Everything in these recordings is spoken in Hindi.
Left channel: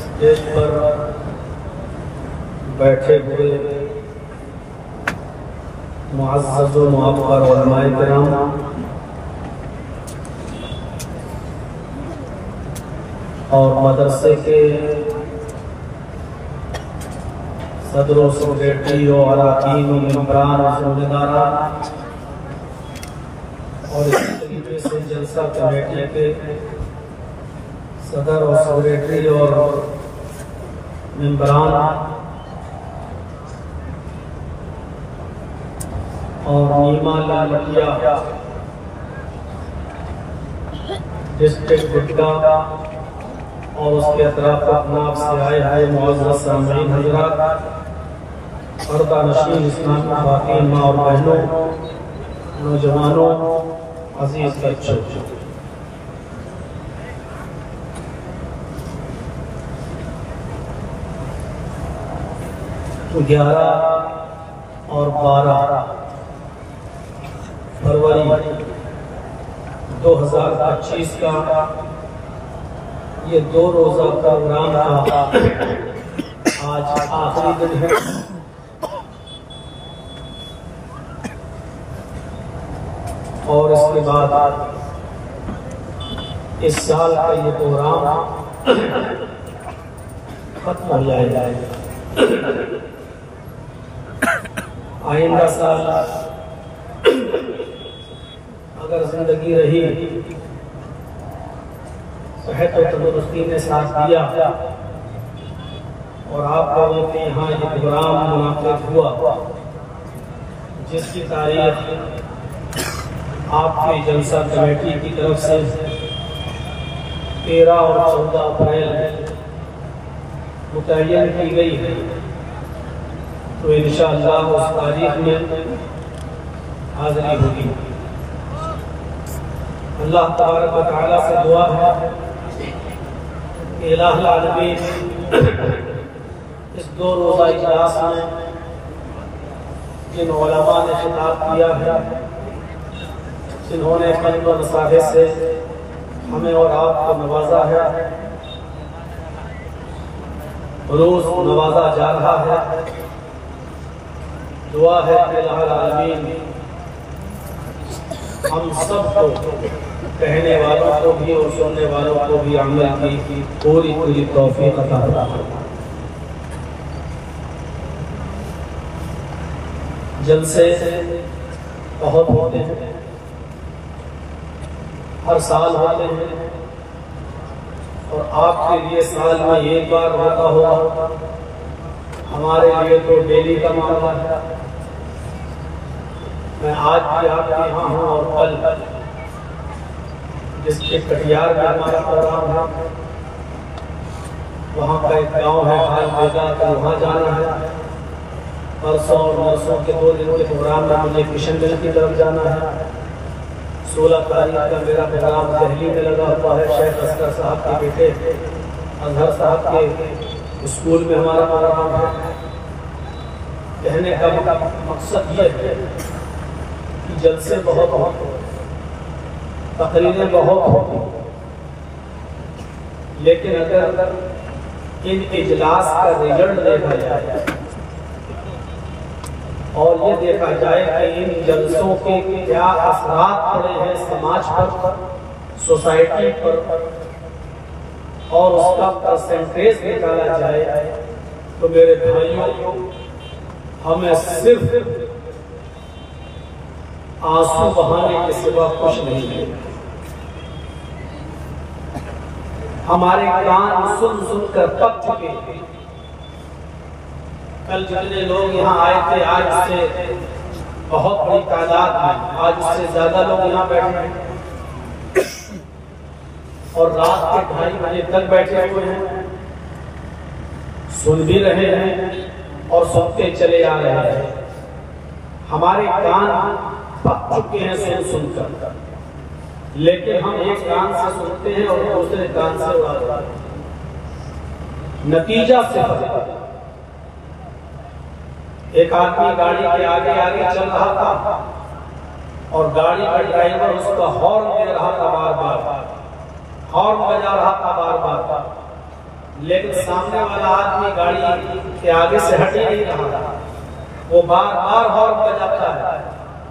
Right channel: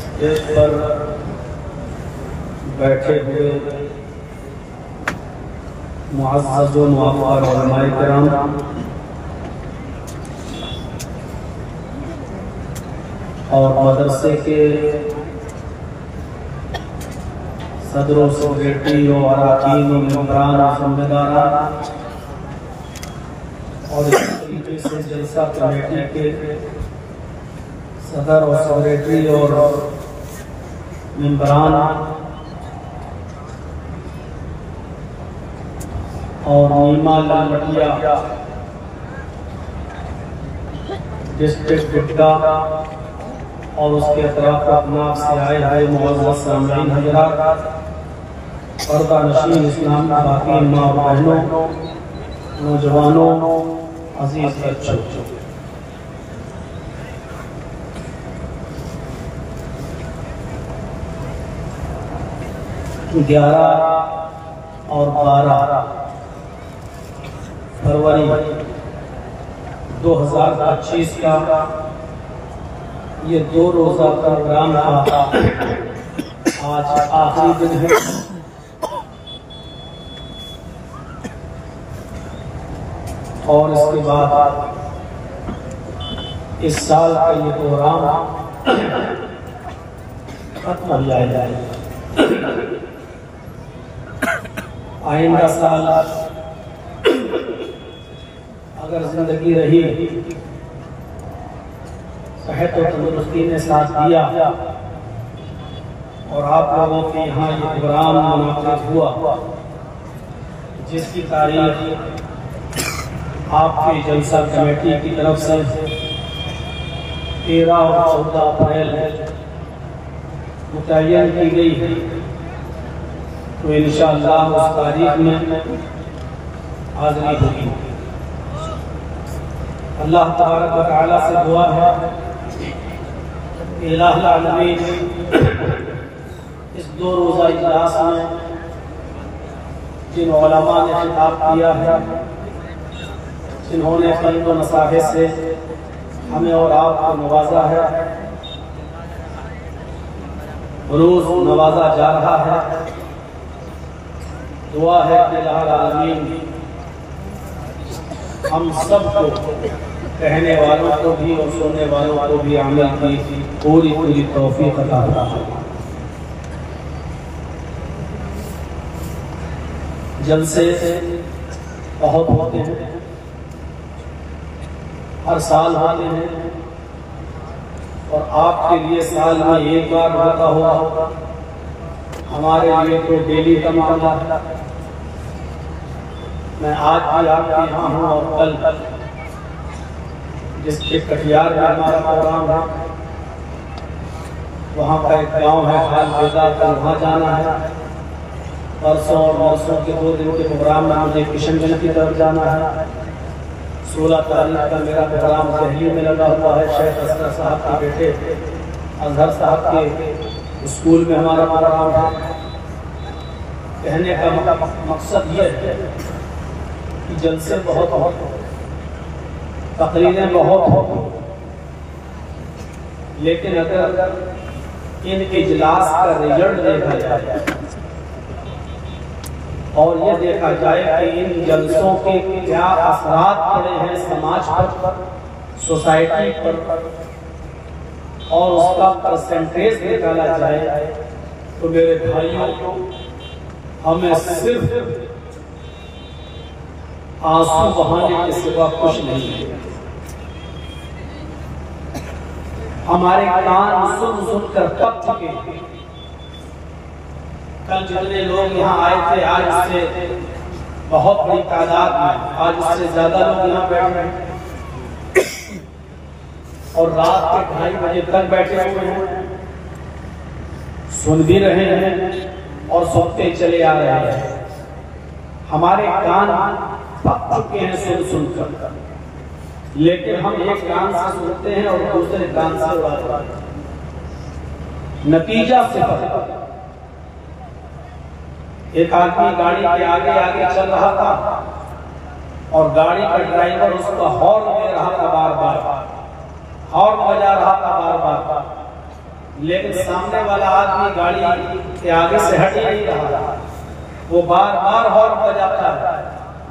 स्टेज पर बैठे हुए मुअज़्ज़ज़ व मुअक़्क़र उलमाए किराम, और मदरसे के सदर व सेक्रेटरी और अराकीन व मेंबरान और ज़िम्मेदारान, और इस तरीके से जलसा कमेटी के सदर और सेक्रेटरी और मेंबरान और नीमा ललमटिया डिस्ट्रिक्ट बिट्टा और उसके अतराफ अपनाफ से आए हैं मुअज़्ज़ज़ सामईन हज़रात, पर्दा नशीन इस्लाम की बाकी माँ और बहनों, नौजवानों, अजीज बच्चों, 11 और 12 फरवरी 2025 का ये 2 रोज़ा प्रोग्राम का आज आखिरी दिन है। और इसके बाद इस साल का ये प्रोग्राम खत्म हो जाएगा। आइंदा साल अगर जिंदगी रही, सेहत और तंदुरुस्ती ने साथ दिया और आप लोगों के यहाँ ये प्रोग्राम मुनाक़िद हुआ, जिसकी तारीख आपकी जलसा कमेटी की तरफ से 13 और 14 अप्रैल मुतय्यन की गई है, तो इंशाअल्लाह उस तारीख में हाज़िरी होगी। अल्लाह तबारक व तआला से दुआ है कि इलाहुल आलमीन इस 2 रोज़ा इजलास में जिन उलमा ने खिताब किया है, जिन्होंने फज़्ल व नसाहे से हमें और आपको नवाजा है, रोज नवाजा जा रहा है। दुआ है कि इलाहुल आलमीन हम सबको, कहने वालों को भी और सुनने वालों को भी अमल की पूरी पूरी तौफीक अता फरमाए। जलसे बहुत होते हैं, हर साल होते हैं, और आपके लिए साल में एक बार होता होगा, हमारे लिए तो डेली का मामला है। मैं आज भी आपके यहाँ हूँ और कल जिसके कटियार में हमारा प्रोग्राम है, वहाँ का एक गांव है हाल बेदा, कल वहाँ जाना है। परसों और नरसों के 2 दिन के प्रोग्राम में मुझे किशनगंज की तरफ जाना है। 16 तारीख का मेरा प्रोग्राम दिल्ली में लगा हुआ है, शेख असगर साहब के बेटे अजहर साहब के स्कूल में हमारा प्रोग्राम है। कहने का मकसद यह है कि जलसे बहुत होते, तकरीरें बहुत होती, लेकिन अगर इन इजलास का रिजल्ट देखा जाए और ये देखा जाए कि इन जलसों के क्या असरात पड़े हैं समाज पर, सोसाइटी पर, और उसका परसेंटेज निकाला जाए, तो मेरे भाइयों हमें सिर्फ आंसू बहाने के सिवा कुछ नहीं है। हमारे कान सुन सुनकर पक चुके हैं। कल जितने लोग यहाँ आए थे, आज उससे बहुत बड़ी तादाद में, आज उससे ज्यादा लोग यहाँ बैठे हैं, और रात के 2:30 बजे तक बैठे हुए हैं, सुन भी रहे हैं और सुनते चले आ रहे हैं। हमारे कान पक चुके हैं सुन सुनकर, लेकिन हम एक कान से सुनते हैं और दूसरे कान से उड़ाते हैं। नतीजा सिर्फ एक आदमी गाड़ी के आगे आगे चल रहा था और गाड़ी का ड्राइवर उसका हॉर्न दे रहा था, बार बार हॉर्न बजा रहा था बार बार, लेकिन सामने वाला आदमी गाड़ी के आगे से हट ही नहीं रहा था। वो बार बार हॉर्न बजाता है,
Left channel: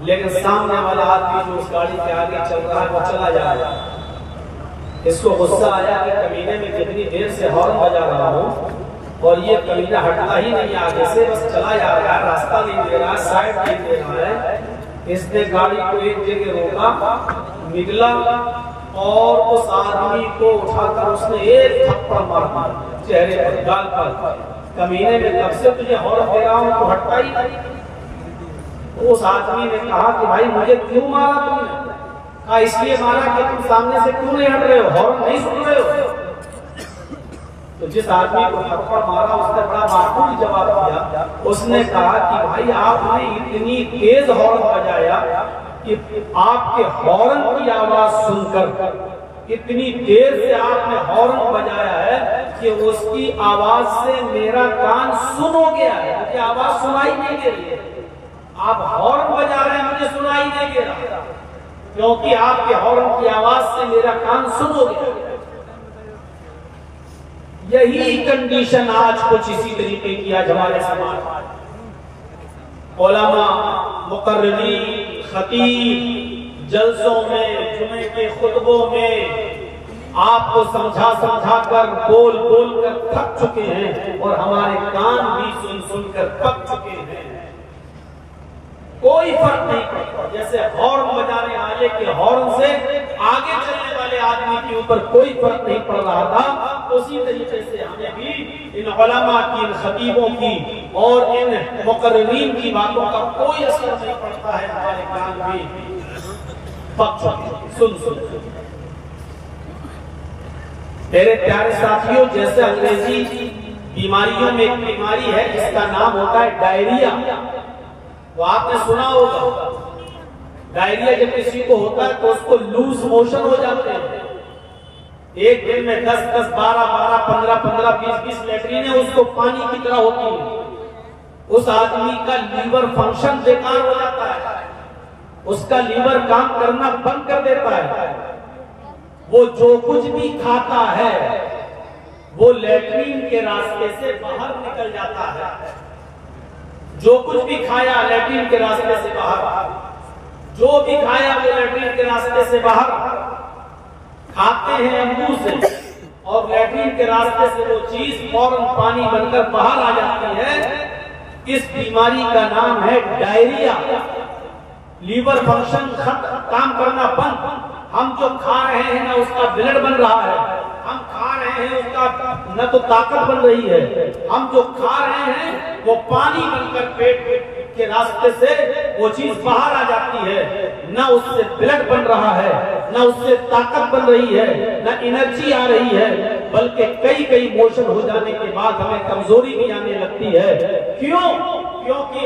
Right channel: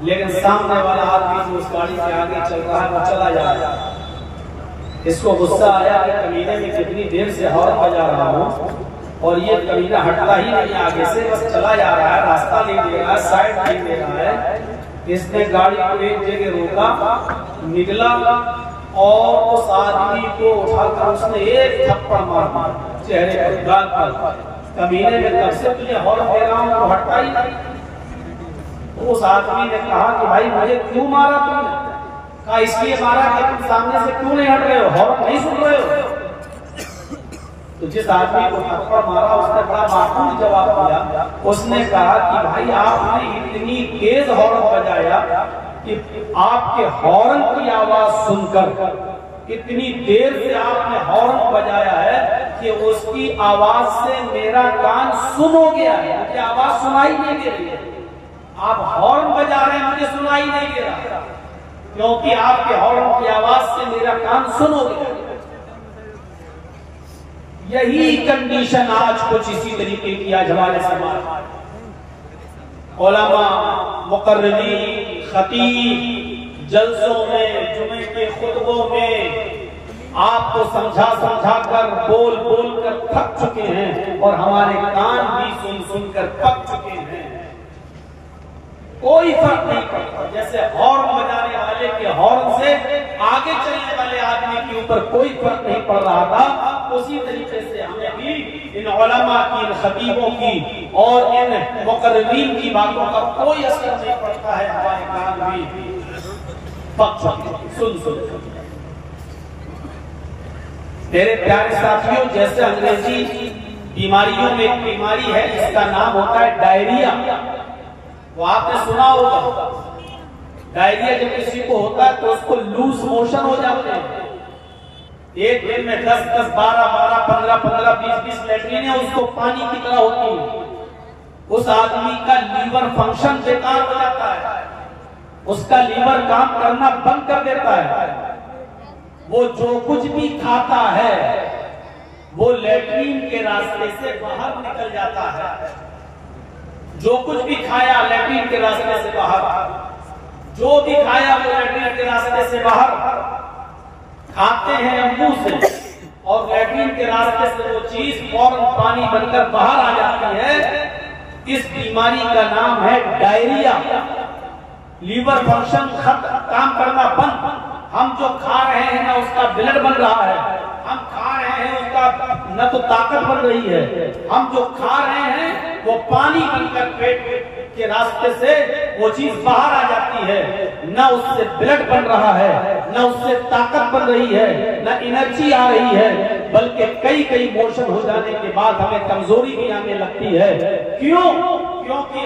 लेकिन सामने वाला आदमी जो उस गाड़ी के आगे चल रहा है वो चला जा रहा है। इसको गुस्सा आया कि कमीने में कितनी देर से हॉर्न बजा रहा हूँ और ये कमीना हटता ही नहीं आगे से, बस चला जा रहा है, रास्ता नहीं दे रहा है, साइड नहीं दे रहा है। इसने गाड़ी को एक जगह रोका, निकला और उस आदमी को उठाकर उसने एक थप्पड़ मार दिया चेहरे पर, गाल पर। कमीने में तब से तुझे हॉर्न दे रहा हूँ तो हटता ही नहीं। तो उस आदमी ने कहा कि भाई मुझे क्यों मारा तुमने? कहा इसलिए मारा कि तुम सामने से क्यों नहीं हट रहे हो, हॉर्न नहीं सुन रहे हो। तो जिस आदमी को थप्पड़ मारा उसने बड़ा माकूल जवाब दिया। उसने कहा कि भाई आपने इतनी तेज हॉर्न बजाया कि आपके हॉर्न की आवाज सुनकर, इतनी देर से आपने हॉर्न बजाया है कि उसकी आवाज से मेरा कान सुन हो गया है, मुझे आवाज सुनाई नहीं दे रही है। आप हॉर्न बजा रहे हैं, मुझे सुनाई नहीं दे रहा, क्योंकि आपके हॉर्न की आवाज से मेरा कान सुन हो गया। यही कंडीशन आज कुछ इसी तरीके की आज हमारे समाज, उलमा, मुकर्रिरीन, खतीब जलसों में, जुमे के खुतबों में आपको समझा समझा कर, बोल बोल कर थक चुके हैं और हमारे कान भी सुन सुनकर पक चुके हैं। कोई फर्क नहीं पड़ता। जैसे हॉर्न बजाने वाले के हॉर्न से आगे चलने वाले आदमी के ऊपर कोई फर्क नहीं पड़ रहा था, उसी तरीके से हमें भी इन उलमा की, इन खतीबों की और इन मुकर्रिरीन की बातों का कोई असर नहीं पड़ता है। हमारे कान भी पक चुके, सुन सुन। मेरे प्यारे साथियों, जैसे अंग्रेजी बीमारियों में एक बीमारी है जिसका नाम होता है डायरिया, वो आपने सुना होगा। डायरिया जब किसी को होता है तो उसको लूज मोशन हो जाते हैं। एक दिन में 10-10, 12-12, 15-15, 20-20 लैट्रिन उसको पानी की तरह होती है। उस आदमी का लीवर फंक्शन बेकार हो जाता है, उसका लीवर काम करना बंद कर देता है। वो जो कुछ भी खाता है वो लैट्रिन के रास्ते से बाहर निकल जाता है। जो कुछ भी खाया लैट्रिन के रास्ते से बाहर, जो भी खाया वो लैट्रिन के रास्ते से बाहर। खाते हैं मुंह से और लैट्रिन के रास्ते से वो चीज फौरन पानी बनकर बाहर आ जाती है। इस बीमारी का नाम है डायरिया। लीवर फंक्शन काम करना बंद। हम जो खा रहे हैं ना उसका ब्लड बन रहा है, हम खा रहे हैं उसका न तो ताकत बन रही है, हम जो खा रहे हैं वो पानी बनकर पेट के रास्ते से वो चीज बाहर आ जाती है। न उससे ब्लड बन रहा है, न उससे ताकत बन रही है, न एनर्जी आ रही है, बल्कि कई मोशन हो जाने के बाद हमें कमजोरी भी आने लगती है। क्यों? क्योंकि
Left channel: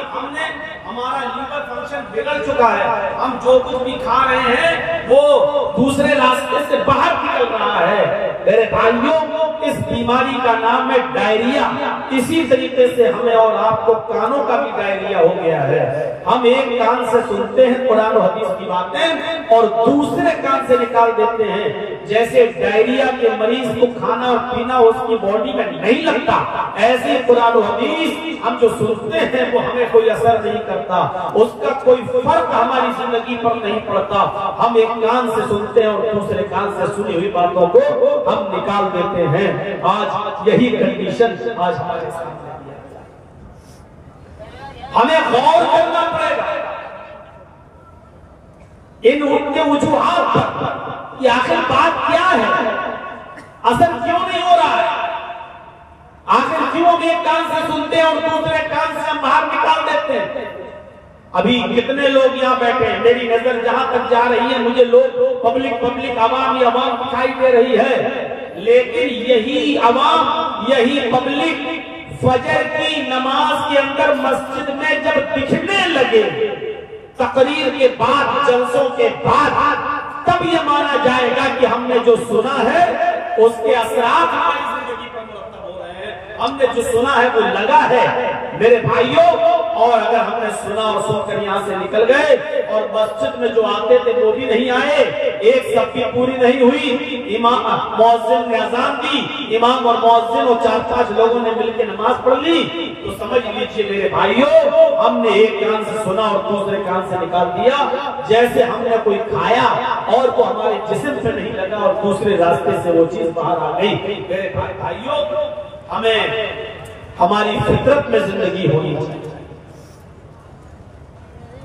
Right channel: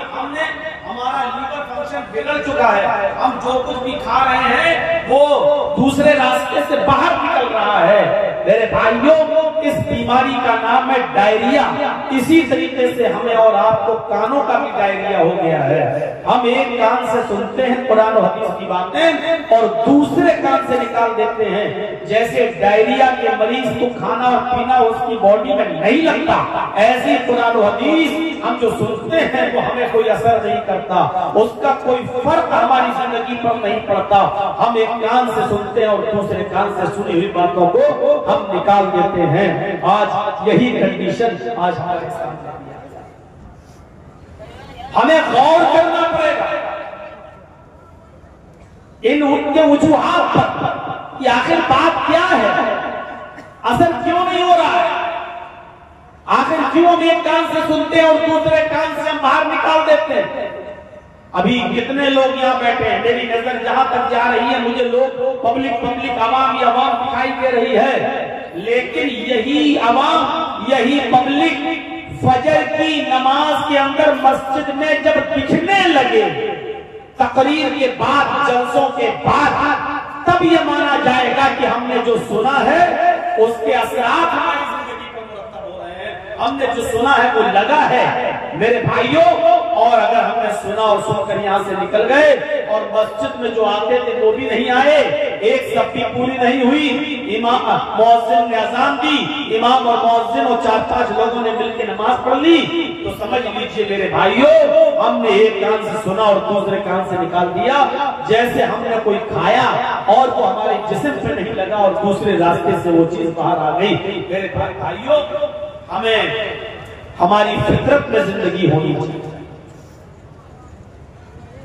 हमारा लीवर फंक्शन बिगड़ चुका है। हम जो कुछ भी खा रहे हैं वो दूसरे रास्ते से बाहर निकल रहा है। मेरे भाइयों, इस बीमारी का नाम है डायरिया। इसी तरीके से हमें और आपको कानों का भी डायरिया हो गया है। हम एक कान से सुनते हैं कुरान और हदीस की बातें और दूसरे कान से निकाल देते हैं। जैसे डायरिया के मरीज को खाना और पीना उसकी बॉडी में नहीं लगता, ऐसे कुरान और हदीस हम जो सुनते हैं वो हमें कोई असर नहीं करता, उसका कोई फर्क हमारी जिंदगी पर नहीं पड़ता। हम एक कान से सुनते हैं और दूसरे कान से सुनी हुई बातों को हम निकाल देते हैं। आज यही कंडीशन आज हमारे सामने हमें गौर करना पड़ेगा इन उनके वजूहात पर कि आखिर बात क्या है, असर क्यों नहीं हो रहा है, आखिर क्यों हम एक कान से सुनते हैं और दूसरे कान से हम बाहर निकाल देते हैं। अभी कितने लोग यहाँ बैठे हैं, मेरी नजर जहां तक जा रही है मुझे लोग पब्लिक आवाम ही आवाम दिखाई दे रही है। लेकिन यही आवाम, यही पब्लिक फजर की नमाज के अंदर मस्जिद में जब दिखने लगे, तकरीर के बाद, जलसों के बाद, तब ये माना जाएगा कि हमने जो सुना है उसके असरात हमारी जिंदगी पर मुरत्तब हो रहे हैं। हमने जो सुना है वो लगा है मेरे भाइयों। और अगर हमने सुना और सुनकर यहाँ से निकल गए और मस्जिद में जो आते थे वो भी नहीं आए, एक सब्बी पूरी नहीं हुई, इमाम मुअज्जिन ने अजान दी, इमाम और मुअज्जिन और 4-5 लोगों ने मिलकर नमाज पढ़ ली, तो समझ लीजिए मेरे भाइयों, हमने एक कान से सुना और दूसरे कान से निकाल दिया। जैसे हमने कोई खाया और वो हमारे जिस्म पे नहीं लगा और दूसरे रास्ते से वो चीज बाहर आ गई। मेरे भाइयों, हमें हमारी फितरत में जिंदगी होनी चाहिए,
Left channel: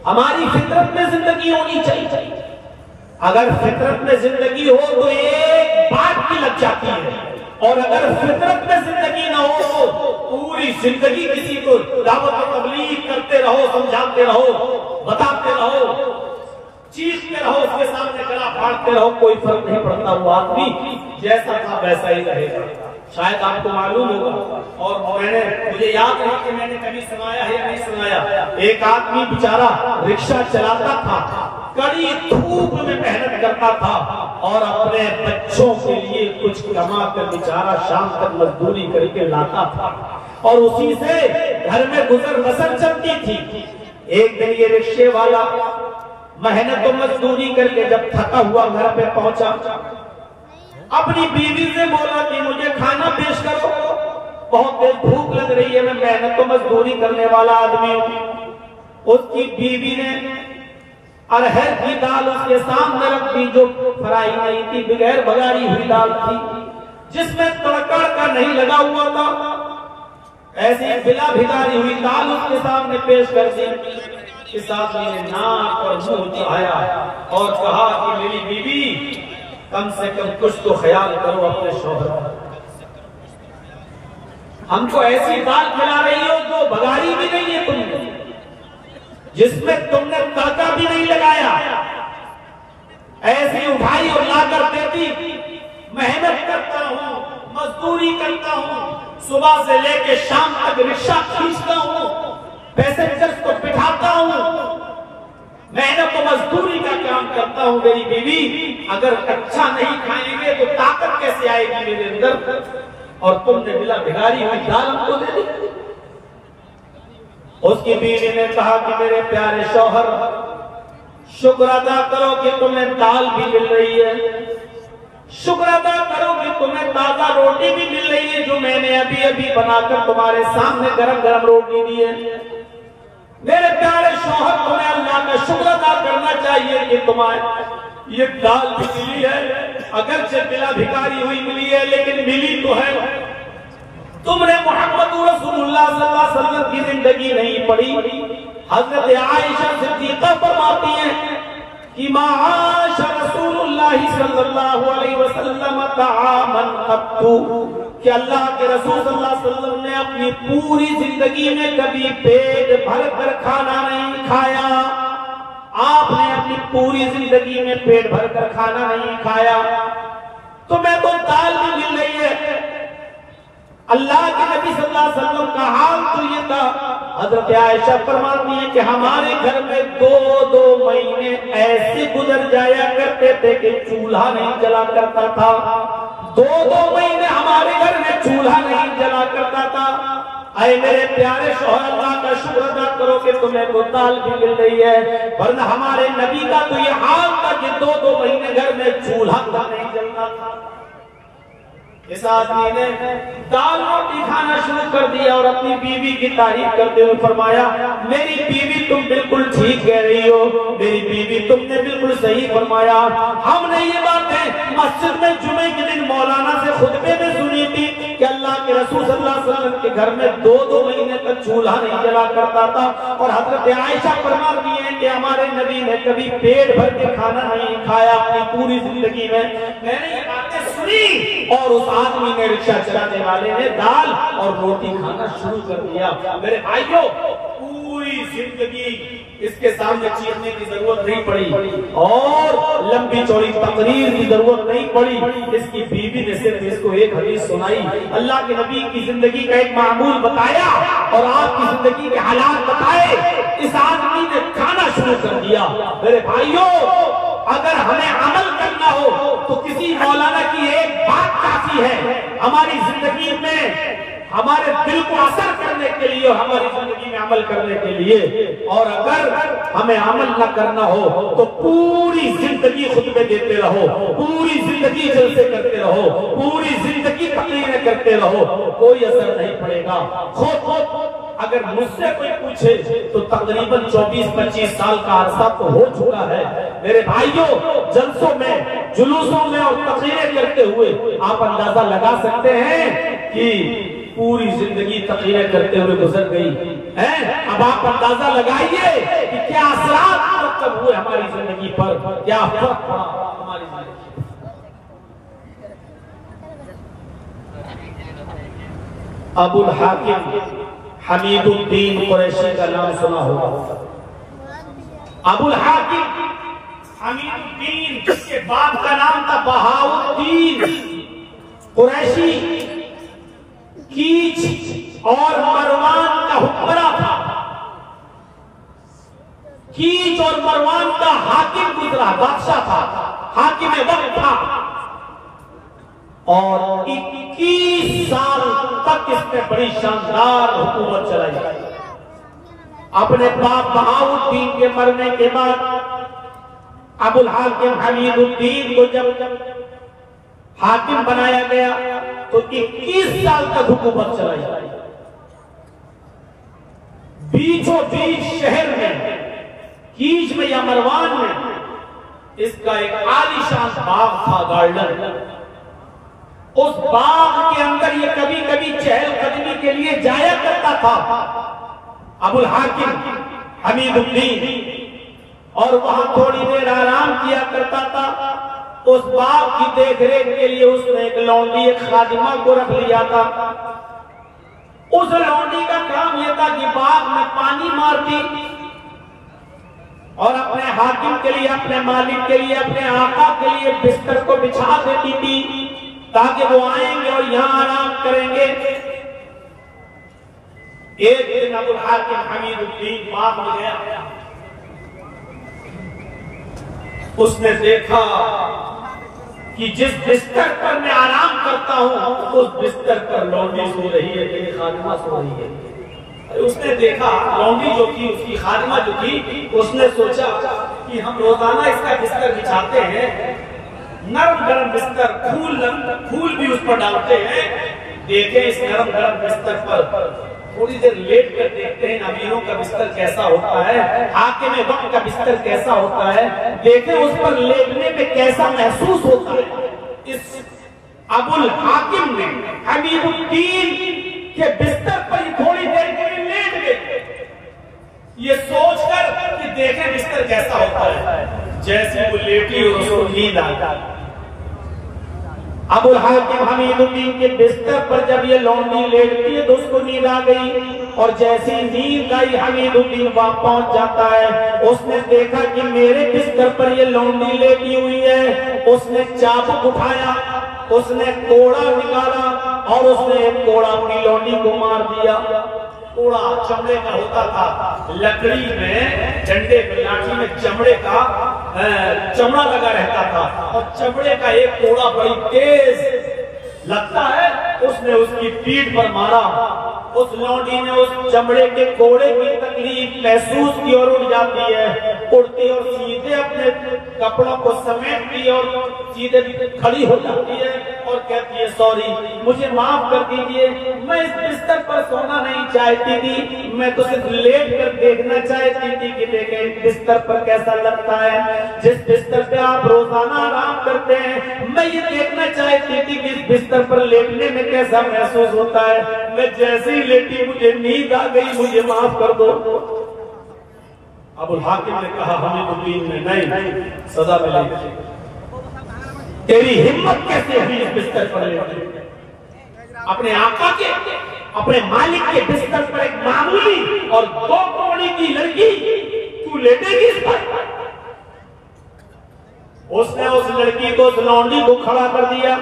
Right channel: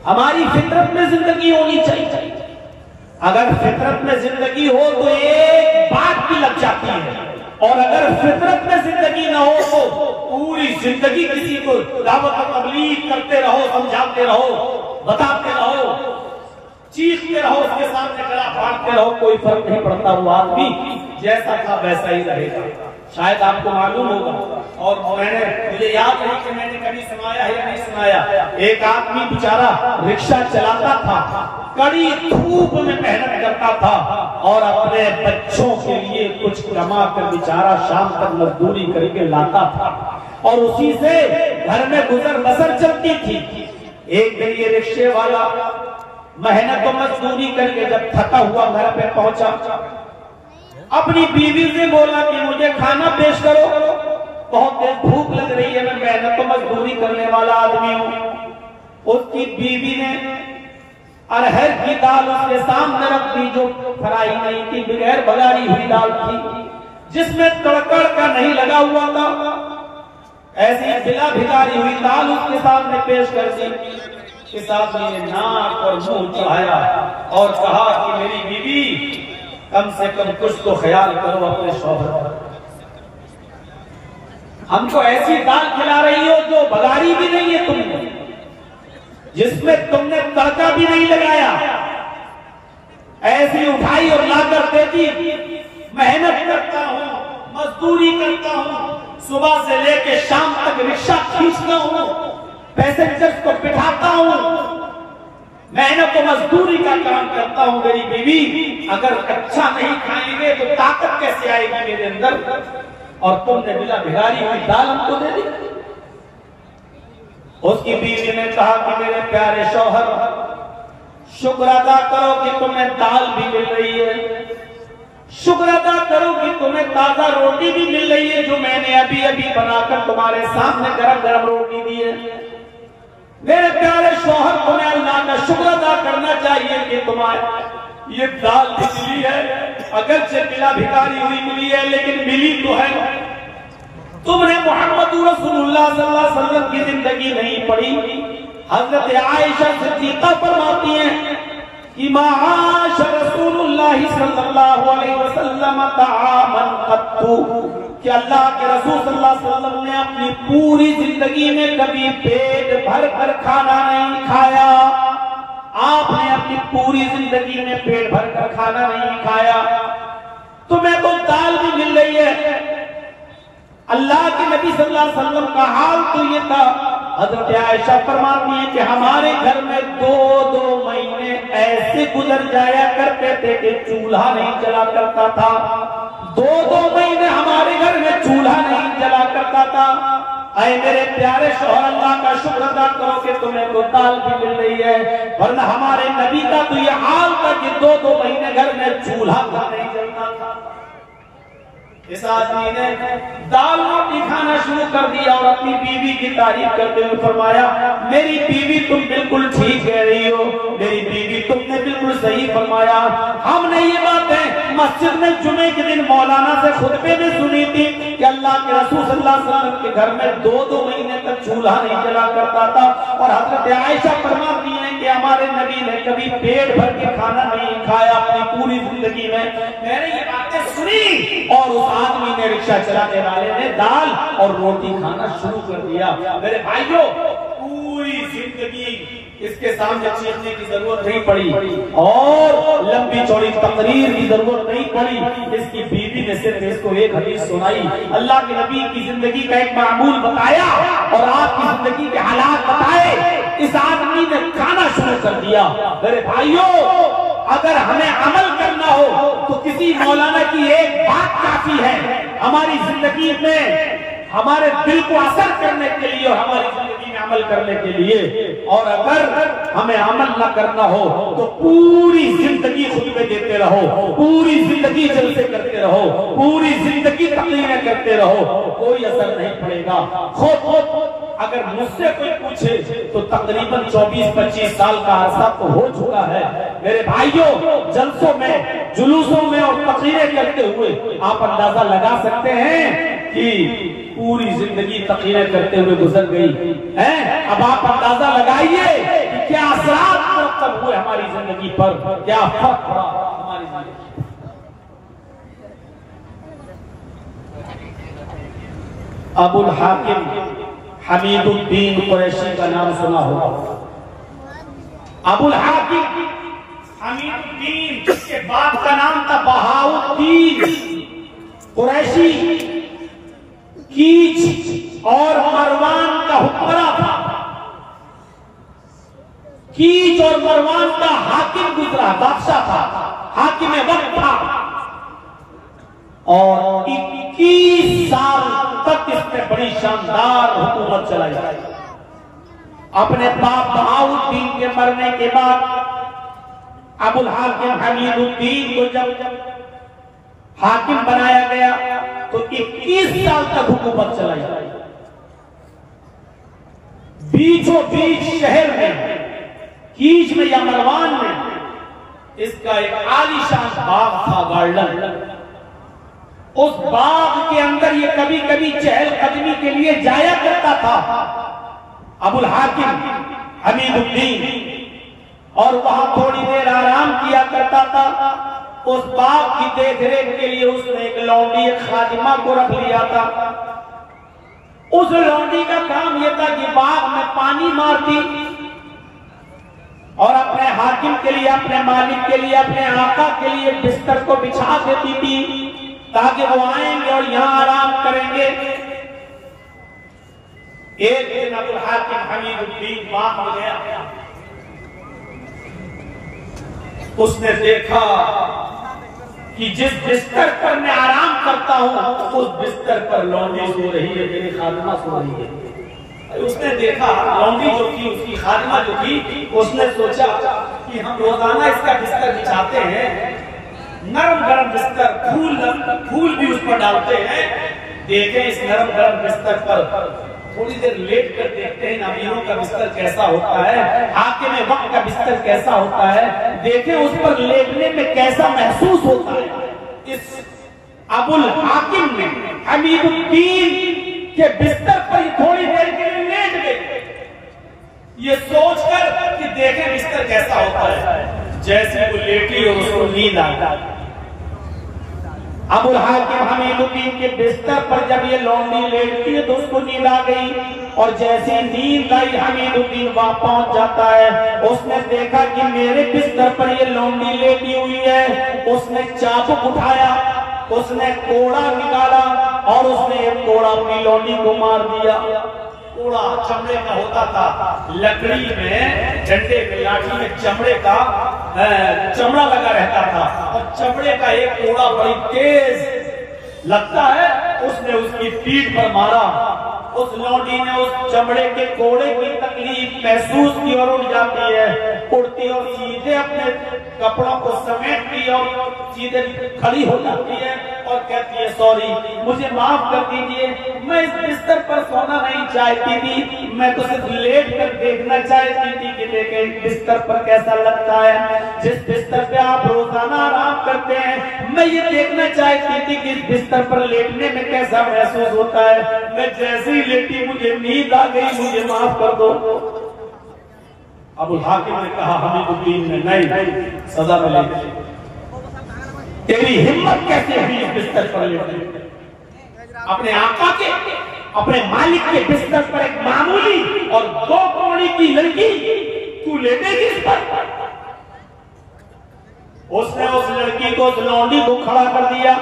हमारी फितरत में जिंदगी होनी चाहिए। अगर फितरत में जिंदगी हो तो एक बात की लग जाती है, और अगर फितरत में जिंदगी ना हो तो पूरी जिंदगी किसी को दावत और तबलीग करते रहो, समझाते रहो, बताते रहो, चीखते रहो, उसके सामने गला फाड़ते रहो, कोई फर्क नहीं पड़ता। वो आदमी जैसा था वैसा ही रहेगा। शायद आपको मालूम होगा, और मुझे याद नहीं कि मैंने कभी सुनाया है या नहीं सुनाया, एक आदमी बेचारा रिक्शा चलाता था, कड़ी धूप में मेहनत करता था और अपने बच्चों के लिए कुछ कमा कर बेचारा शाम तक मजदूरी करके लाता था और उसी से घर में गुजर बसर चलती थी। एक दिन ये रिक्शे वाला मेहनत और मजदूरी करके जब थका हुआ घर पे पहुंचा, अपनी बीवी से बोला कि मुझे खाना पेश करो, बहुत तेज भूख लग रही है, मैं मेहनत तो मजदूरी करने वाला आदमी हूं। उसकी बीवी ने अरहर की दाल उसके सामने रख दी, जो फ्राई नहीं थी, बगैर बघारी हुई दाल थी, जिसमें तड़का का नहीं लगा हुआ था। ऐसी बिला भिगारी हुई दाल उसके सामने पेश कर दी। इस आदमी ने नाक और मुंह चढ़ाया और कहा कि मेरी बीवी, कम से कम कुछ तो ख्याल करो अपने शौहर का। हमको ऐसी दाल खिला रही हो जो बघारी भी नहीं है तुमने, जिसमें तुमने तड़का भी नहीं लगाया, ऐसी उठाई और लाकर देती। मेहनत करता हूं, मजदूरी करता हूं, सुबह से लेके शाम तक रिक्शा खींचता हूं, पैसेंजर्स को बिठाता हूं, मेहनत तो मजदूरी का काम करता हूं मेरी बीवी, अगर अच्छा नहीं खाएंगे तो ताकत कैसे आएगी मेरे अंदर? और तुमने बिला भिखारी हुई दाल हमको दे दी। उसकी बीवी ने कहा कि मेरे प्यारे शौहर, शुक्र अदा करो कि तुम्हें दाल भी मिल रही है, शुक्र अदा करो कि तुम्हें ताजा रोटी भी मिल रही है, जो मैंने अभी अभी बनाकर तुम्हारे सामने गरम गरम रोटी दी है। मेरे प्यारे शौहर, तुम्हें अल्लाह का शुक्र अदा करना चाहिए कि तुम्हारे ये दाल भी मिली है, अगरचे बिला भिखारी हुई मिली है, लेकिन मिली तो है। तुमने मोहम्मद रसूलुल्लाह सल्लल्लाहु अलैहि वसल्लम की जिंदगी नहीं पढ़ी। हजरत आयशा सिद्दीका फरमाती हैं कि माश रसूलुल्लाह सल्लल्लाहु अलैहि वसल्लम तामन कत्तु, कि अल्लाह के रसूल सल्लल्लाहु अलैहि वसल्लम ने अपनी पूरी जिंदगी में कभी पेट भर कर खाना नहीं खाया। आपने अपनी पूरी जिंदगी में पेट भर कर खाना नहीं खाया। तुम्हें तो दाल भी मिल रही है। अल्लाह के नबी सल्लल्लाहु अलैहि वसल्लम का हाल तो ये था, हजरत आयशा फरमाती है कि हमारे घर में 2-2 महीने ऐसे गुजर जाया करते थे कि चूल्हा नहीं जला करता था। 2-2 महीने हमारे घर में चूल्हा नहीं जला करता था। अरे मेरे प्यारे शौहर, अल्लाह का शुक्र अदा करो कि तुम्हें तो दाल भी मिल रही है, वरना हमारे नबी का तो ये हाल था कि 2-2 महीने घर में चूल्हा नहीं जलता था। इस आदमी ने दाल रोटी खाना शुरू कर दिया और अपनी बीवी की तारीफ करते हुए फरमाया, मेरी बीवी तुम बिल्कुल ठीक कह रही हो, मेरी बीवी तुमने बिल्कुल सही फरमाया। हमने ये बातें मस्जिद में जुमे के दिन मौलाना से खुतबे में सुनी थी कि अल्लाह के रसूल सल्लल्लाहु अलैहि वसल्लम के घर में 2-2 महीने तक चूल्हा नहीं जला करता था। और हजरत आयशा फरमाती हैं कि हमारे नबी ने कभी पेट भर के खाना नहीं खाया अपनी पूरी जिंदगी में। मैंने ये बातें सुनी और उस आदमी ने, रिक्शा चलाने वाले ने दाल और रोटी खाना शुरू कर दिया। मेरे भाइयों, पूरी जिंदगी इसके सामने चीखने की जरूरत नहीं पड़ी और लंबी चौड़ी तकरीर की जरूरत नहीं पड़ी। इसकी बीवी ने सिर्फ इसको एक हदीस सुनाई, अल्लाह के नबी की जिंदगी का एक मामूल बताया और आपकी जिंदगी के हालात बताए। इस आदमी ने खाना शुरू कर दिया। मेरे भाइयों, अगर हमें अमल करना हो तो किसी मौलाना की एक बात काफी है हमारी जिंदगी में, हमारे दिल को असर करने के लिए, हमारी जिंदगी में अमल करने के लिए। और अगर हमें अमल न करना हो तो पूरी जिंदगी खुतबे देते रहो, पूरी जिंदगी जलसे करते रहो, पूरी जिंदगी तकरीरें करते रहो, कोई असर नहीं पड़ेगा। खुद अगर मुझसे कोई पूछे तो तकरीबन 24-25 साल का अरसा तो हो चुका है। मेरे भाइयों, जलसों में, जुलूसों में और तकरीरें करते हुए आप अंदाजा लगा सकते हैं कि पूरी जिंदगी तकरीरें करते हुए गुजर गई है। अब आप अंदाजा लगाइए कि क्या असरात मुरतब हुए हमारी जिंदगी पर, क्या फर्क पड़ा हमारी जिंदगी। अबुल हाकिम हमीदुद्दीन कुरैशी का नाम सुना होगा। अबुल हाकिम हमीदुद्दीन, जिसके बाप का नाम था बहाउद्दीन कुरैशी, कीच और मरवान का हुक्मरान था। कीच और मरवान का हाकिम गुजरा, बादशाह था, हाकिम वक्त था और 21 साल तक इसने बड़ी शानदार हुकूमत चलाई। अपने बाप बहाउद्दीन के मरने के बाद अबुल हाकिम हमीदुद्दीन को जब हाकिम बनाया गया तो 21 साल तक हुकूमत चलाई। बीचों बीच शहर में, कीच में या मरवान में इसका एक आलीशान बाग था, गार्डन। उस बाग के अंदर ये कभी कभी चहलकदमी के लिए जाया करता था अबुल हाकिम हमीदुद्दीन, और वहां थोड़ी देर आराम किया करता था। उस बाग की देखरेख के लिए उसने एक लौंडी, एक खादिमा को रख लिया था। उस लौंडी का काम यह था कि बाग में पानी मारती और अपने हाकिम के लिए, अपने मालिक के लिए, अपने आका के लिए बिस्तर को बिछा देती थी ताकि वो आएंगे और यहां आराम करेंगे। एक दिन अबुल हाकिम हमीदुद्दीन बाग में गया। उसने देखा कि जिस बिस्तर पर मैं आराम करता हूं उस बिस्तर पर लौंडी सो रही है, मेरी खादिमा सो रही है। उसने देखा लौंडी जो थी, उसकी खादिमा जो थी, उसने सोचा कि हम रोजाना इसका बिस्तर बिछाते हैं, नरम गरम बिस्तर, फूल भी उस पर डालते हैं। देखें इस नरम गरम बिस्तर पर थोड़ी देर लेट कर देखते हैं अमीरों का बिस्तर कैसा होता है, हाकिम वक्त का बिस्तर कैसा होता है, देखें उस पर लेटने में कैसा महसूस होता है। इस अबुल हाकिम ने हमीदुद्दीन के बिस्तर पर थोड़ी देर के लिए लेट गए, ये सोचकर कि देखें बिस्तर कैसा होता है। जैसे वो लेटी और उसको नींद आ गई। अबुल हाकिम हमीदुद्दीन के बिस्तर पर जब ये लौंडी लेटती है तो उसको नींद आ गई, और जैसे नींद आई हमीदुद्दीन वहां पहुंच जाता है। उसने देखा कि मेरे बिस्तर पर ये लौंडी लेटी हुई है। उसने चाबुक उठाया, उसने कोड़ा निकाला और उसने एक कोड़ा अपनी लौंडी को मार दिया। कोड़ा चमड़े का होता था, लकड़ी में, डंडे में, लाठी में चमड़े का चमड़ा लगा रहता था, और चमड़े का एक कोड़ा बड़ी तेज लगता है, उसने उसकी पीठ पर मारा। उस लौंडी ने उस चमड़े के कोड़े की तकलीफ महसूस की और उठ जाती है, उड़ती और सीधे अपने कपड़ों को समेटती और सीधे खड़ी हो जाती है और कहती है सॉरी, मुझे माफ कर दीजिए, मैं इस बिस्तर पर सोना नहीं चाहती थी, मैं तो सिर्फ लेट कर देखना चाहती थी कि देखें बिस्तर पर कैसा लगता है। जिस बिस्तर पे आप रोजाना आराम करते हैं, मैं ये देखना चाहती थी कि इस बिस्तर पर लेटने में कैसा महसूस होता है। मैं जैसे ही लेटी मुझे नींद आ गई, मुझे माफ कर दो। अबुल हाकिम ने कहा हमीदुद्दीन ने नहीं, सजा मिलेगी। तेरी हिम्मत कैसे हुई इस बिस्तर पर लेटने? अपने आका के, अपने मालिक के बिस्तर पर एक मामूली और 2 कौड़ी की लड़की तू लेटेगी इस पर? उसने उस लड़की को, उस लौंडी को खड़ा कर दिया।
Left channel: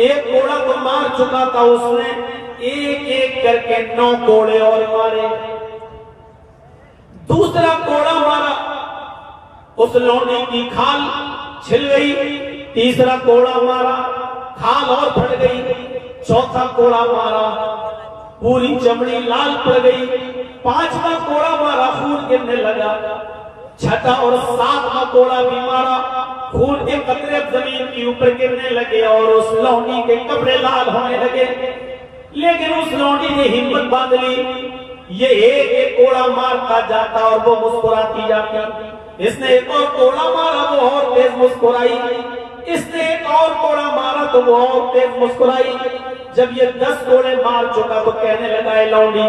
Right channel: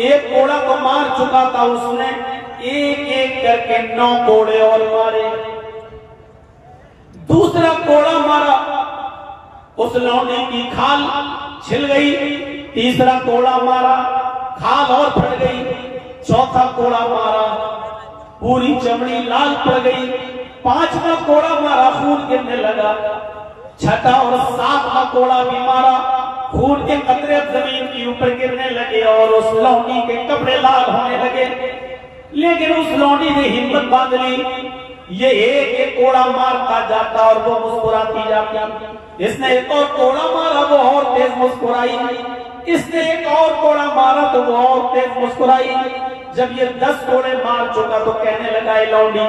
एक कोड़ा तो मार चुका था उसने, एक एक करके 9 कोड़े और मारे। दूसरा कोड़ा मारा, उस लौंडी की खाल छिल गई। तीसरा कोड़ा मारा, खाल और फट गई। चौथा कोड़ा मारा, पूरी चमड़ी लाल पड़ गई। 5वां कोड़ा मारा, खून गिरने लगा। 6ठा और 7वां कोड़ा भी मारा, खून के कतरे जमीन के ऊपर गिरने लगे और उस लौंडी के कपड़े लाल होने लगे। लेकिन उस लौंडी ने हिम्मत बांध ली, ये एक एक कोड़ा मारता जाता और वो मुस्कुराती जाती। इसने एक और कोड़ा मारा, वो और तेज मुस्कुराई। इसने एक और कोड़ा मारा तो वो और तेज मुस्कुराई। जब ये 10 कोड़े मार चुका तो कहने लगा, लौंडी,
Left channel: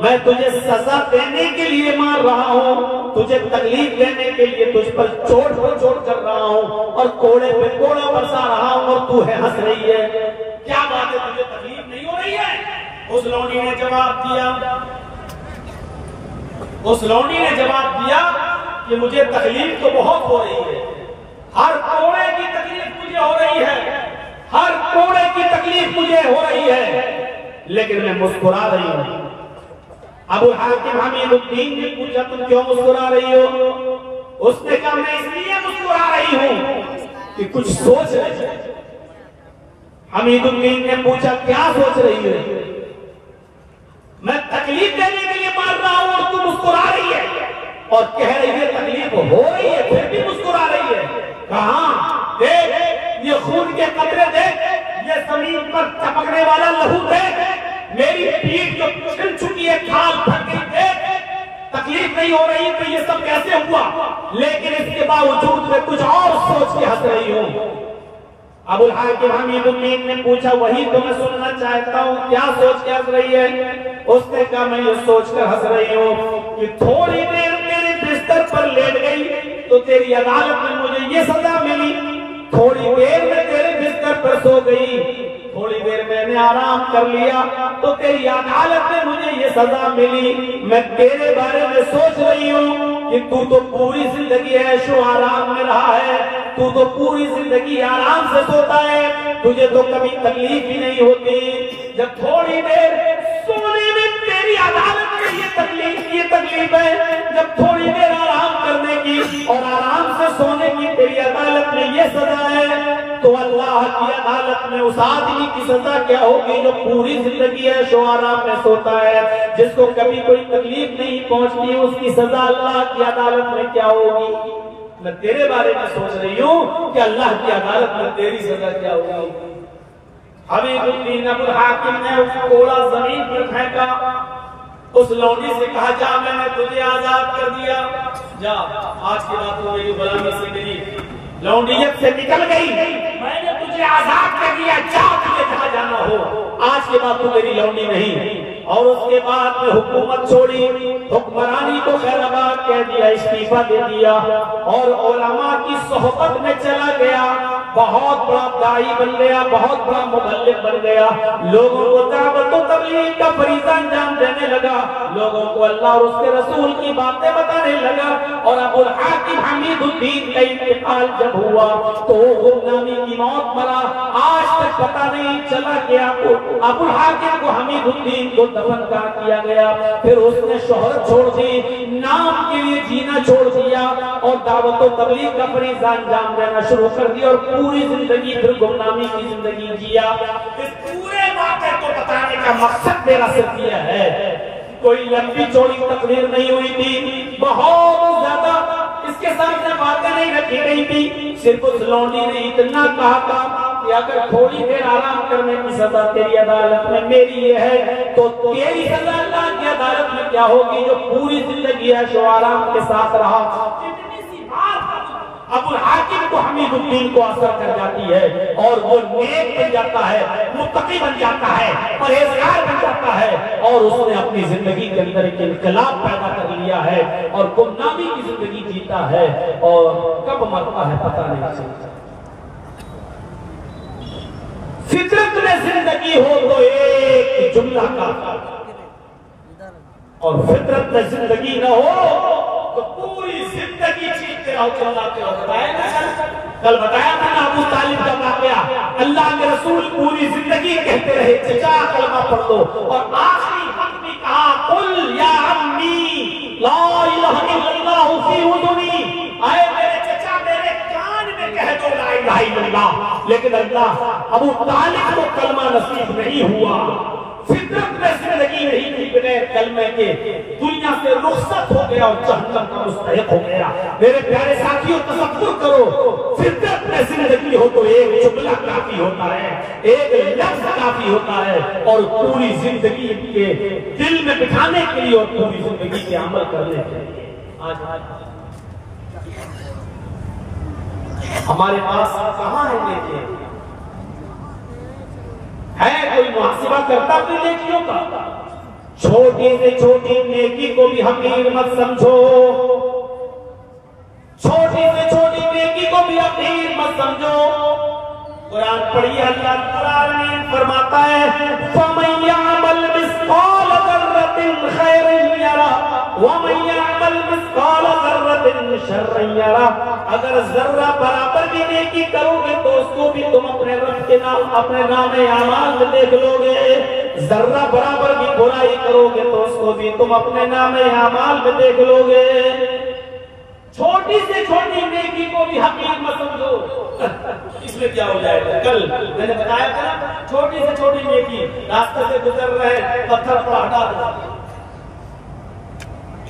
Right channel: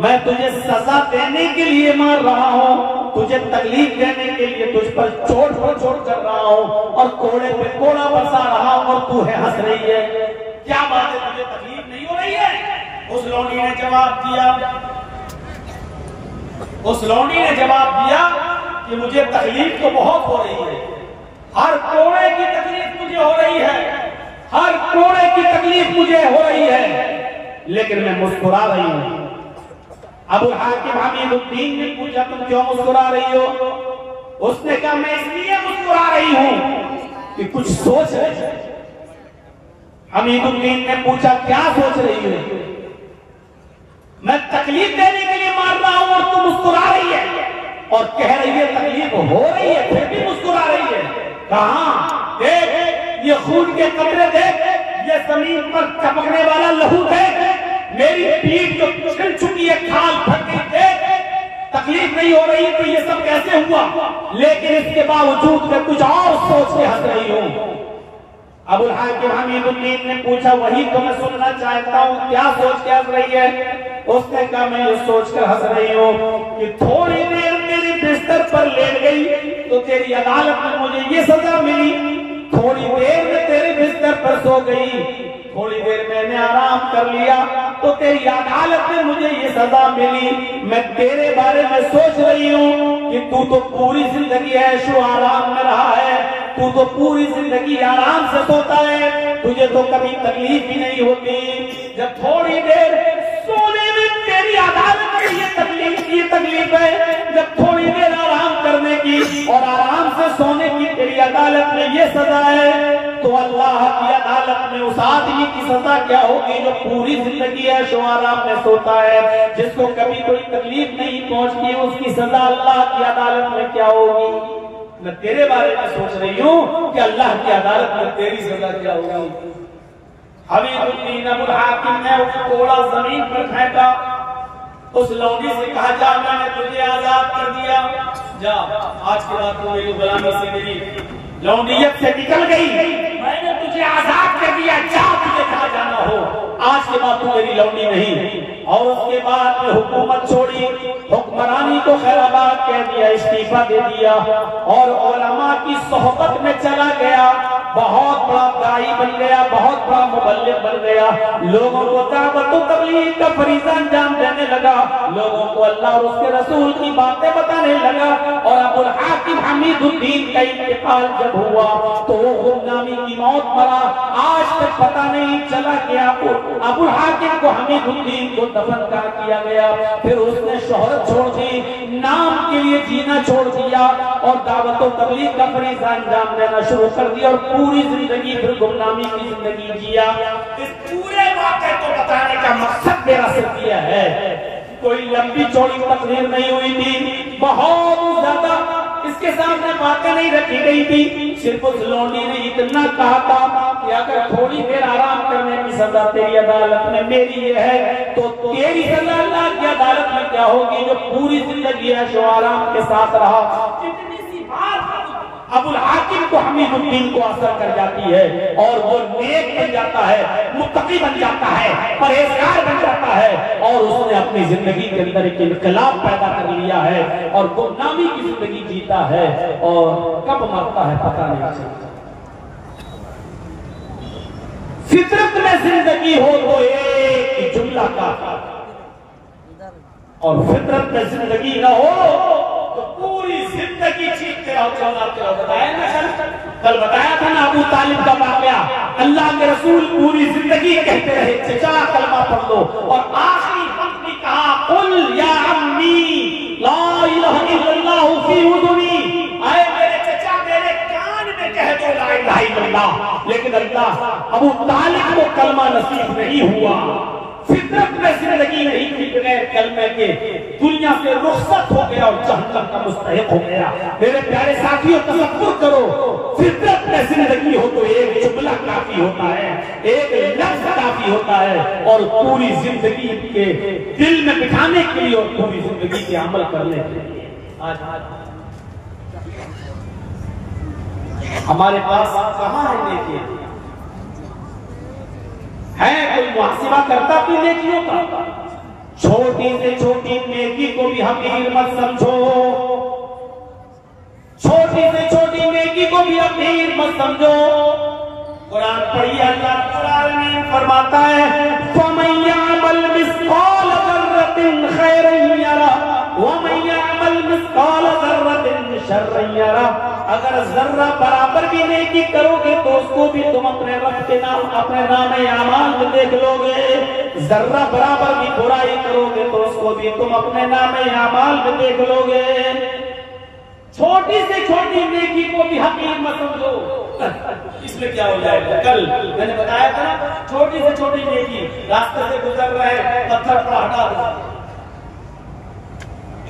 मैं तुझे सजा देने के लिए मार रहा हूँ, तुझे तकलीफ देने के लिए तुझ पर चोट पर चोट कर रहा हूँ और कोड़े पे कोड़ा बरसा रहा हूँ और तू है हंस रही है। क्या बात है, तुझे तकलीफ नहीं हो रही है? उस लौंडी ने जवाब दिया, उस लौंडी ने जवाब दिया कि मुझे तकलीफ तो बहुत हो रही है, हर कोड़े की तकलीफ मुझे हो रही है, हर कोड़े की तकलीफ मुझे हो रही है, लेकिन मैं मुस्कुरा रही हूं। अबुल हाकिम हमीदुद्दीन ने पूछा, तुम क्यों मुस्कुरा रही हो? उसने कहा, मैं इसलिए मुस्कुरा रही हूं कि कुछ सोच रही है। हमीदुद्दीन ने पूछा, क्या सोच रही है? मैं तकलीफ देने के लिए मार रहा हूं और तू मुस्कुरा रही है और कह रही है तकलीफ हो रही है, फिर भी मुस्कुरा रही है। कहां? देख, ये खून के कतरे देख, ये जमीन पर टपकने वाला लहू देख, मेरी पीठ जो छिल चुकी है, खाल फट गई देख। तकलीफ नहीं हो रही तो ये सब कैसे हुआ? लेकिन इसके बावजूद मैं कुछ और सोच के हंस रही हूं। अबुल हाकिम हमीदुद्दीन ने पूछा, वही तो मैं सुनना चाहता हूँ, क्या सोच के हंस रही है? उसने कहा, मैं ये सोचकर हंस रही हूँ कि थोड़ी देर मेरे बिस्तर पर लेट गई तो तेरी अदालत में मुझे ये सजा मिली, थोड़ी देर में तेरे बिस्तर पर सो गई, थोड़ी देर मैंने आराम कर लिया तो तेरी अदालत में मुझे ये सजा मिली। मैं तेरे बारे में सोच रही हूँ कि तू तो पूरी जिंदगी ऐशो आराम में रहा है, तू तो पूरी जिंदगी आराम से सोता है, तुझे तो कभी तकलीफ ही नहीं होती। जब थोड़ी देर सोने में तेरी अदालत में ये तकलीफ है, जब थोड़ी देर आराम करने की और आराम से सोने की तेरी अदालत में ये सजा है, तो अल्लाह की अदालत में उस आदमी की सजा क्या होगी जो पूरी जिंदगी ऐशो आराम में सोता है, जिसको कभी कोई तकलीफ नहीं पहुंचती, उसकी सजा अल्लाह की अदालत में क्या होगी। मैं तेरे बारे में सोच रही हूँ कि अल्लाह की अदालत में तेरी सजा क्या होगी। हबीबुद्दीन अबुल हाकिम ने उस कोड़ा जमीन पर फेंका, उस लौंडी से कहा जा मैंने तुझे आजाद कर दिया, जा आज के बाद तू मेरी गुलामी से मेरी लौंडियत से निकल गई, मैंने तुझे आजाद कर दिया, जा तुझे जहां जाना हो, आज के बाद तू मेरी लौंडी नहीं। और उसके बाद में हुकूमत छोड़ी, हुक्मरानी को खैराबाद कह दिया, इस्तीफा दे दिया और उलमा की सोहबत में चला गया, बहुत बड़ा दाई बन गया, बहुत बड़ा मुबल्लिग बन गया, लोगों को दावत व तबलीग का फरीज़ा अंजाम देने लगा, लोगों को अल्लाह और उसके रसूल की बातें बताने लगा। और अबुल हाकिम हमीदुद्दीन का इंतकाल जब हुआ तो गुमनामी की मौत मरा, आज तक पता नहीं चला कि अबुल हाकिम को हमीदुद्दीन को दफन कहाँ किया गया। फिर उसने शोहरत छोड़ दी, नाम के लिए जीना छोड़ दिया और दावत व तबलीग का फरीज़ा अंजाम देना शुरू कर दिया और पूरी जिंदगी फिर गुमनामी की जिंदगी जिया। इस पूरे वाक़े को बताने का मकसद मेरा सिर्फ यह है, कोई लंबी चौड़ी तकरीर नहीं हुई थी, बहुत ज्यादा इसके सामने बातें नहीं रखी गई थी, सिर्फ उस लौंडी ने इतना कहा था कि अगर थोड़ी देर आराम करने की सजा तेरी अदालत में मेरी ये है, तो तेरी सजा अल्लाह की अदालत में क्या होगी जो पूरी जिंदगी ऐशो आराम के साथ रहा। इतनी सी बात अबुल हाकिम को हमीदुद्दीन को असर कर जाती है और वो नेक बन जाता है, मुत्तकी बन जाता है, परहेजगार बन जाता है और उसने अपनी जिंदगी के अंदर एक इनकलाब पैदा कर लिया है और गुमनामी की जिंदगी जीता है और कब मरता है पता नहीं चलता। फितरत में जिंदगी हो तो एक जुमला का, और फितरत में जिंदगी न हो तो पूरी जिंदगी चीखते रहो, चिल्लाते रहो। बताया ना कल बताया था ना अबू तालिब का वाकया, अल्लाह के रसूल पूरी जिंदगी कहते रहे चचा कलमा पढ़ लो, और आखिरी वक्त भी कहा कुल या अम्मी ला इलाहा इल्लल्लाह फी उज़ुनी, आए मेरे चचा मेरे कान में कह दो ला इलाहा इल्लल्लाह। लेकिन अल्लाह अबू तालिब को कलमा नसीब नहीं हुआ, फितरत में जिंदगी नहीं थी, बगैर कलमे के दुनिया से रुखसत हो गया और जहन्नम का मुस्तहिक हो गया। मेरे प्यारे साथियों तसव्वुर करो, फितरत में जिंदगी हो तो एक जुमला काफी होता है, एक लफ्ज काफी होता है और पूरी जिंदगी के दिल में बिठाने के लिए और पूरी जिंदगी के अमल करने के लिए। आज हमारे पास कहाँ है नेकी है, कोई मुहासिबा करता तू नेकियों का? छोटी से छोटी नेकी को भी हकीर मत समझो, छोटी से छोटी नेकी को भी हकीर मत समझो। कुरान पढ़िए, अल्लाह कुरान में फरमाता है फमन यअमल मिस्काल ज़र्रतिन खैरन यरा वमन यअमल मिस्काल ज़र्रतिन शर्रन यरा। अगर जर्रा बराबर भी नेकी करोगे तो उसको भी तुम अपने रब के नाम अपने नामे आमाल में देख लोगे, जर्रा बराबर भी बुराई करोगे तो उसको भी तुम अपने नामे आमाल में देख लोगे। छोटी से छोटी नेकी को भी हकीर मत समझो, इसमें क्या हो जाएगा। कल मैंने बताया था ना, छोटी से छोटी नेकी, रास्ते से गुजर रहे पत्थर पर हटा दो,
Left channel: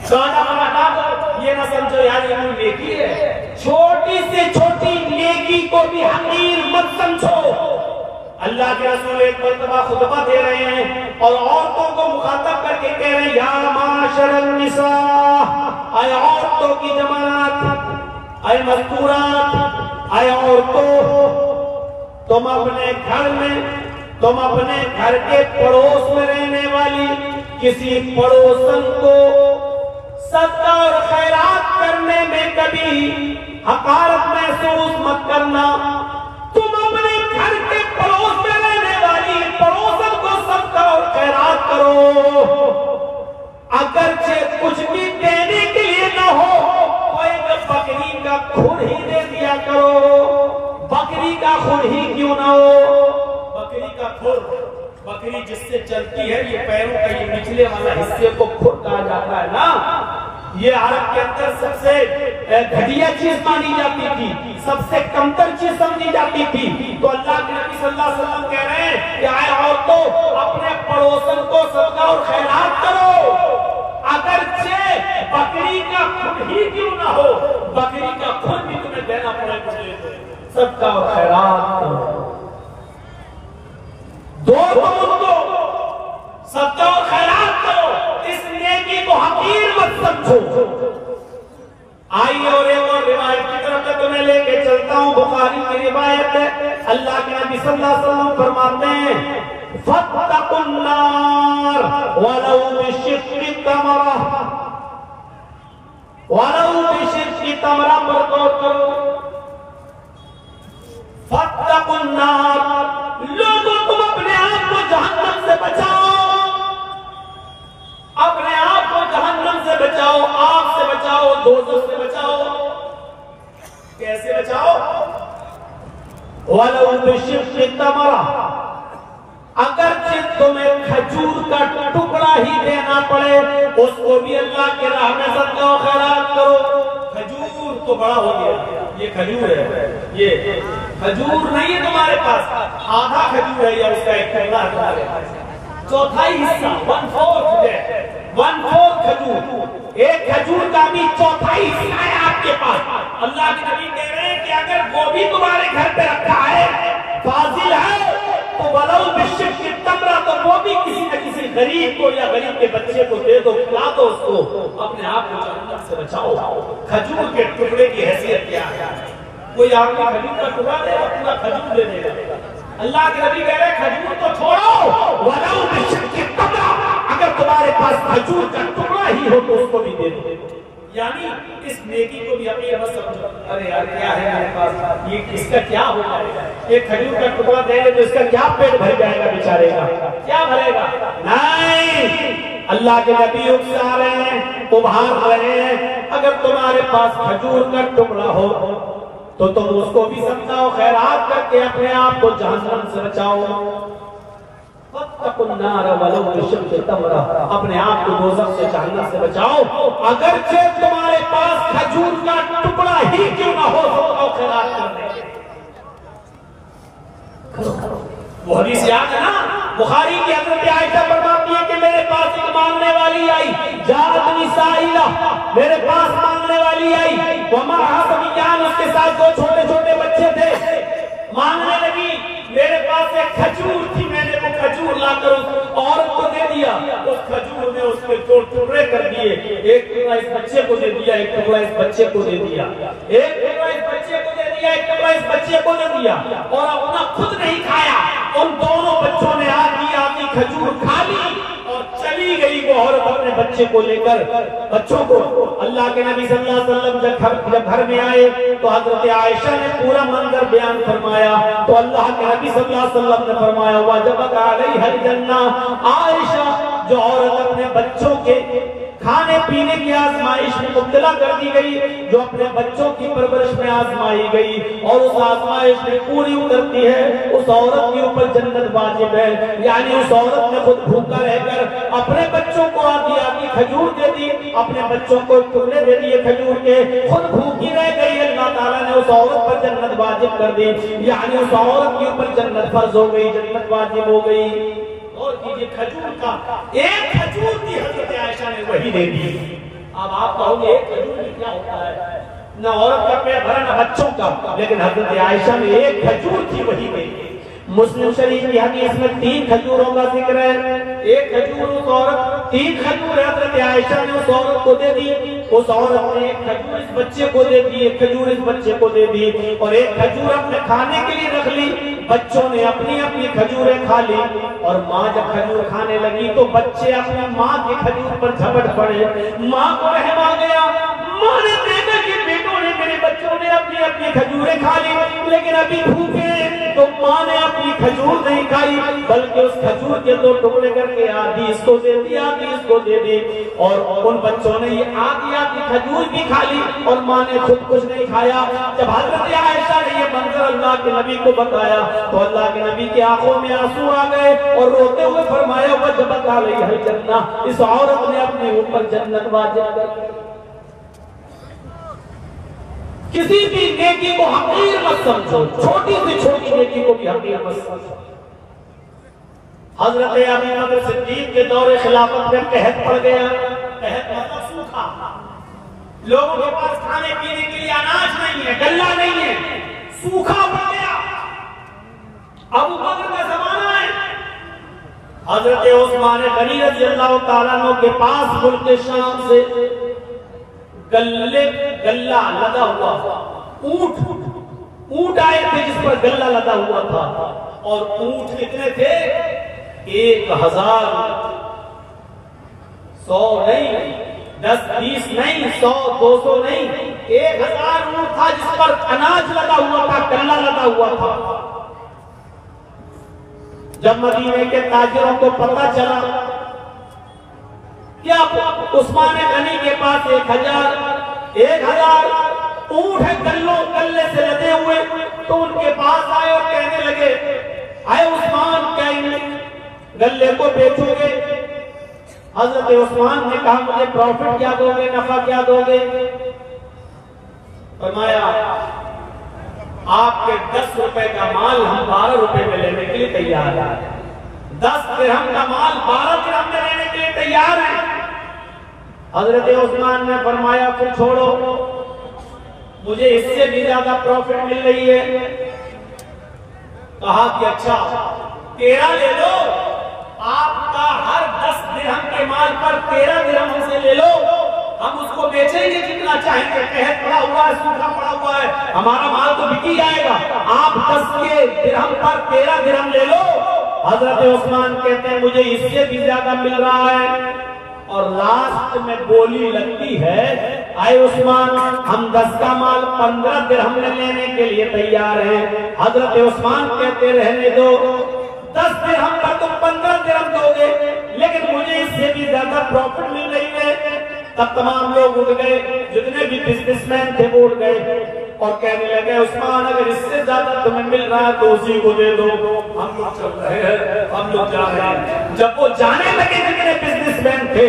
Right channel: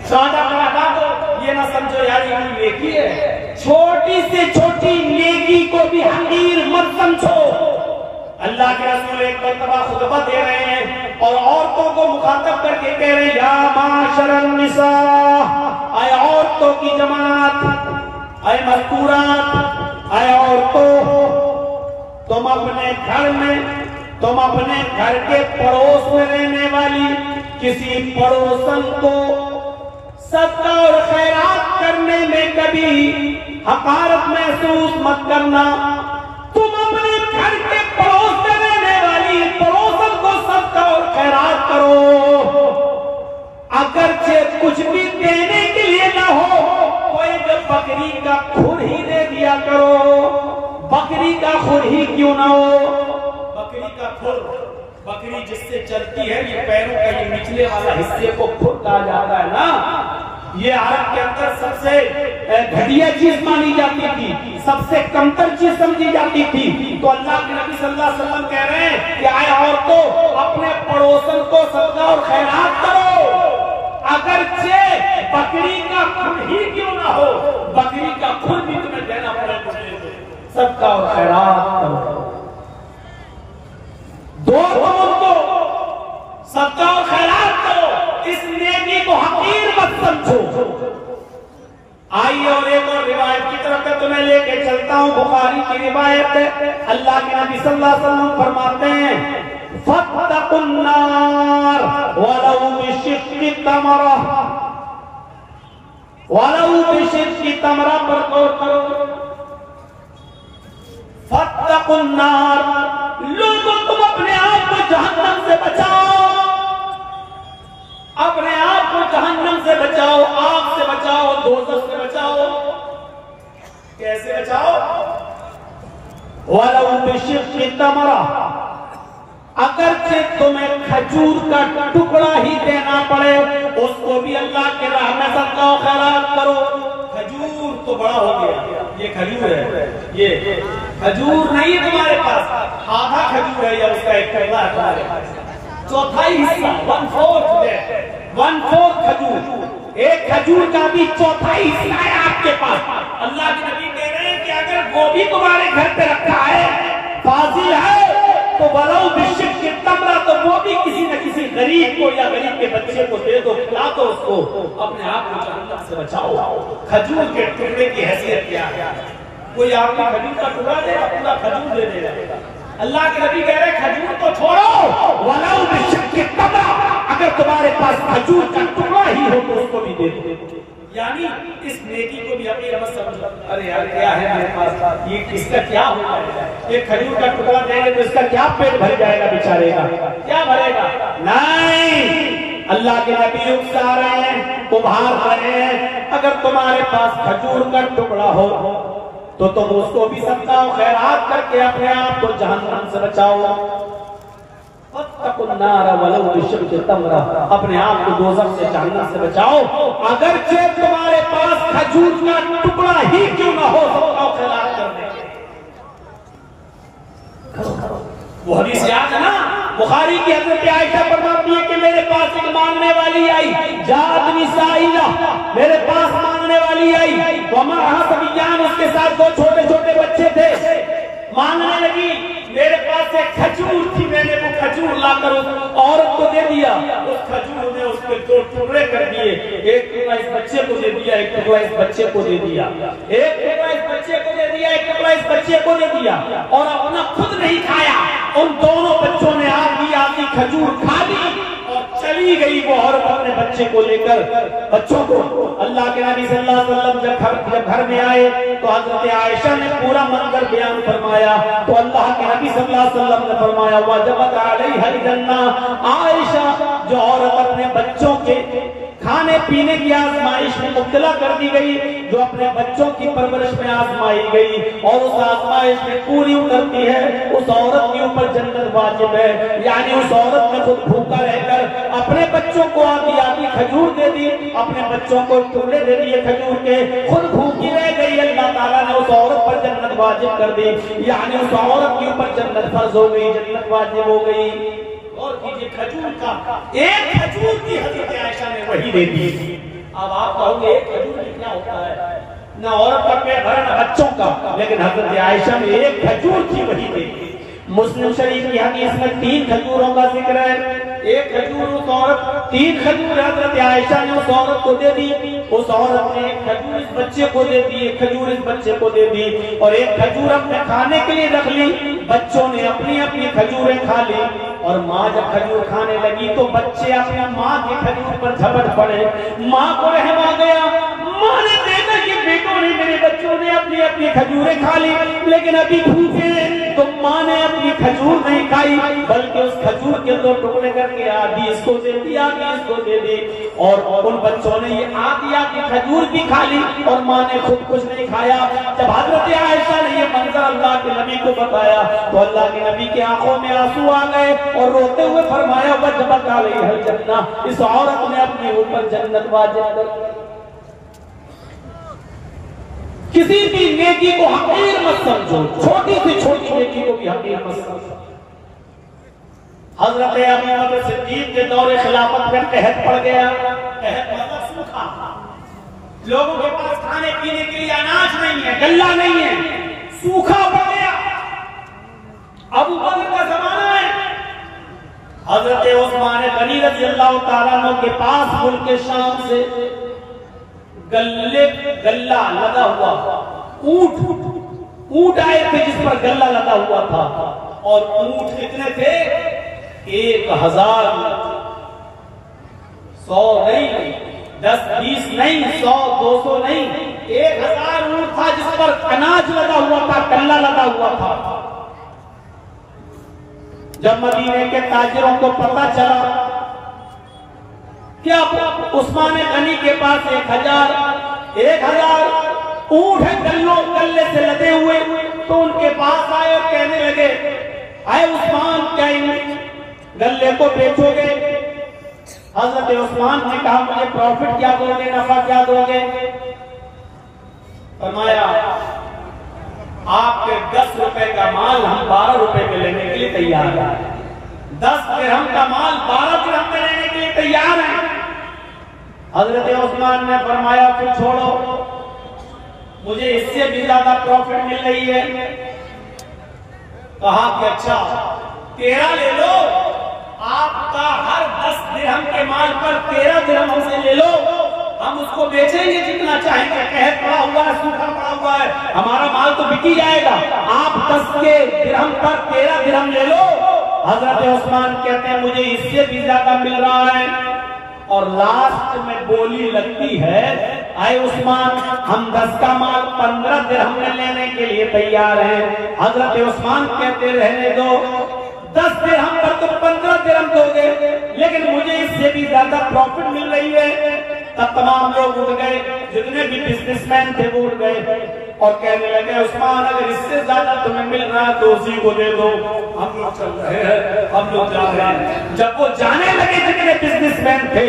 कांटा पर हटा दो, ये ना समझो यार ये नेकी है। छोटी से छोटी नेकी को भी हकीर मत समझो। अल्लाह के रसूल एक मरतबा खुतबा दे रहे हैं और औरतों को मुखातब करके कह रहे हैं या माशरन निसा, आए औरतों की जमात, आए मज़कूरात, आए औरतों, तुम अपने घर में, तुम अपने घर के पड़ोस में रहने वाली किसी पड़ोसन को सदका और खैरात करने में कभी हकारत महसूस मत करना। तुम अपने घर के पड़ोस में रहने वाली पड़ोसन को सदका और खैरात करो, अगरचे कुछ भी देने के लिए ना हो तो एक बकरी का खुर ही दे दिया करो। बकरी का खुर ही क्यों ना हो, बकरी का खुर, बकरी जिससे चलती है, ये पैरों का ये निचले वाला हिस्से को खुर कहा जाता है ना, ये अरब के अंदर सबसे घटिया चीज मानी जाती थी, सबसे कमतर चीज समझी जाती थी। तो अल्लाह के नबी सल्लल्लाहु अलैहि वसल्लम कह रहे हैं कि आए औरतों अपने पड़ोसन को सदका और खैरात करो, अगरचे बकरी का खून ही क्यों ना हो, बकरी का खून भी तुम्हें देना पड़े तो दे दो, सदका और खैरात करो। दो उनको सदका और खैरात करो, इस नेकी को हकीर मत समझो। आई और एक और रिवायत की तरफ मैं तुम्हें लेके चलता हूं, बुखारी की रिवायत है। अल्लाह के नबी सल्लल्लाहु अलैहि वसल्लम फरमाते हैं फत्तकुन नार वलौ बिशिक्कि तमरा, वलौ बिशिक्कि तमरा पर गौर करो। फत्तकुन नार, लोगों तुम अपने आप को जहन्नम से बचाओ, अपने आप को जहन्नम से बचाओ, आग से बचाओ, दोज़ख से बचाओ। कैसे बचाओ? वलौ बिशिक्कि तमरा, अगरचे तुम्हें खजूर का टुकड़ा ही देना पड़े, उसको भी अल्लाह के राह में सदका और खैरात करो। खजूर तो बड़ा हो गया, ये खजूर है, ये खजूर नहीं है तुम्हारे पास, आधा खजूर है या उसका एक टुकड़ा है तुम्हारे पास, चौथाई हिस्सा 1/4 है, 1/4 खजूर, एक खजूर का भी चौथाई हिस्सा है आपके पास। अल्लाह के नबी कह रहे हैं कि अगर गोभी तुम्हारे घर पे रखा है, फाजिल है, तो वलौ बिशिक्कि तमरा, तो वो भी किसी न किसी गरीब को या गरीब के बच्चे को दे दो, खिला दो उसको, अपने आप को जहन्नम से बचाओ। खजूर के टुकड़े की हैसियत क्या है? कोई आदमी खजूर का टुकड़ा देगा, पूरा खजूर दे देगा। अल्लाह के नबी कह रहे खजूर तो छोड़ो, वलौ बिशिक्कि तमरा, अगर तुम्हारे पास खजूर का टुकड़ा ही हो तो उसको भी दे दो। यानी इस नेकी को भी अपनी मत समझो, अरे यार क्या है मेरे पास, ये इसका क्या होगा, एक खजूर का टुकड़ा दे रहे तो इसका क्या पेट भर जाएगा बेचारे का, क्या भरेगा? नहीं, अल्लाह के नबी उकसा रहे हैं, उभार रहे हैं, अगर तुम्हारे पास खजूर का टुकड़ा हो तो तुम उसको भी सदका और खैरात करके अपने आप को जहन्नम से बचाओ। वलौ बिशिक्कि तमरा, अपने आप को दोज़ख से जहन्नम से बचाओ, अगरचे तुम्हारे पास खजूर का टुकड़ा ही क्यों ना हो, सदका और खैरात करने। वो हदीस याद है ना, बुखारी की हज़रत आयशा फरमाती है कि मेरे पास एक मांगने वाली आई, जाअतनी साइला, मेरे पास मांगने वाली आई, वमअहा सबियान, उसके साथ दो छोटे छोटे बच्चे थे, मांगने लगी, मेरे पास एक खजूर थी, मैंने वो खजूर लाकर उस औरत को दे दिया, उस खजूर ने उसके 2 टुकड़े कर दिए, एक टुकड़ा इस बच्चे को दे दिया, एक टुकड़ा इस बच्चे को दे दिया, एक टुकड़ा इस बच्चे को दे दिया, एक टुकड़ा इस बच्चे को दे दिया, और अपना खुद नहीं खाया। उन दोनों बच्चों ने आधी खजूर खा ली और चली गई वो औरत अपने बच्चे को लेकर। बच्चों को अल्लाह के नबी सल्लल्लाहु अलैहि वसल्लम जब घर में आए तो हज़रत आयशा ने पूरा मंजर बयान फरमाया, तो अल्लाह के नबी सल्लल्लाहु अलैहि वसल्लम ने फरमाया वजबत अलैहा जन्नह, आयशा जो औरत अपने बच्चों के खाने पीने की आजमाइश में मुब्तला कर दी गई, जो अपने बच्चों की परवरिश में आजमाई गई और उस आजमाइश में पूरी उतरती है, उस औरत के ऊपर जन्नत वाजिब है। यानी उस औरत ने खुद भूखा रहकर अपने बच्चों को आधी खजूर दे दी, अपने बच्चों को टुकड़े दे दिए खजूर के, खुद भूखी रह गई, अल्लाह ताला ने उस औरत पर जन्नत वाजिब कर दी। यानी उस औरत के ऊपर जन्नत फर्ज हो गई, जन्नत वाजिब हो गई। और कीजिए खजूर का एक खजूर की हज़रत आयशा ने वही दे दी। अब आप कहोगे एक खजूर में क्या होता है, न औरत का पेट भरा न बच्चों का, लेकिन हज़रत आयशा ने एक खजूर की वही दे दी। मुस्लिम शरीफ की हदीस में 3 खजूरों का जिक्र है, एक खजूर उस औरत, 3 खजूर हज़रत आयशा ने उस औरत को दे दी, उस औरत ने एक खजूर इस बच्चे को दे दी, एक खजूर इस बच्चे को दे दी, और एक खजूर अपने खाने के लिए रख ली। बच्चों ने अपनी अपनी खजूरें खा ली, और माँ जब खजूर खाने लगी तो बच्चे अपनी माँ की खजूर पर झपट पड़े। माँ को रहम आ गया, माँ ने देखा कि बेटों ने, मेरे बच्चों ने अपनी अपनी खजूरें खा ली, लेकिन अभी भूखे, तो माँ ने अपनी खजूर नहीं खाई, बल्कि उस खजूर के 2 टुकड़े करके आधी इसको दे दी, आधी इसको दे दी, और उन बच्चों ने ये आधी खजूर भी खा ली और माँ ने खुद कुछ नहीं खाया। जब हज़रत आयशा ने ये मंजर अल्लाह के नबी को बताया तो अल्लाह के नबी की आंखों में आंसू आ गए और रोते हुए फरमाया वजबत अलैहा जन्नह, इस औरत ने अपने ऊपर जन्नत वाजिब कर। किसी भी नेकी को हकीर मत समझो, छोटी से छोटी नेकी को भी हकीर मत समझो। हजरत अबू बकर सिद्दीक के दौरे खिलाफत में कहत पड़ गया। कहत मतलब सूखा, लोगों के पास खाने पीने के लिए अनाज नहीं है, गल्ला नहीं है, सूखा पड़ गया। अबू बकर का जमाना है। हजरत उस्मान गनी रज़ी अल्लाह तआला अन्हु के पास मुल्क शाम से गल्ला लगा हुआ ऊंट आए थे जिस पर गल्ला लगा हुआ था। और ऊंट कितने थे? 1000, 100 नहीं, 10 20 नहीं, 100 200 नहीं, 1000 ऊंट था जिस पर अनाज लगा हुआ था, गल्ला लगा हुआ था। जब मदीने के ताजिरों को पता चला कि अब उस्मान गनी के पास 1000 ऊंट है गल्ले से लदे हुए, तो उनके पास आए और कहने लगे, आए उस्मान, क्या इन गल्ले को बेचोगे? हजरत उस्मान ने कहा, मुझे प्रॉफिट क्या दोगे, नफा क्या दोगे? फरमाया, आपके 10 रुपए का माल हम 12 रुपए में लेने के लिए तैयार हैं। 10 दिरहम का माल 12 दिरहम में लेने के लिए तैयार हैं। हजरत उस्मान ने फरमाया, फिर छोड़ो, मुझे इससे भी ज्यादा प्रॉफिट मिल रही है। कहा कि अच्छा 13 ले लो, आपका हर 10 दिरहम के माल पर 13 दिरहम हमसे ले लो, हम उसको बेचेंगे जितना चाहेंगे। कहत पड़ा हुआ है, सूखा पड़ा हुआ है, हमारा माल तो बिक ही जाएगा, आप 10 के दिरहम पर 13 दिरहम ले लो। हजरत उस्मान कहते हैं, मुझे इससे भी ज्यादा मिल रहा है। और लास्ट में बोली लगती है, आए उस्मान, हम 10 का माल 15 दिरहम में लेने के लिए तैयार हैं। हजरत उस्मान कहते, रहने दो, 10 दिरहम पर तुम 15 दिरहम दोगे, लेकिन मुझे इससे भी ज्यादा प्रॉफिट मिल रही है। तब तमाम लोग उठ गए, जितने भी बिजनेसमैन थे वो उठ गए और कहने लगे, उस्मान, अगर इससे ज्यादा तुम्हें मिल रहा है तो उसी को दे दो, हम लोग चल रहे हैं, हम लोग जा रहे हैं। जब वो जाने लगे जितने बिजनेसमैन थे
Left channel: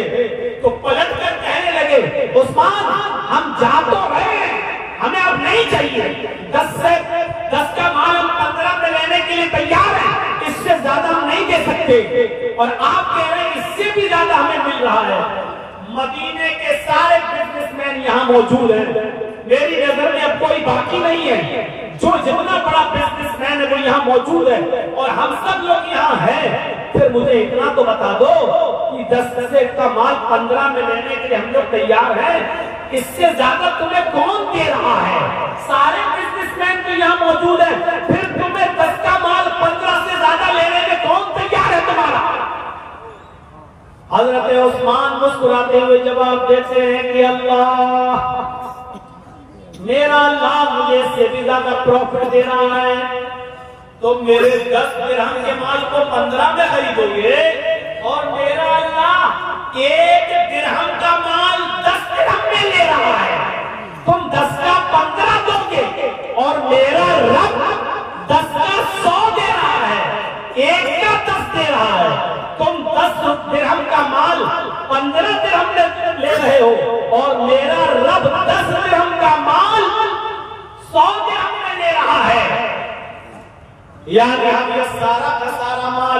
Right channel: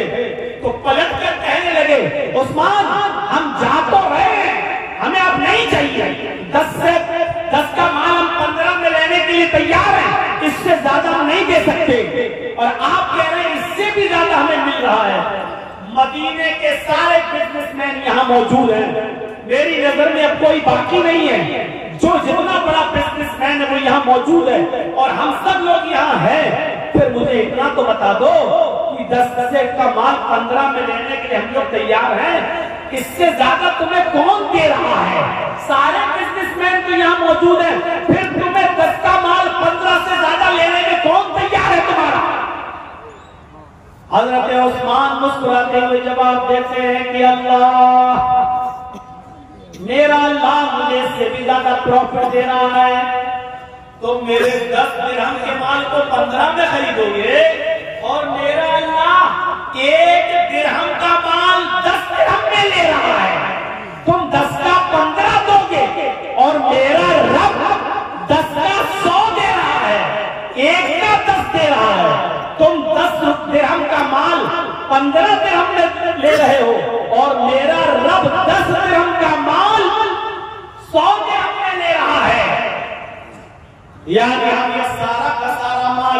तो पलट कर कहने लगे, उस्मान, हम जा तो रहे हैं, हमें अब नहीं चाहिए, 10 का माल हम 15 में लेने के लिए तैयार हैं, इससे ज्यादा हम नहीं दे सकते। और आप कह रहे हैं इससे भी ज्यादा हमें मिल रहा है। मदीने के सारे बिजनेसमैन यहाँ मौजूद हैं, मेरी नजर में अब कोई बाकी नहीं है। जो जितना बड़ा बिजनेसमैन है वो यहाँ मौजूद है और हम सब लोग यहाँ हैं। फिर मुझे इतना तो बता दो कि 10 का माल 15 में लेने के लिए हम लोग तैयार हैं, इससे ज्यादा तुम्हें कौन दे रहा है? सारे बिजनेसमैन तो यहाँ मौजूद है, फिर तुम्हें 10 का माल 15 से ज्यादा लेने में कौन तैयार है तुम्हारा? हजरत उस्मान मुस्कुराते हुए जवाब देते हैं कि अल्लाह, मेरा अल्लाह मुझे इससे भी ज्यादा प्रॉफिट दे रहा है, तो मेरे 10 दिरहम के माल को 15 में खरीदोगे और मेरा अल्लाह 1 दिरहम का माल 10 दिरहम में ले रहा है। तुम 10 का 15 दोगे और मेरा रब 10 का 100 दे रहा है, 1 का 10 दे रहा है। तुम 10 दिरहम का माल 15 दिरहम में ले रहे हो और मेरा रब 10 दिरहम का माल 100 दिरहम में ले रहा है। यानी हम ये सारा का सारा माल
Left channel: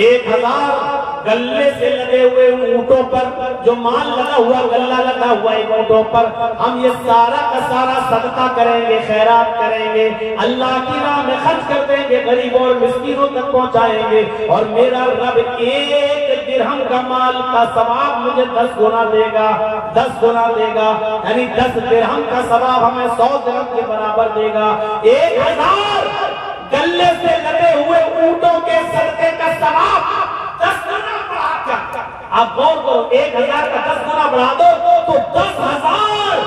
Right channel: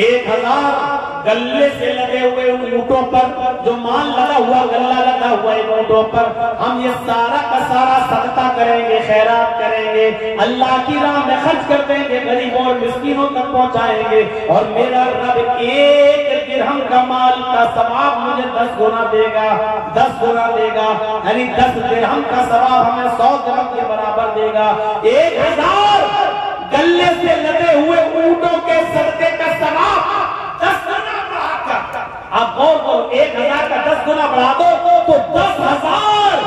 1000 गल्ले से लगे हुए ऊंटों पर, जो माल लगा हुआ, गल्ला लगा हुआ है ऊंटों पर, हम ये सारा का सारा सदका करेंगे, खैरात करेंगे, अल्लाह की राह में खर्च कर देंगे, गरीबों और मिस्कीनों तक पहुंचाएंगे। और मेरा रब 1 दिरहम का माल का सवाब मुझे 10 गुना देगा, 10 गुना देगा। यानी 10 दिरहम का सवाब हमें 100 दिरहम के बराबर देगा। 1000 गल्ले से लदे हुए ऊंटों के सदके का सवाब 10 गुना बढ़ाकर, आप गौर करो, 1000 का 10 गुना बढ़ा दो तो 10,000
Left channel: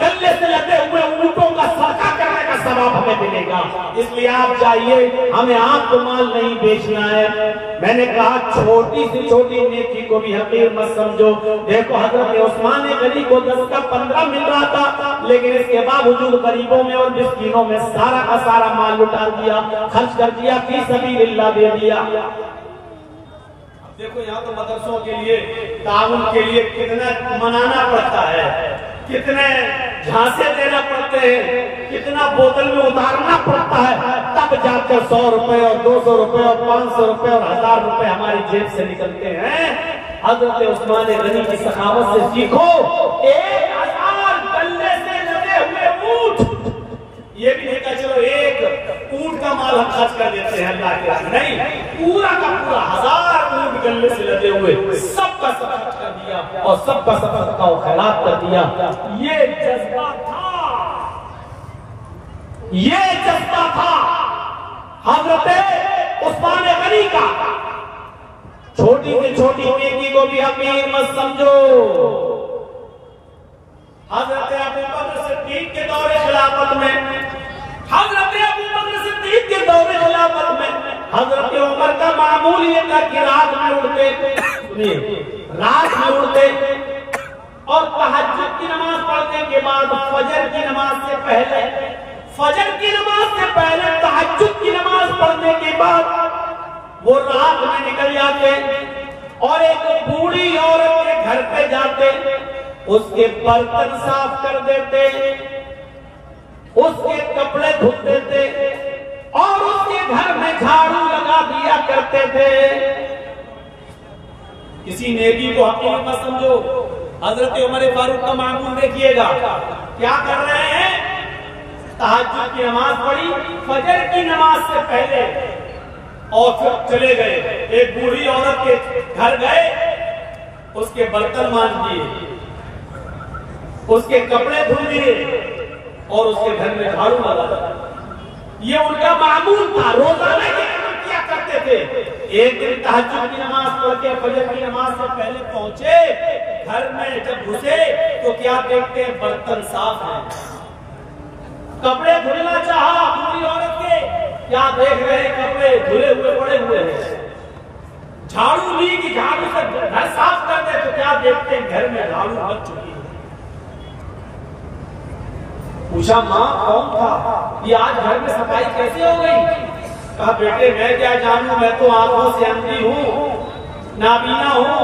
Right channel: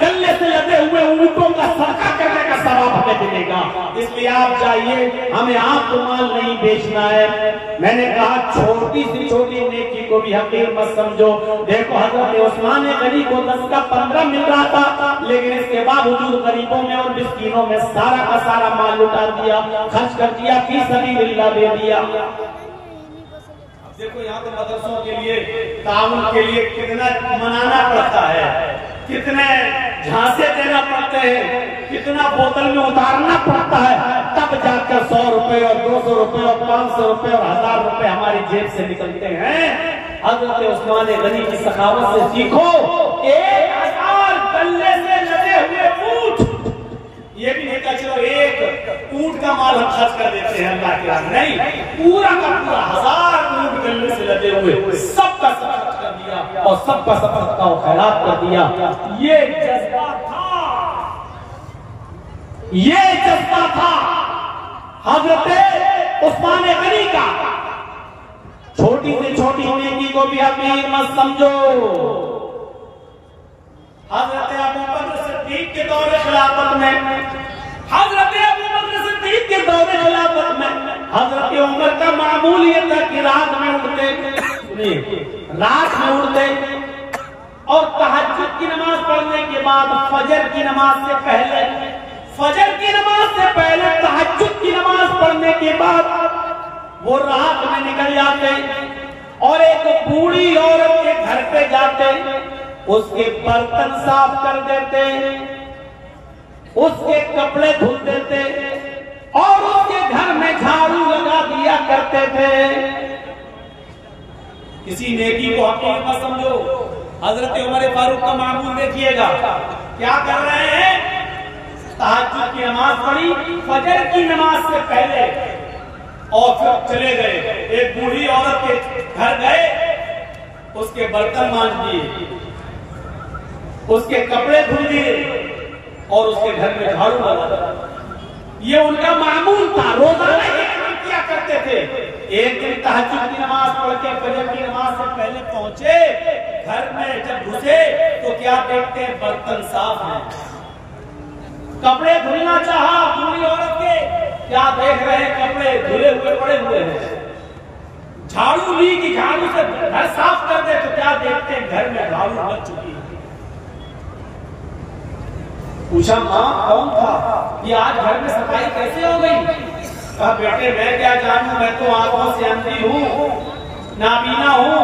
गल्ले से लदे हुए ऊंटों का सदका करने का सवाब हमें मिलेगा। इसलिए आप जाइए, हमें आपको माल नहीं बेचना है। मैंने कहा छोटी से छोटी नेकी को भी हकीर मत समझो। देखो हजरत उस्मान गनी को 10 का 15 मिल रहा था, लेकिन इसके बावजूद गरीबों में और मिस्कीनों में सारा का सारा माल लुटा दिया, खर्च कर दिया, फी सबीलिल्लाह दे दिया। देखो यहाँ तो मदरसों के लिए, ताउन के लिए कितना मनाना पड़ता है, कितने झांसे देना पड़ते हैं, कितना बोतल में उतारना पड़ता है, तब जाकर 100 रुपए और 200 रुपए और 500 रुपए और 1000 रुपए हमारी जेब से निकलते हैं। हजरत उस्मान गनी की सखावत से सीखो। 1000 गल्ले से लदे हुए ऊंट, ये भी नहीं कहा चलो एक ऊंट का माल हम खर्च कर देते हैं अल्लाह के राह, नहीं, पूरा का पूरा 1000 ऊंट गल्ले से लदे हुए सबका सब खर्च कर दिया और सबका सब सदका और खैरात कर दिया। ये जज्बा था, ये जज्बा था हजरत उस्मान गनी का। छोटी से छोटी नेकी को भी हकीर मत समझो। हजरत अबू बकर सिद्दीक के दौरे खिलाफत में, हजरत अबू बकर सिद्दीक के दौरे खिलाफत में हजरत उमर का मामूल ये था कि रात में उठते, रात में उठते और तहज्जुद की नमाज पढ़ने के बाद फजर की नमाज से पहले, फजर की नमाज से पहले तहज्जुद की नमाज पढ़ने के बाद वो रात में निकल जाते और एक बूढ़ी औरत के घर पे जाते, उसके बर्तन साफ कर देते, उसके कपड़े धुल देते और उसके घर में झाड़ू लगा दिया करते थे। किसी नेकी को हकीर मत समझो। हजरत उमर फारूक का मामूल देखिएगा, क्या कर रहे हैं, तहज्जुद की नमाज पढ़ी फजर की नमाज से पहले और फिर चले गए, एक बूढ़ी औरत के घर गए, उसके बर्तन मांज दिए, उसके कपड़े धुल दिए और उसके घर में झाड़ू लगा दिया। ये उनका मामूल था, रोजाना ये काम किया करते थे। एक दिन तहज्जुद की नमाज पढ़ के फजर की नमाज से पहले पहुंचे, घर में जब घुसे तो क्या देखते हैं, बर्तन साफ हैं, कपड़े धुलना चाहा बूढ़ी औरत के, क्या देख रहे हैं, कपड़े धुले हुए पड़े हुए हैं। झाड़ू ली कि झाड़ू से घर साफ कर दे तो क्या देखते हैं, घर में झाड़ू लग चुकी है। पूछा माँ कौन था, ये आज घर में सफाई कैसे हो गई? कहा बेटे मैं क्या जानूं, मैं तो आंखों से अंधी हूँ, नाबीना हूँ,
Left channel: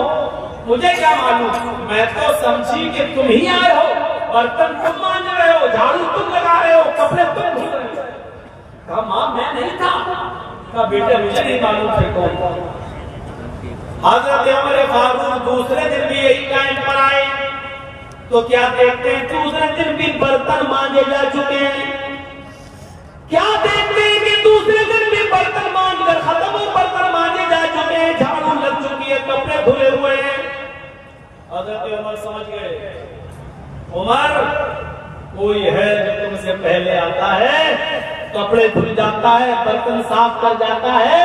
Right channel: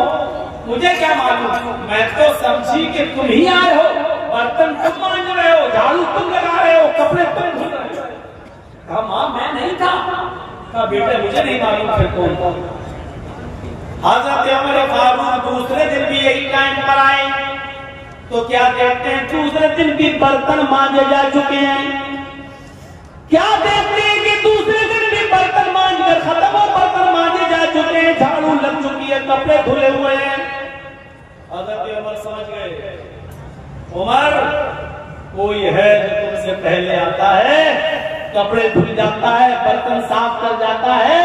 मुझे क्या मालूम, मैं तो समझी कि तुम ही आए हो, बर्तन तुम मांज रहे हो, झाड़ू तुम लगा रहे हो, कपड़े तुम धुल रहे हो। कहा माँ मैं नहीं था। कहा बेटे मुझे नहीं मालूम थे कौन था। हजरत उमर फारूक दूसरे दिन भी यही टाइम पर आए तो क्या देखते हैं, दूसरे दिन भी बर्तन मांजे जा चुके हैं। क्या देखते हैं कि दूसरे दिन भी बर्तन मांज कर खत्म हो, बर्तन मांजे जा चुके हैं, झाड़ू लग चुकी है, कपड़े धुले हुए हैं। हजरत उमर समझ गए, उमर कोई है जो तुमसे पहले आता है, कपड़े धुल जाता है, बर्तन साफ कर जाता है,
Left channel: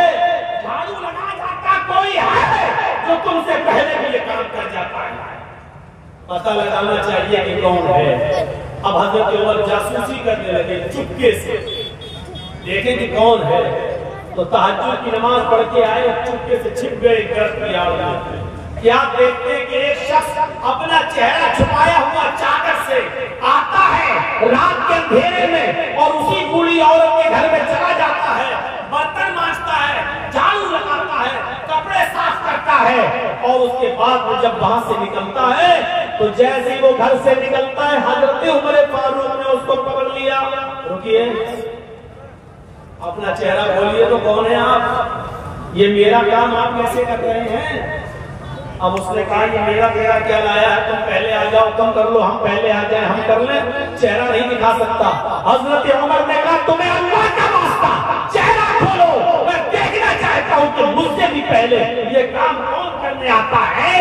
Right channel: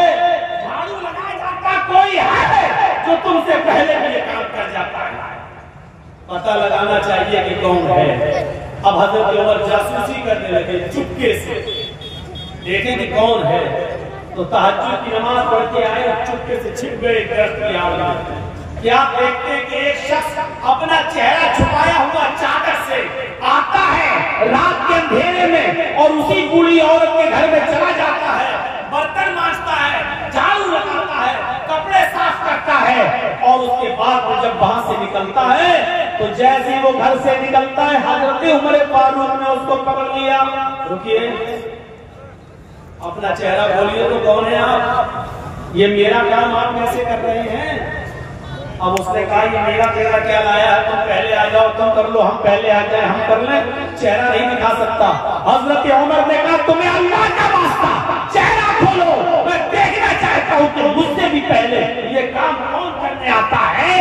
झाड़ू लगा जाता, कोई है जो तुमसे पहले भी ये काम कर जाता है। पता लगाना चाहिए कि कौन है। अब हजरत उमर जासूसी करने लगे, चुपके से देखें कि कौन है। तो तहज्जुद की नमाज पढ़ के आए और चुपके से छिप गए दरख्त की आड़ में। क्या देखते हैं कि एक शख्स अपना चेहरा छुपाया हुआ चादर से आता है रात के अंधेरे में और उसी बूढ़ी औरत के घर में चला जाता है, बर्तन मांजता है, झाड़ू लगाता है, कपड़े साफ करता है और उसके बाद वो जब वहां से निकलता है तो जैसे ही वो घर से निकलता है, हजरत उमर फारूक ने उसको पकड़ लिया। रुकिए, अपना चेहरा खोलिए तो कौन है आप, ये मेरा काम आप कैसे कर रहे हैं? अब उसने कहा ये मेरा तेरा क्या लाया है, तुम पहले आ जाओ, तुम कर लो, हम पहले आ जाए, हम कर लें, चेहरा नहीं दिखा सकता। हजरत उमर ने कहा तुम्हें अल्लाह का वास्ता चेहरा खोलो, मैं देखना चाहता हूँ कि मुझसे भी पहले ये काम कौन करने आता है।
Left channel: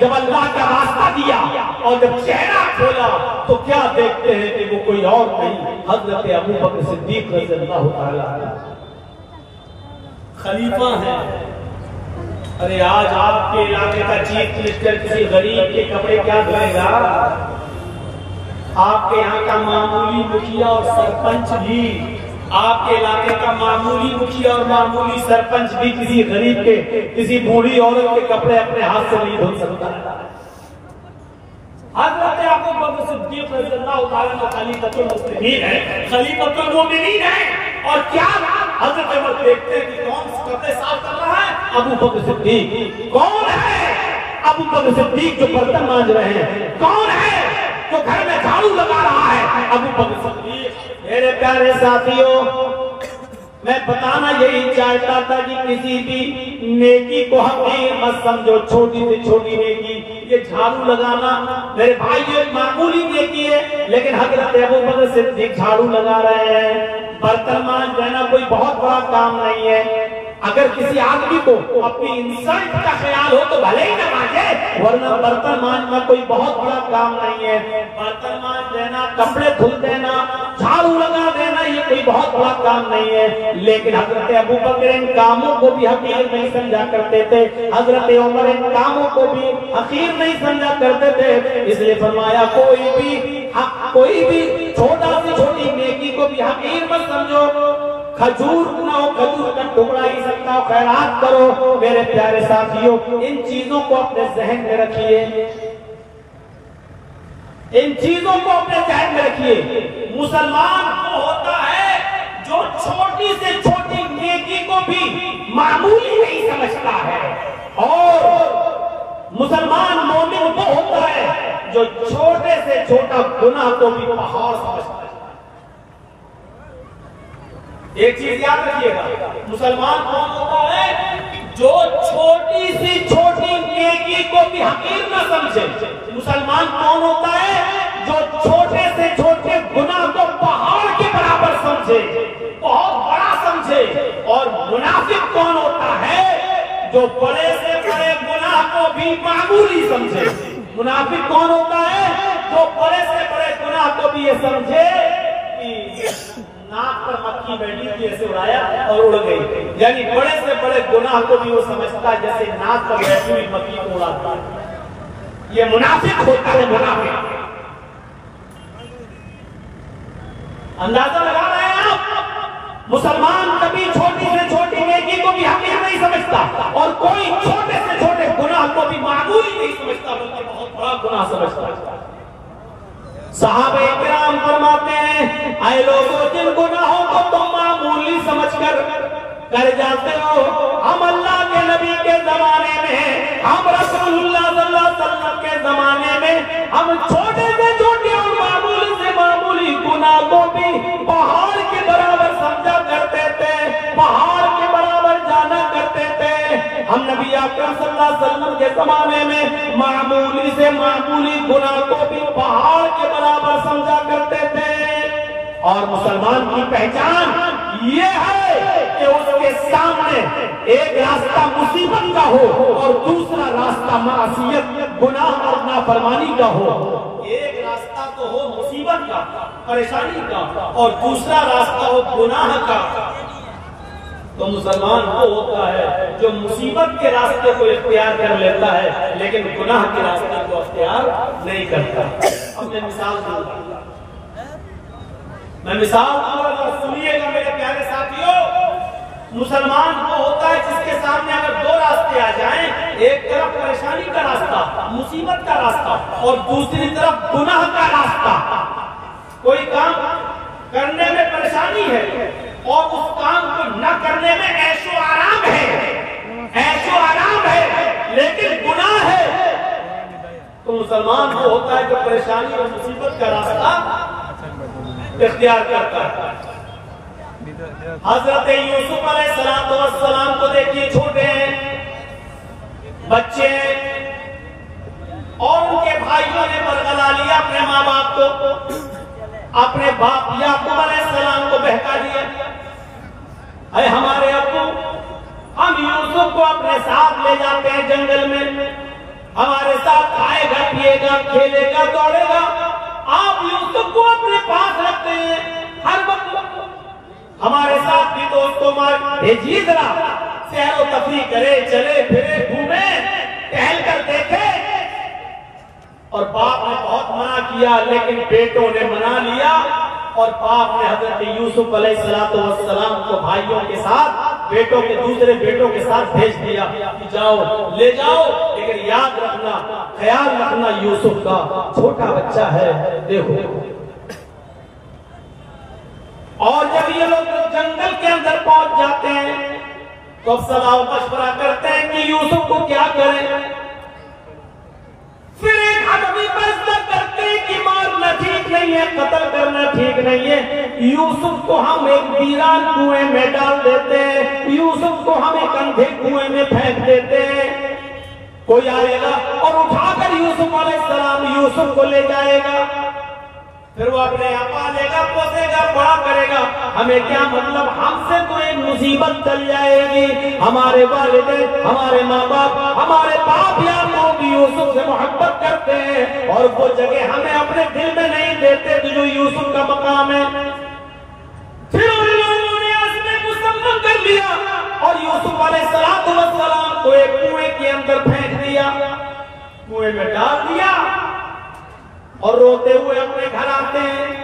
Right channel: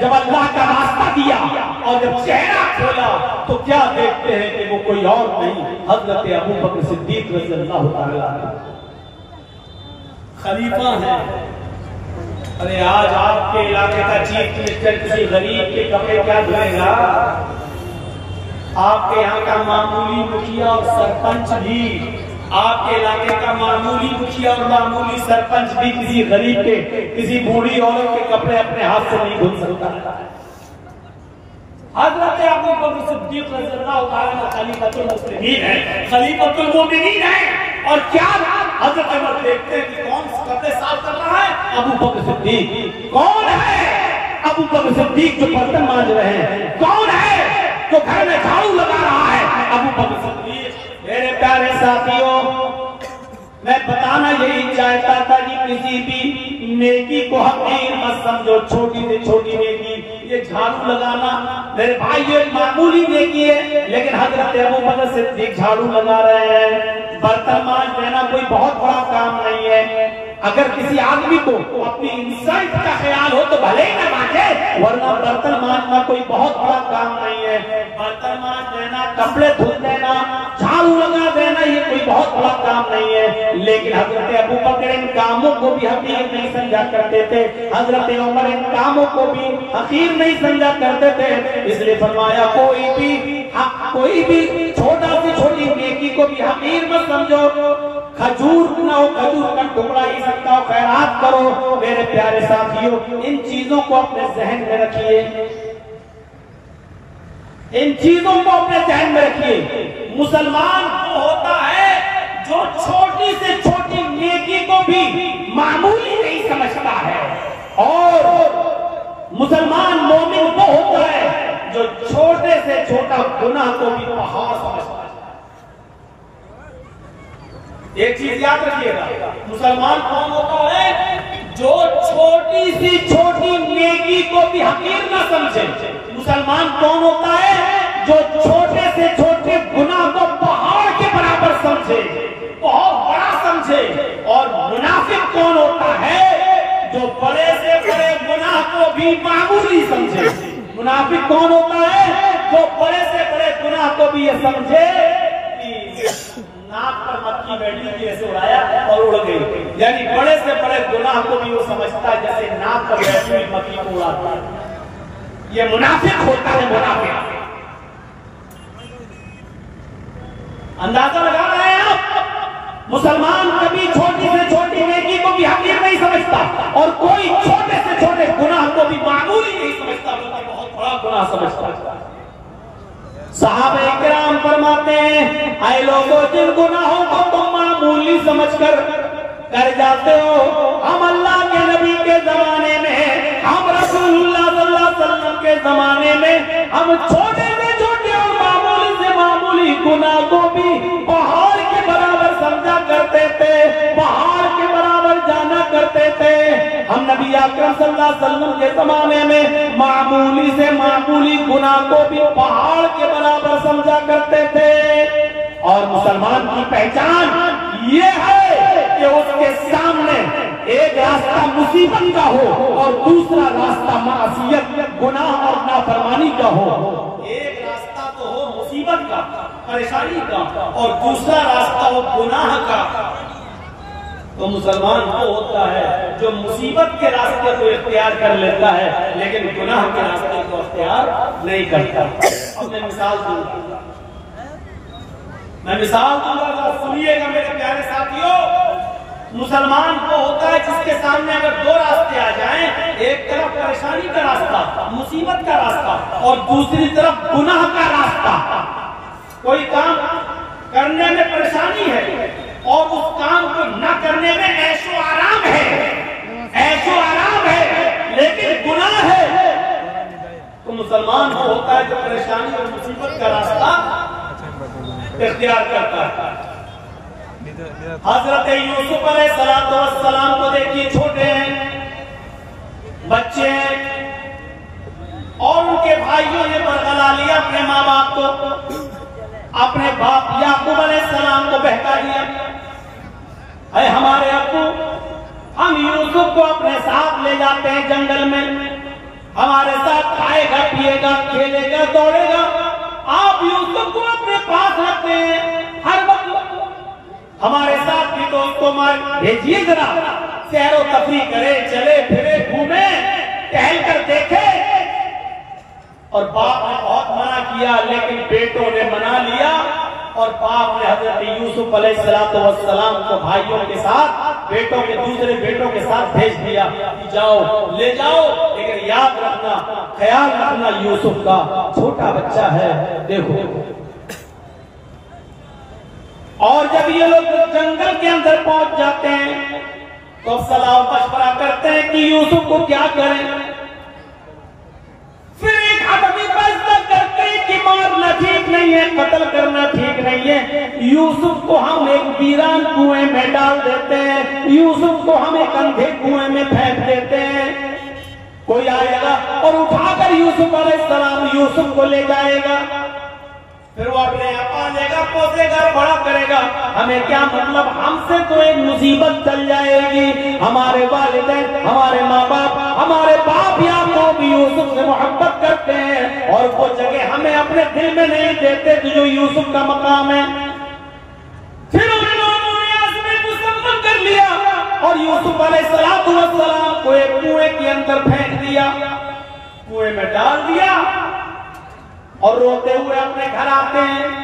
जब अल्लाह का वास्ता दिया और जब चेहरा खोला तो क्या देखते हैं कि वो कोई और नहीं, हजरत अबू बकर सिद्दीक रज़ियल्लाहु ताला अन्हु खलीफा हैं। अरे आज आपके इलाके का चीफ मिनिस्टर किसी गरीब के कपड़े क्या धुएगा? आपके यहाँ का मामूली मुखिया और सरपंच भी, आपके इलाके का मामूली मुखिया और मामूली सरपंच भी किसी गरीब के, किसी बूढ़ी औरत के कपड़े अपने हाथ से नहीं धुल सकता। हजरत अबू बकर सिद्दीक रज़ियल्लाहु ताला अन्हु खलीफतुल मुस्लिमीन है, खलीफतुल मोमिनीन है। और क्या हजरत उमर देखते हैं कि कौन कपड़े साफ कर रहा है? अबू बकर सिद्दीक। कौन है? अबू बकर सिद्दीक जो बर्तन मांज रहे हैं। कौन है? जो घर में झाड़ू लगा रहा है अबू बकर सिद्दीक। मेरे प्यारे साथियों, मैं बताना यही चाहता था कि किसी भी नेकी को हकीर मत समझो, छोटी से छोटी नेकी। ये झाड़ू लगाना मेरे भाई ये मामूली नेकी है, लेकिन हजरत अबू बकर सिद्दीक झाड़ू लगा रहे हैं। बर्तन मांज देना कोई बहुत बड़ा काम नहीं है। अगर किसी आदमी को अपनी इंसान का ख्याल हो तो भले ही न मांगे, वरना बर्तन मांजना कोई बहुत बड़ा काम नहीं है। बर्तन मांज देना, कपड़े धुल देना, झाड़ू लगा देना, ये कोई बहुत बड़ा काम नहीं है। लेकिन हजरत अबू बकर इन कामों को भी हकीर नहीं समझा करते थे, हजरत उमर इन कामों को भी हकीर नहीं समझा करते थे। इसलिए फरमाया कोई भी छोटा सी छोटी नेकी को भी हकीर मत समझो। खजूर ना हो, खजूर का टुकड़ा ही सकता हो, खैरात करो। मेरे प्यारे साथियों, इन चीजों को अपने जहन में रखिए, इन चीजों को अपने जहन में रखिए। मुसलमान वो होता है जो छोटी से छोटी नेकी को भी मामूली नहीं समझता है, और मुसलमान मोमिन वो होता है जो छोटे से छोटा गुनाह को भी पहाड़ समझता है। एक चीज याद रखिएगा, मुसलमान कौन होता है जो छोटी सी छोटी नेकी को भी हकीर न समझे। मुसलमान कौन होता है जो छोटे से छोटे गुनाह को पहाड़ के बराबर समझे, बहुत बड़ा समझे। और मुनाफिक कौन होता है जो बड़े से बड़े गुनाह को भी मामूली समझे। मुनाफिक कौन होता है जो बड़े से बड़े गुनाह को भी ये समझे कि नाक पर मक्खी बैठी थी, ऐसे उड़ाया और उड़ गई। यानी बड़े से बड़े गुनाह को भी वो समझता है जैसे नाक पर बैठी हुई मक्खी को उड़ाता है। ये मुनाफिक होता है, मुनाफिक। अंदाजा लगा रहे हैं आप? मुसलमान कभी छोटी से छोटी नेकी को भी हकीर नहीं समझता, और कोई छोटे से छोटे गुनाह को भी मामूली नहीं समझता, बल्कि बहुत बड़ा गुनाह समझता है। सहाबा-ए-किराम फरमाते हैं, आए लोगों, जिन गुनाहों को तुम मामूली समझकर कर जाते हो, हम अल्लाह के नबी के जमाने में, हम रसूलुल्लाह सल्लल्लाहु अलैहि वसल्लम के जमाने में, हम छोटे से छोटे और मामूली से मामूली गुनाह को भी पहाड़ के बराबर समझा करते थे, पहाड़ के बराबर जाना करते थे। हम नबी अकरम सल्लल्लाहु अलैहि वसल्लम के जमाने में मामूली से मामूली गुनाह को भी पहाड़ के बराबर समझा करते थे। और मुसलमान की पहचान ये है कि उसके सामने एक रास्ता मुसीबत का हो और दूसरा रास्ता मासियत, गुनाह और नाफरमानी का हो। एक रास्ता तो हो मुसीबत का, परेशानी का, और दूसरा रास्ता हो गुनाह का। तो मुसलमान वो होता है जो मुसीबत के रास्ते को इख्तियार कर लेता है, लेकिन गुनाह के रास्ते को इख्तियार नहीं करता। अब मैं मिसाल दूंगा, तो सुनिएगा मेरे प्यारे साथियों। मुसलमान वो होता है जिसके सामने अगर दो रास्ते आ जाएं, एक तरफ परेशानी का रास्ता, मुसीबत का रास्ता, और दूसरी तरफ गुनाह का रास्ता। कोई काम करने में परेशानी है और उस काम को न करने में ऐशो आराम है, लेकिन गुनाह है। तो मुसलमान वो होता है जो परेशानी और मुसीबत का रास्ता इख्तियार करता है। हजरत यूसुफ अलैहिस्सलाम को देखिए, छोटे हैं, बच्चे हैं, और उनके भाइयों ने बरगला लिया अपने माँ बाप को, अपने बाप याकूब अलैहिस्सलाम को बहका दिया, अरे हमारे अब्बू, हम यूसुफ को अपने साथ ले जाते हैं जंगल में, हमारे साथ खाएगा, पिएगा, खेलेगा, दौड़ेगा, आप यूसुफ को अपने पास रखते हैं, हर वक्त हमारे साथ भी दोस्तों भेजिए, जरा सैरो तफरी करे, चले फिरे, घूमे, टहल कर देखे। और बाप ने बहुत मना किया, लेकिन बेटों ने मना लिया, और बाप ने हजरत यूसुफ अलैहिस्सलाम को भाइयों के साथ, बेटों के दूसरे बेटों के साथ भेज दिया कि जाओ, ले जाओ, लेकिन याद रखना, ख्याल रखना यूसुफ का, छोटा बच्चा है, देखो। और जब ये लोग जंगल के अंदर पहुंच जाते हैं तो सलाह मशवरा करते हैं कि यूसुफ को क्या करें। फिर एक आदमी फैसला करते हैं कि मार मारना ठीक नहीं है, कत्ल करना ठीक नहीं है। यूसुफ को हम एक वीरान कुएं में डाल देते हैं, यूसुफ को हम एक अंधे कुएं में फेंक देते हैं। कोई आएगा और उठाकर यूसुफ अलैहिस्सलाम यूसुफ को ले जाएगा, फिर वो अपने आप पालेगा, पोसेगा, बड़ा करेगा। हमें क्या मतलब, हमसे तो एक मुसीबत चल जाएगी। हमारे वालिदैन, हमारे माँ बाप, हमारे बाप याकूब भी यूसुफ से मोहब्बत करते हैं और वो जगह हमें अपने दिल में नहीं देते जो यूसुफ का मकाम है। फिर उन लोगों ने आसमान को सम्मान कर लिया और यूसुफ अलैहिस्सलाम को एक कुएं के अंदर फेंक दिया, कुएं में डाल दिया और रोते हुए अपने घर आते हैं।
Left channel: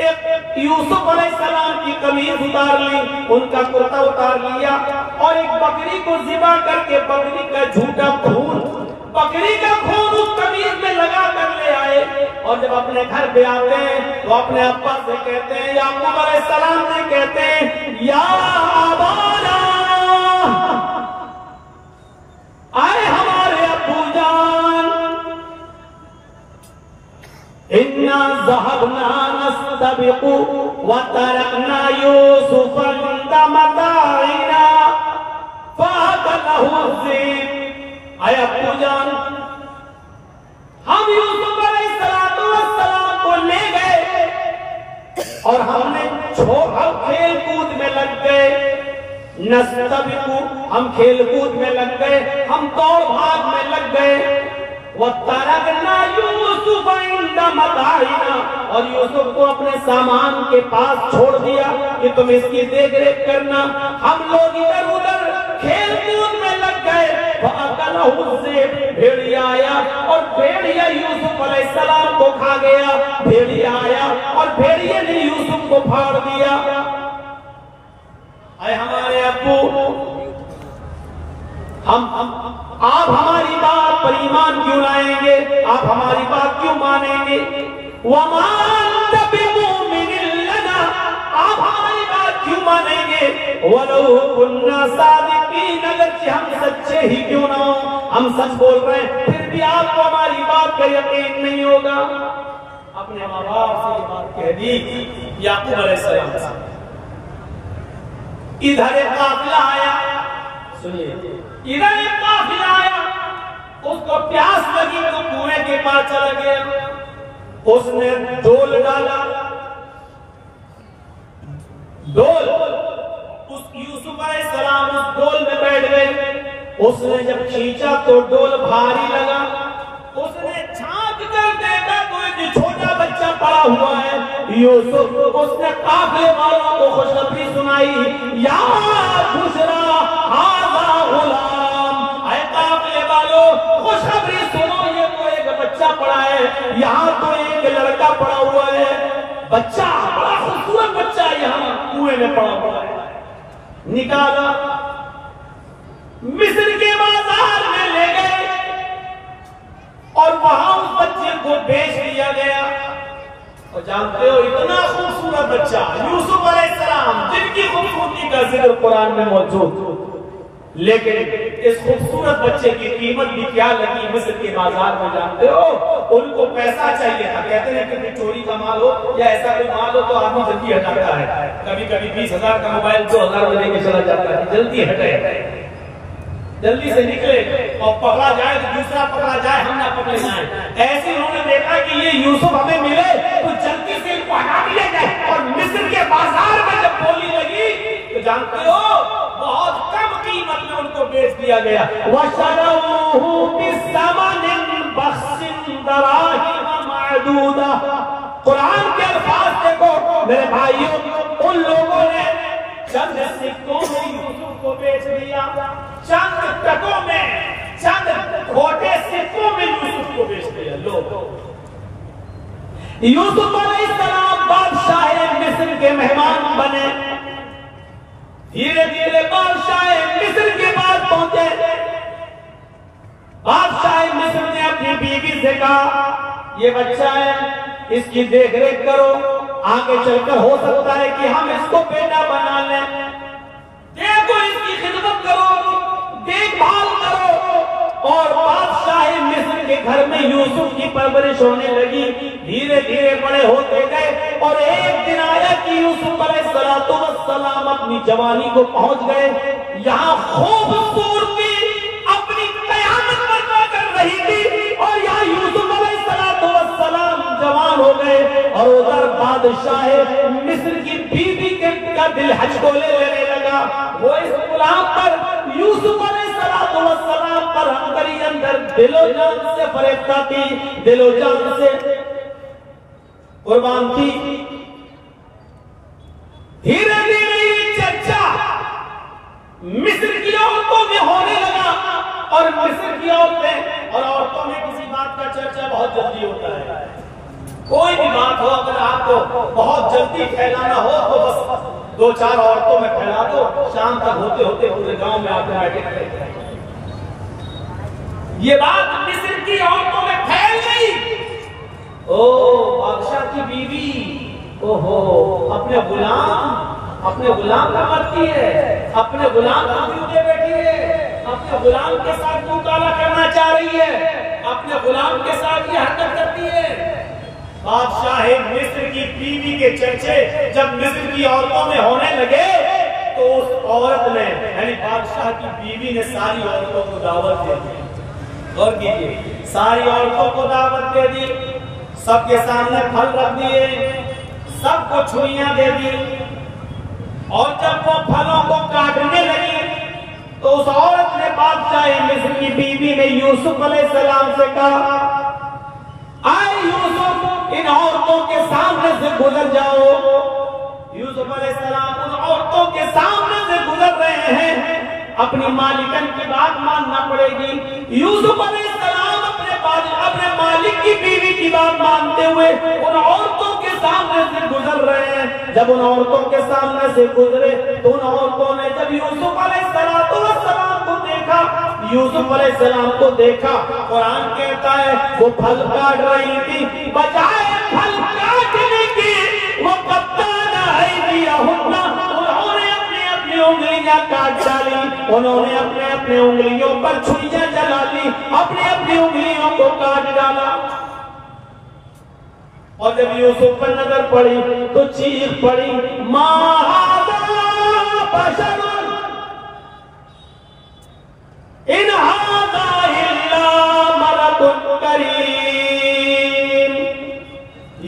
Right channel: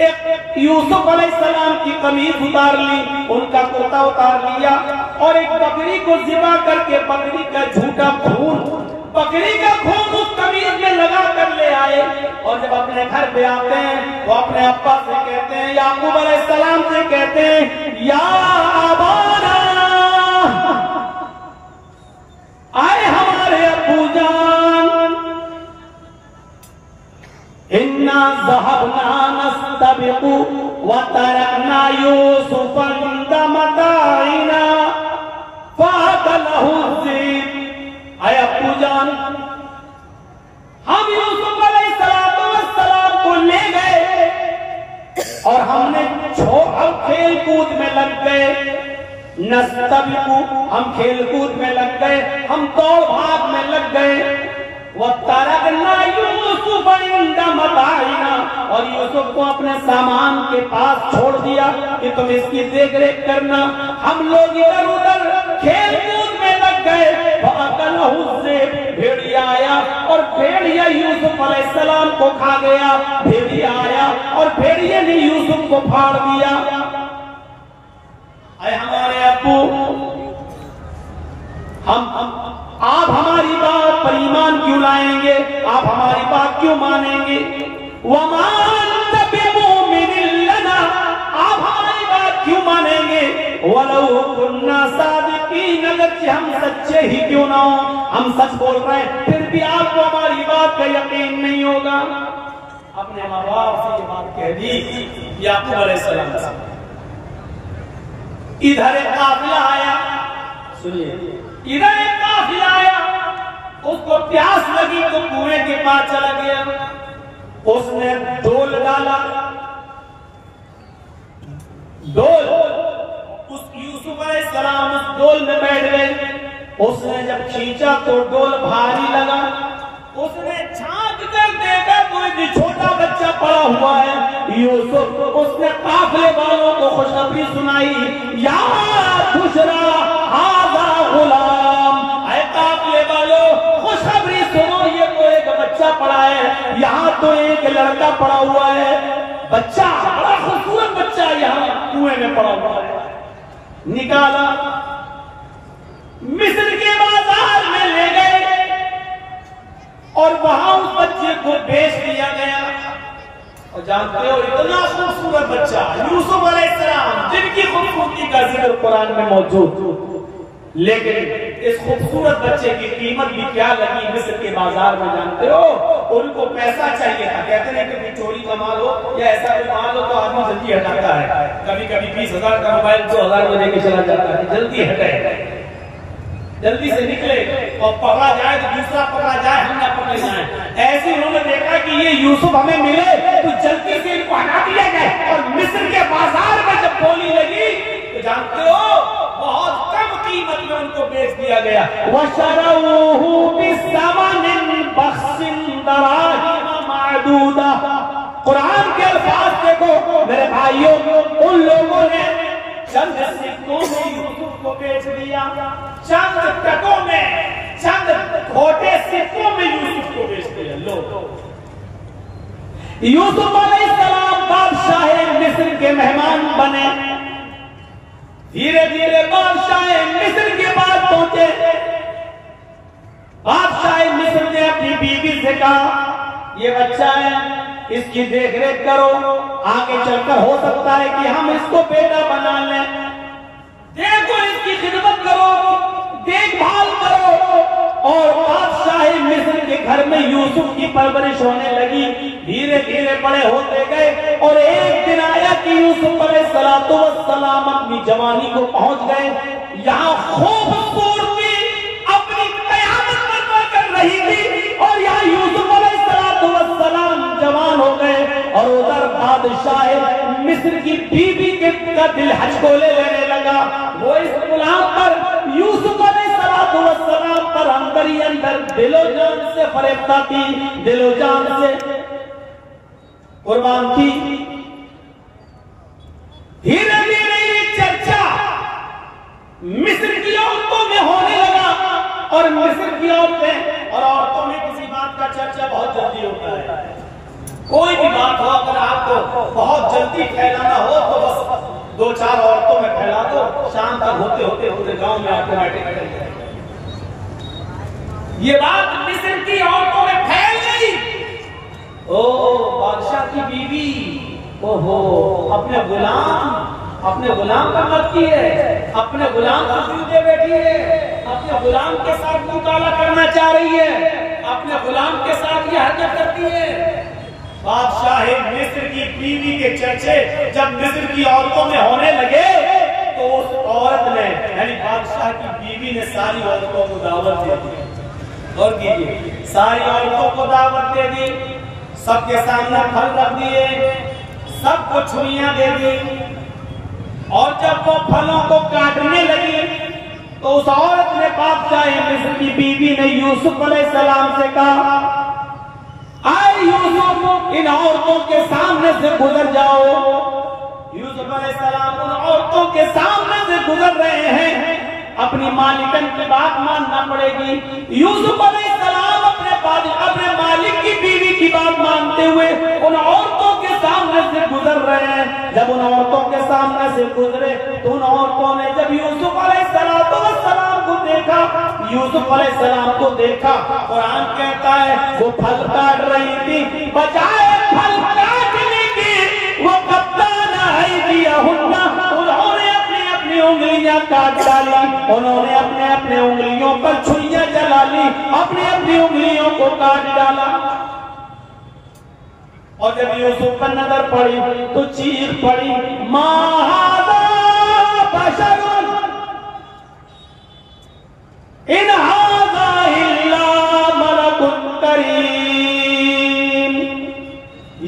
एक यूसुफ अलैहिस्सलाम की कमीज उतार ली, उनका कुर्ता उतार लिया और एक बकरी को ज़िबा करके बकरी का झूठा खून, बकरी का खून उस कमीज में लगा कर ले आए। और जब अपने घर पे आते हैं तो अपने अब्बा से कहते हैं, याकूब अलैहिस्सलाम से कहते हैं, या अबाना, आए हमारे अब्बू जान, इन्ना ज़हबना नस्तबिकु व तरकना यूसुफ इंद मताइना फ़अकलहु ज़ीब। आए अब्बू जान, हम यूसुफ अलैहिस्सलाम को ले गए और हमने हम खेल कूद में लग गए, नस्तबिकु, हम खेल कूद में लग गए, हम दौड़ भाग में लग गए। वतरकना यूसुफ इंद मताइना, और यूसुफ को अपने सामान के पास छोड़ दिया कि तुम इसकी देख रेख करना। हम लोग इधर उधर खेल कूद में लग गए। फ़अकलहु ज़ीब, भेड़िया आया और भेड़िया यूसुफ अलैहिस्सलाम को खा गया। भेड़िया आया और भेड़िए ने यूसुफ को फाड़ दिया। अरे हमारे अब्बू, आप हमारी बात पर ईमान क्यों लाएंगे, आप हमारी बात क्यों मानेंगे? वमा अंत बिमुमिनिन लना, आप हमारी बात क्यों मानेंगे? वलौ कुन्ना सादिकीन, अगरचे हम सच्चे ही क्यों ना हो, हम सच बोल रहे हैं, फिर भी आपको हमारी बात का यकीन नहीं होगा। अपने माँ बाप से ये बात कह दी याकूब अलैहिस्सलाम से। इधर एक काफिला आया, सुनिए, इधर एक काफिला आया, उसको प्यास लगी तो कुएं के पास चला गया, उसने डोल डाला, डोल, उस यूसुफ अलैहिस्सलाम उस डोल में बैठ गए। उसने जब खींचा तो डोल भारी लगा, उसने झांक कर देखा तो एक छोटा बच्चा पड़ा हुआ है यूसुफ। उसने काफिले वालों को खुशखबरी सुनाई, या बुशरा हाज़ा गुलाम, ऐ काफिले वालों खुशखबरी सुनो, ये तो एक बच्चा पड़ा है, यहाँ तो एक लड़का पड़ा हुआ है, बच्चा बड़ा खूबसूरत बच्चा यहाँ कुएं में पड़ा हुआ है। निकाला, मिस्र के बाजार में ले गए और वहां उस बच्चे को बेच दिया गया। और जानते हो, इतना खूबसूरत बच्चा यूसुफ अलैहिस्सलाम, जिनकी खूबसूरती का जिक्र कुरान में मौजूद, लेकिन इस खूबसूरत बच्चे की कीमत भी क्या लगी मिस्र के बाजार में, जानते हो? उनको पैसा चाहिए था, कहते हैं कि चोरी का माल हो या ऐसा कोई माल हो तो आदमी जल्दी हटाता है। कभी कभी 20,000 का मोबाइल 2,000 में लेके चला जाता है, जल्दी हटे, जल्दी से निकले और पकड़ा जाए तो दूसरा पकड़ा जाए, हम ना पकड़े जाए। ऐसे उन्होंने देखा कि ये यूसुफ हमें मिले तो जल्दी से इनको हटा दिया जाए। और मिस्र के बाजार में जब बोली लगी तो जानते हो, बहुत कम कीमत में उनको बेच दिया गया। वशरऊहु बिसमनिन बख्सिन दराहिम मादूदा। कुरान के अल्फाज देखो मेरे भाइयों, उन लोगों ने चंद सिक्कों में यूसुफ को बेच दिया, चंद टकों में, चंद खोटे सिक्कों में यूसुफ को बेच दिया। लोग यूसुफ अलैहिस्सलाम बादशाह मिस्र के मेहमान बने, धीरे धीरे बादशाह मिस्र के पास पहुंचे। बादशाह मिस्र ने अपनी बीवी से कहा, ये बच्चा है, इसकी देखरेख करो, आगे चलकर हो सकता है कि हम इसको बेटा बना लें, देखो इसकी खिदमत करो, देखभाल करो। और बादशाह मिस्र के घर में यूसुफ की परवरिश होने लगी। धीरे धीरे बड़े होते गए और एक दिन आया कि यूसुफ अलैहिस्सलाम अपनी जवानी को पहुंच गए। यहाँ खूबसूरती अपनी कयामत बर्पा कर रही थी और यहाँ यूसुफ अलैहिस्सलाम जवान हो गए और उधर बादशाह मिस्र की बीवी का दिल हचकोले लेने लगा। वो इस गुलाम पर यूसुफ अलैहिस्सलाम पर अंदर ही अंदर दिलो जान से फरेबता थी, दिलो जान से कुर्बान थी। धीरे धीरे चर्चा मिस्र की औरतों में होने लगा और मिस्र की औरतें और औरतों में किसी बात का चर्चा बहुत जल्दी होता है। कोई भी बात हो अगर आपको बहुत जल्दी फैलाना हो तो बस 2-4 औरतों में फैला दो, शाम तक होते होते पूरे गांव में ऑटोमेटिक फैल जाए। ये बात मिस्र की औरतों में फैल गई। ओ बादशाह की बीवी, ओहो अपने गुलाम का मरती है, अपने गुलाम को क्यों दे बैठी है, अपने गुलाम के साथ क्यों काला करना चाह रही है, अपने गुलाम के साथ ये हरकत करती है। बादशाह मिस्र की बीवी के चर्चे जब मिस्र की औरतों में होने लगे तो उस औरत ने यानी बादशाह की बीवी ने सारी औरतों को दावत दे दी। और कीजिए, सारी औरतों को दावत दे दी, सबके सामने फल रख दिए, सबको छुरियां दे दी और जब वो फलों को काटने लगी तो उस औरत ने बादशाह मिस्र की बीवी ने यूसुफ अलैहिस्सलाम से कहा, आए यूसुफ इन औरतों के सामने से गुजर जाओ। यूसुफ अलैहिस्सलाम उन औरतों के सामने से गुजर रहे हैं, अपनी मालिकन की बात मानना पड़ेगी। यूसुफ अलैहिस्सलाम अपने मालिक की बीवी की बात मानते हुए उन औरतों के सामने से गुजर रहे हैं। जब उन औरतों के सामने से गुजरे तो उन औरतों ने जब यूसुफ अलैहिस्सलाम को देखा, यूसुफ अलैहिस्सलाम को देखा, कुरान कहता है वो फल काट रही थी, बजाय फल काटने की वो उन्होंने अपनी उंगलियां काट डाली, उन्होंने अपने उंगलियों पर छुरियां जला ली, अपनी उंगलियों को काट डाला। और जब यूसुफ पर नजर पड़ी तो चीख पड़ी, मा हाज़ा बशरुन इन हाज़ा इल्ला मलकुन करीम,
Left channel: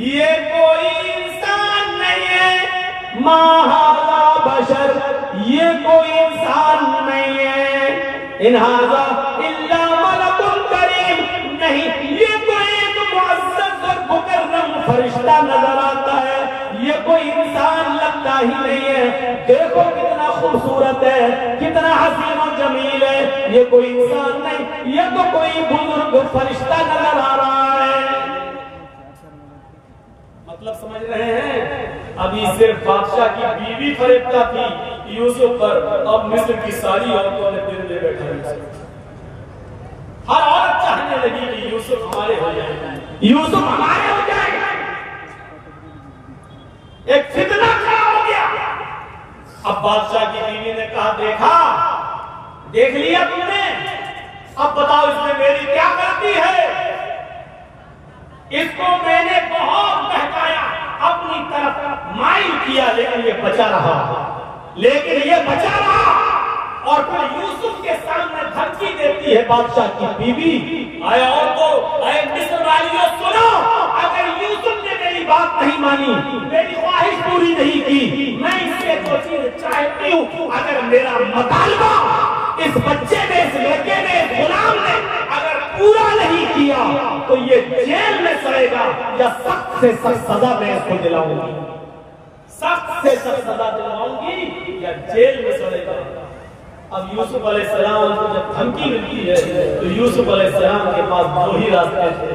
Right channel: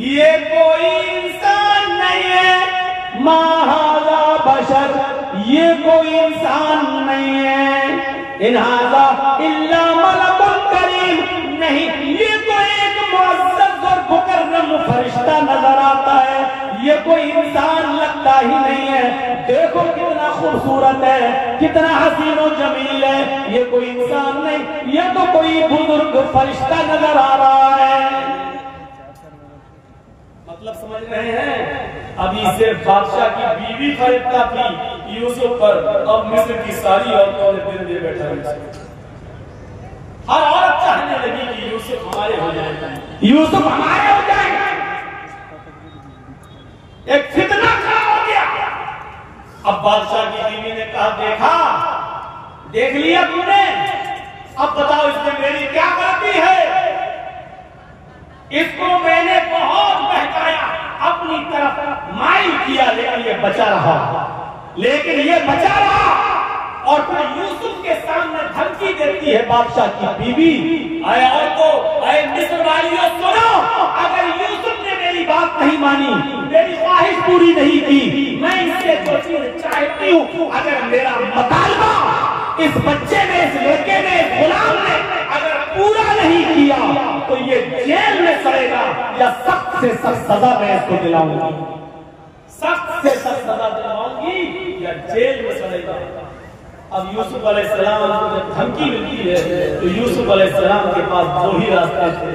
ये कोई इंसान नहीं है, मा हाज़ा बशर, ये कोई इंसान नहीं है, इन हाज़ा इल्ला मलकुन करीम, नहीं ये तो एक मुअज़्ज़ज़ और मुकर्रम फरिश्ता नजर आता है, ये कोई इंसान लगता ही नहीं है। देखो कितना खूबसूरत है, कितना हसीन और जमील है, ये कोई इंसान नहीं, ये तो कोई बुजुर्ग फरिश्ता नजर आ रहा है। मतलब समझ रहे हैं? अभी सिर्फ बादशाह की बीवी फरेबता थी यूसुफ पर, अब मिस्र की सारी औरतों ने दिल दे बैठा यूसुफ। हर औरत चाहने लगी कि यूसुफ हमारे हो जाए, यूसुफ हमारे हो जाए। एक फितना खड़ा हो गया। अब बादशाह की बीवी ने कहा, देखा, देख लिया तुमने, अब बताओ इसमें मेरी क्या गलती है? इसको मैंने बहुत बहकाया, अपनी तरफ माइल किया, लेकिन ये बचा रहा, और फिर यूसुफ के सामने धमकी देती है बादशाह की बीवी, आए और तो आए मिस्र वालियों सुनो, अगर यूसुफ ने मेरी बात नहीं मानी, मेरी ख्वाहिश पूरी नहीं की, मैं इससे जो चीज चाहती हूँ, अगर मेरा मुतालबा इस बच्चे ने, इस लड़के ने, इस गुलाम ने अगर पूरा नहीं किया तो ये जेल में सड़ेगा या सख्त से सख्त सजा मैं इसको दिलाऊंगी, सख्त से सख्त सजा दिलवाऊंगी या जेल में सड़ेगा। अब यूसुफ अलैहिस्सलाम को जब धमकी मिलती है तो यूसुफ अलैहिस्सलाम के पास दो ही रास्ते थे।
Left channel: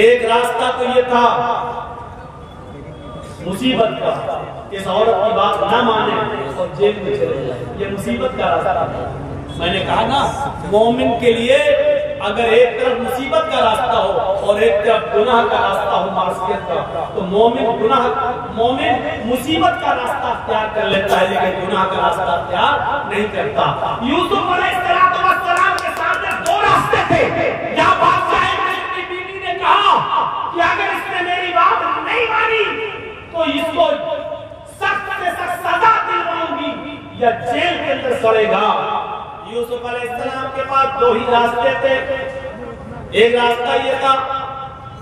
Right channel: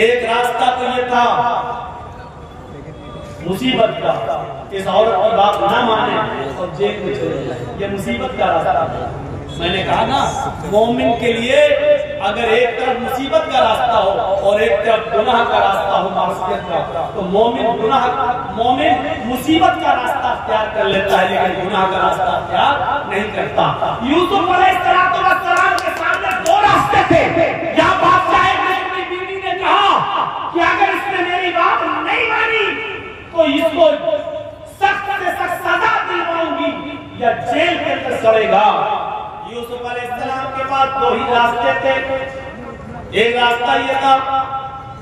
एक रास्ता तो ये था मुसीबत का, इस औरत की बात ना माने और जेल में चले जाए, ये मुसीबत का रास्ता है। मैंने कहा ना, मोमिन के लिए अगर एक तरफ मुसीबत का रास्ता हो और एक तरफ गुनाह का रास्ता हो, मासियत का, तो मोमिन मुसीबत का रास्ता अख्तियार कर लेता है, लेकिन गुनाह का रास्ता अख्तियार नहीं करता। यूसुफ अलैहिस्सलाम के सामने दो रास्ते थे। या बादशाह की बीवी ने कहा, कि अगर इसने मेरी बात नहीं मानी तो इसको सख्त से सख्त सजा दिलवाऊंगी या जेल के अंदर सड़ेगा। यूसुफ अलैहिस्सलाम के पास दो ही रास्ते थे। एक रास्ता ये था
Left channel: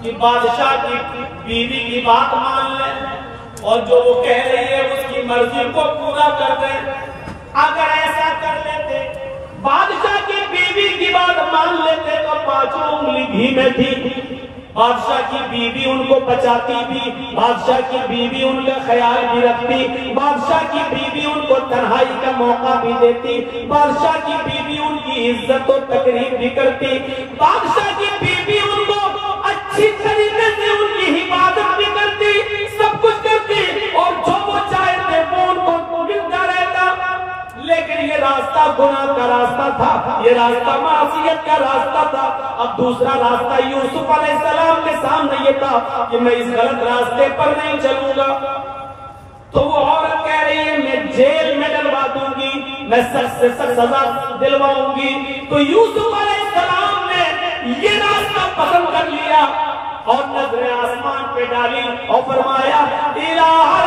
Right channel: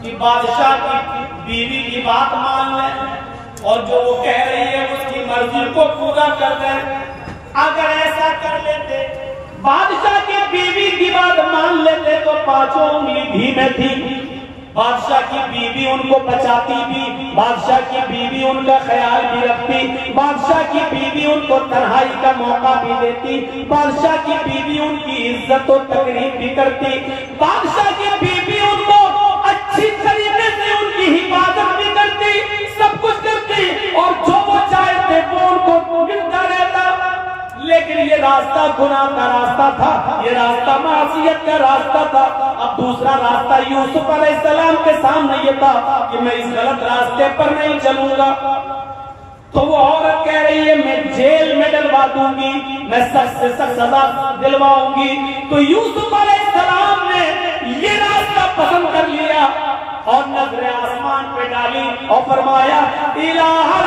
कि बादशाह की बीवी की बात मान लें और जो वो कह रही है उसकी मर्जी को पूरा कर दें। अगर ऐसा कर लेते, बादशाह की बीवी की बात मान लेते तो पांचों उंगली घी में थी। बादशाह की बीवी उनको बचाती भी, बादशाह की बीवी उनका ख्याल भी रखती, बादशाह की बीवी उनको तन्हाई का मौका भी देती, बादशाह की बीवी उनकी इज्जत और तकरीम भी करती, बादशाह की बीवी उनको अच्छी तरीके से उनकी हिफाजत भी करती, सब कुछ करती और जो वो चाहते वो उनको मिलता रहता। लेकिन ये रास्ता गुनाह का रास्ता था, ये रास्ता मासियत का रास्ता था। अब दूसरा रास्ता यूसुफ अलैहिस्सलाम के सामने ये था कि मैं इस गलत रास्ते पर नहीं चलूंगा। तो वो औरत कह रही है मैं जेल में डलवा दूंगी, मैं सख्त से सख्त सजा दिलवाऊंगी। तो यूसुफ अलैहिस्सलाम ने ये रास्ता पसंद कर लिया और नजरें आसमान पे डाली और फरमाया इलाहुल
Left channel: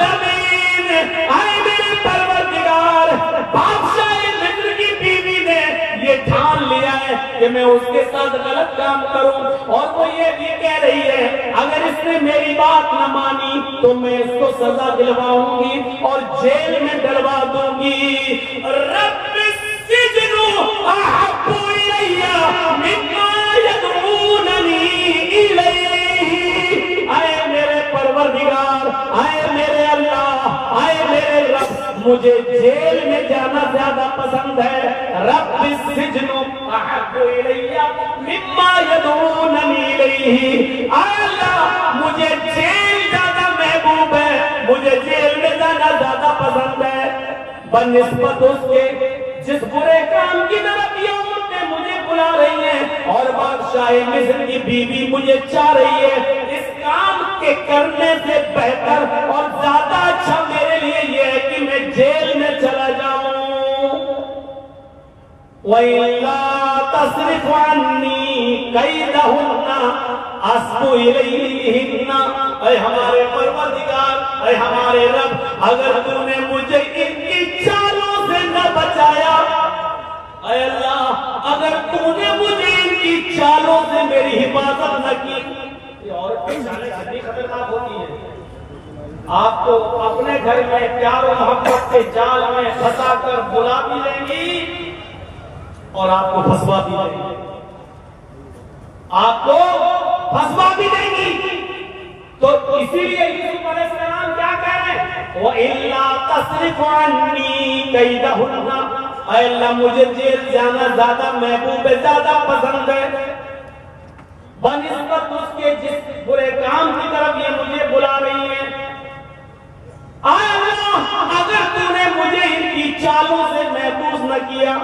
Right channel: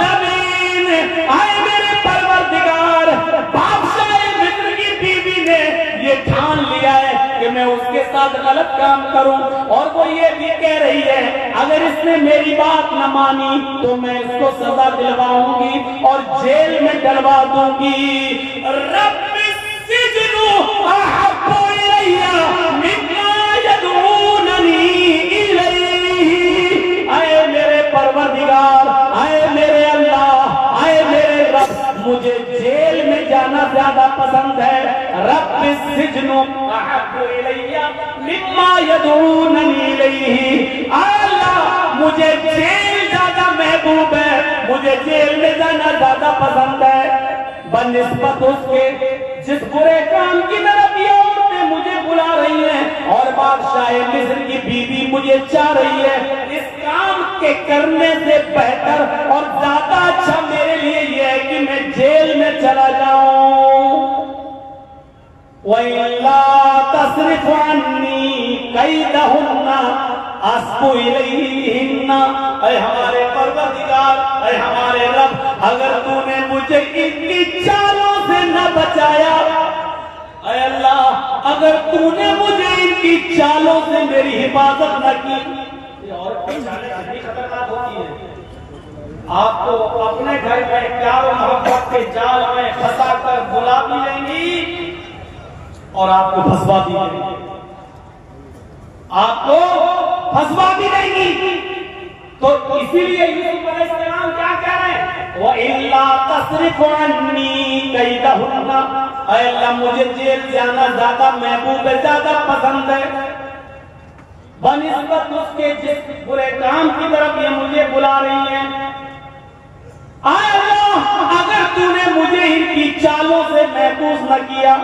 आलमीन, ऐ मेरे परवरदिगार, बादशाह मिस्र की बीवी ने ये ठान लिया है कि मैं उसके साथ गलत काम करूं और वो ये भी कह रही है अगर इसने मेरी बात न मानी तो मैं इसको सजा दिलवाऊंगी और जेल में डलवा दूंगी। रब्बी सिजनु अहब्बु इलैया मिम्मा यदऊननी इलैहि, आए मेरे परवरदिगार, आए मेरे अल्लाह, आए मेरे रब, मुझे जेल में जाना ज्यादा पसंद है। रब्बी सिजनु अहब्बु इलैया मिम्मा यदऊननी इलैहि, अल्लाह मुझे जेल ज्यादा महबूब है, मुझे जेल में जाना ज्यादा पसंद है। बनिस्बत उसके जिस बुरे काम की तरफ ये औरतें मुझे बुला रही हैं और बादशाह मिस्र की बीवी मुझे चाह रही है, इस काम के करने से बेहतर और ज्यादा अच्छा मेरे लिए ये है कि मैं जेल में चला जाऊं। वइल्ला तस्रिफ अन्नी कैदहुन्ना अस्बु इलैहिन्ना, ऐ हमारे परवरदिगार, ऐ हमारे रब, अगर तूने मुझे इनकी चालों से न बचाया, ऐ अल्लाह अगर तूने मुझे इनकी चालों से मेरी हिफाजत न की। ये औरत की चालें कितनी खतरनाक होती है। आपको अपने घर में प्यार और मोहब्बत के जाल में फंसा कर बुला भी लेंगी और आपको फंसवा भी देंगी, आपको फंसवा भी देंगी। तो इसीलिए यूसुफ अलैहिस्सलाम क्या कह रहे हैं, व इल्ला तस्रिफ अन्नी कैदहुन्ना, ऐ अल्लाह मुझे जेल जाना ज्यादा महबूब है, ज्यादा पसंद है। बनिस्बत उसके जिस बुरे काम की तरफ ये मुझे बुला रही है, आए अल्लाह अगर तूने मुझे इनकी चालों से महफूज न किया,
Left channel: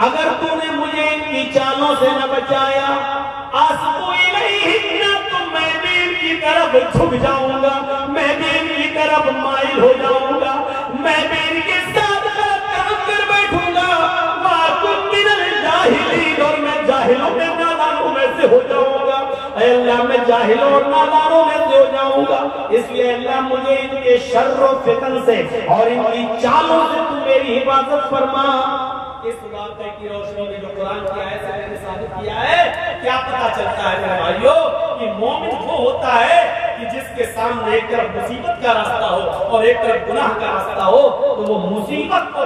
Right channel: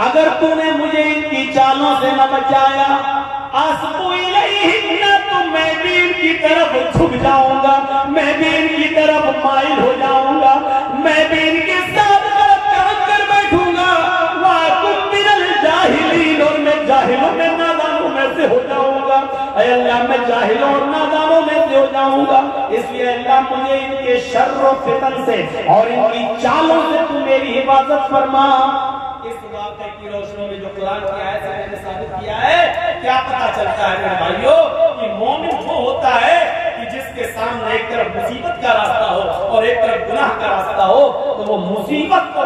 अगर तूने मुझे इनकी चालों से न बचाया, अस्बु इलैहिन्ना, तो मैं भी इनकी तरफ झुक जाऊंगा, मैं भी इनकी तरफ माइल हो जाऊंगा, मैं भी इनके साथ गलत काम कर बैठूंगा। वाकुन मिनल जाहिलीन, और मैं जाहिलों में नादानों में से हो जाऊंगा। ऐ अल्लाह मैं जाहिलों और नादानों में से हो जाऊंगा, इसलिए अल्लाह मुझे इनके शर्र और फितन से और इनकी चालों से तू मेरी हिफाजत फरमा। इस वाक़े की रोशनी में जो कुरान की आयत से मैंने साबित किया है, क्या पता चलता है मेरे भाइयों कि मोमिन वो होता है कि जिसके सामने एक तरफ मुसीबत का रास्ता हो और एक तरफ गुनाह का रास्ता हो, तो वो मुसीबत को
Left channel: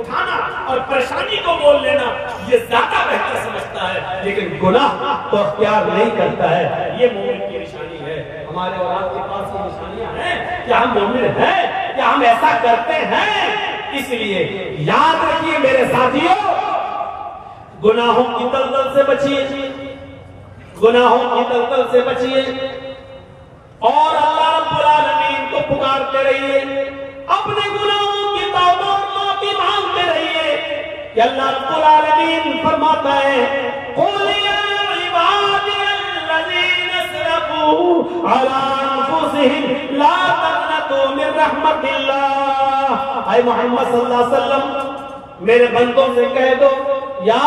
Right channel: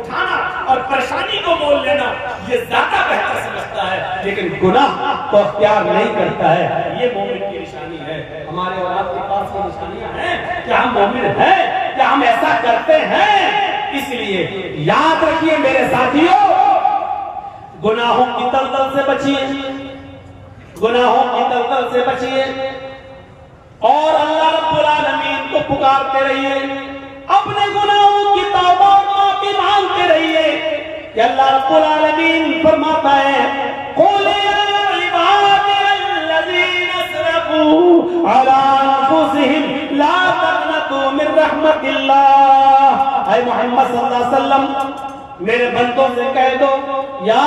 उठाना और परेशानी को मोल लेना ये ज्यादा बेहतर समझता है, लेकिन गुनाह तो अख्तियार नहीं करता है। ये मोमिन की निशानी है। हमारे और आपके पास ये निशानियां हैं, क्या हम मोमिन हैं, क्या हम ऐसा करते हैं? इसलिए याद रखिए मेरे साथियों, गुनाहों की दलदल से बचिए, गुनाहों की दलदल से बचिए और अल्लाह रब्बुल आलमीन को पुकारते रहिए, अपने गुनाहों की तौबा और माफी मांगते रहिए कि अल्लाह रब्बुल आलमीन फरमाता है, कुल या इबादियल्लज़ीना असरफू अला अनफुसिहिम ला तक़नतू मिन रहमतिल्लाह। ऐ मोहम्मद सल्लल्लाहु अलैहि वसल्लम, मेरे बंदों से कह दो, या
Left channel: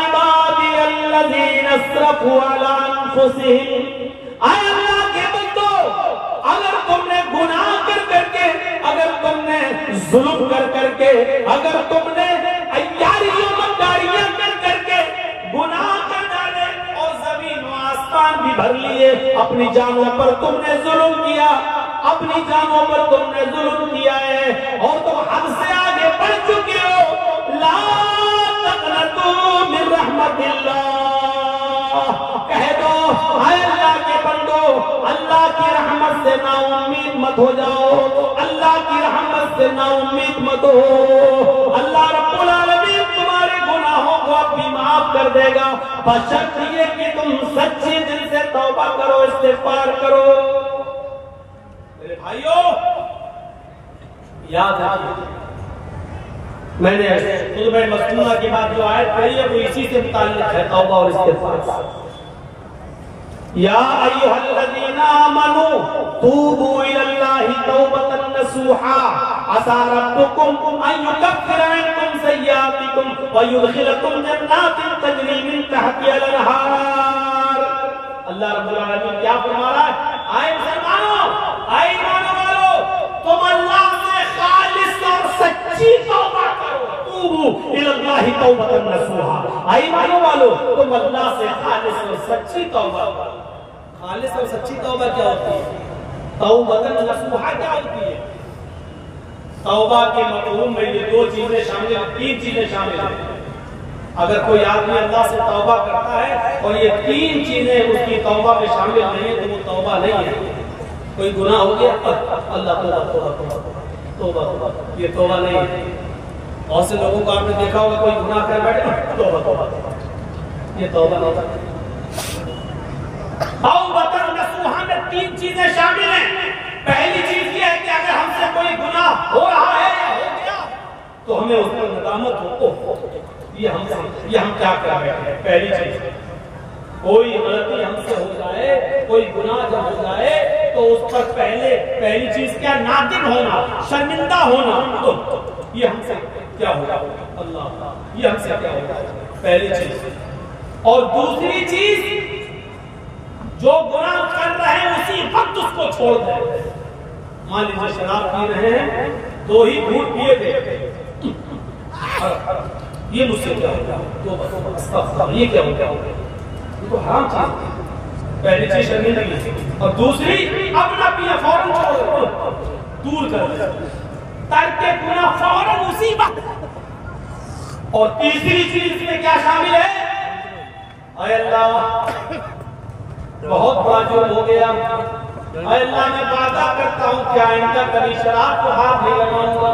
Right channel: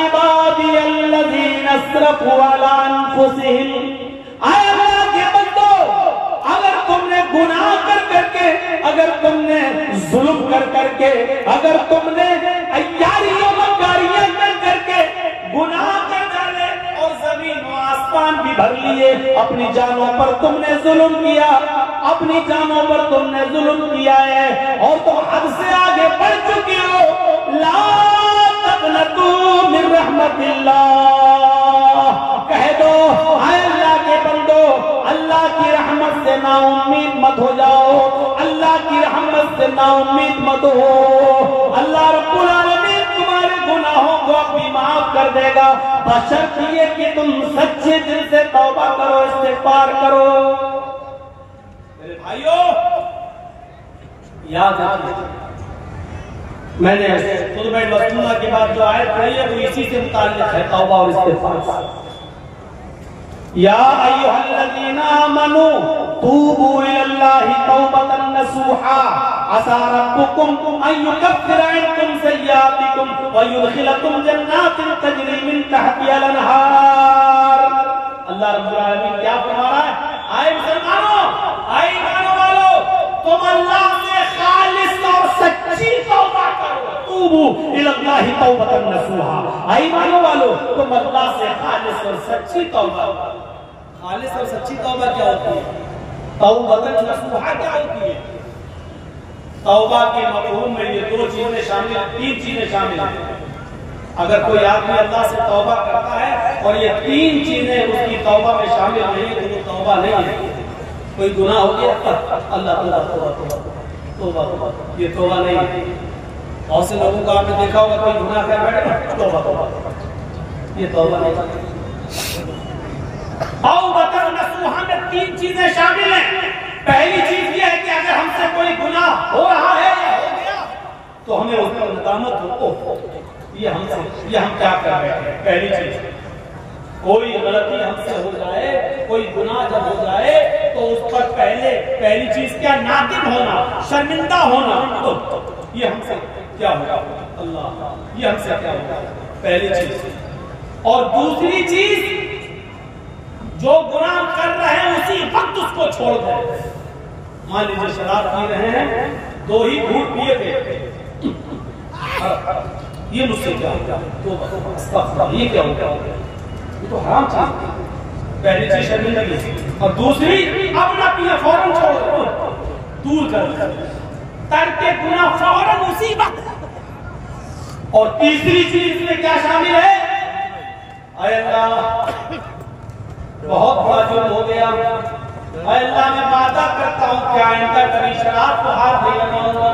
इबादी अल्लज़ीना अस्रफ़ू अला अनफुसिहिम, आए अल्लाह के बंदो, अगर तुमने गुनाह कर करके, अगर तुमने जुल्म कर करके, अगर तुमने अय्यारियों मक्कारियां कर करके गुनाह कर डाले और जमीन व आसमान भी भर लिए, अपनी जानों पर तुमने जुल्म किया, अपनी जानों पर तुमने जुल्म किया है और तुम हमसे आगे बढ़ चुके हो, ला तक़नतू मिन रहमतिल्लाह, कह दो हाय अल्लाह के बंदो, अल्लाह की रहमत से नाउम्मीद मत हो जाओ, अल्लाह की रहमत से नाउम्मीद मत हो। अल्लाह रब्बुल आलमीन तुम्हारे गुनाहों को अपनी माफ कर देगा, बशर्त ये कि तुम सच्चे दिल से तौबा करो, इस्तिग़फ़ार करो। मेरे भाइयों याद रखिए, मैंने खुतबे मस्तूना के बाद जो आयत पढ़ी है वो इसी से मुताल्लिक़ है, तौबा और इस्तिग़फ़ार। या अय्युहल्लज़ीना आमनू तूबू इलल्लाहि तौबतन नसूहा, असा रब्बुकुम अन युकफ्फिरा अन्कुम सय्यातिकुम व युदखिलकुम जन्नातिन तजरी मिन तहतिहल अनहार। अल्लाह रब्बुल आलमीन क्या फरमा रहा है? आए मुसलमानों, आए ईमान वालों, तुम अल्लाह से खालिस और सच्ची तौबा करो, तूबू इलल्लाहि तौबतन नसूहा। आए ईमान वालों, तुम अल्लाह से खालिस और सच्ची तौबा करो। खालिस और सच्ची तौबा क्या होती है? तौबतन नसूहा क्या होती है? तौबा के मफ़हूम में ये दो चीजें शामिल, तीन चीजें शामिल हैं। अगर कोई आदमी अल्लाह से तौबा करता है और ये तीन चीजें उसकी तौबा में शामिल नहीं है तो वो तौबा नहीं है। कोई गुनाह हो गया, अल्लाह तौबा तौबा तौबा तौबा, ये तौबा नहीं है। बहुत से लोगों को आपने देखा होगा, कोई गुनाह कर बैठे, तौबा तौबा, ये तौबा नहीं करता। तौबतन नसूहा में तीन चीजें शामिल हैं। पहली चीज ये है कि अगर हमसे कोई गुनाह हो रहा है या हो गया तो हमें उस पर नदामत हो, ये हम क्या कर रहे हैं। पहली चीज, कोई गलती हमसे हो जाए, कोई गुनाह जब हो जाए तो उस पर पहली चीज क्या? नादिम होना, शर्मिंदा होना। तो ये हमसे क्या होगा? अल्लाह, ये हमसे क्या होगा? पहली चीज। और दूसरी चीज, जो गुनाह कर रहे हैं उसी वक्त उसको छोड़ दें। मान लीजिए शराब पी रहे हैं, दो ही घूंट पिए थे, ये मुझसे क्या हो गया? तो ये क्या हो गया? ये तो हराम चीज। पहली चीज शर्मिंदगी, और दूसरी अब ना पिया, फौरन छोड़ दो, दूर कर दो, तर्के गुनाह फौरन उसी वक्त। और तीसरी चीज में क्या शामिल है? अल्लाह बहुत बड़ा जुर्म हो गया, अल्लाह मैं वादा करता हूँ कि आइंदा कभी शराब को हाथ नहीं लगाऊंगा,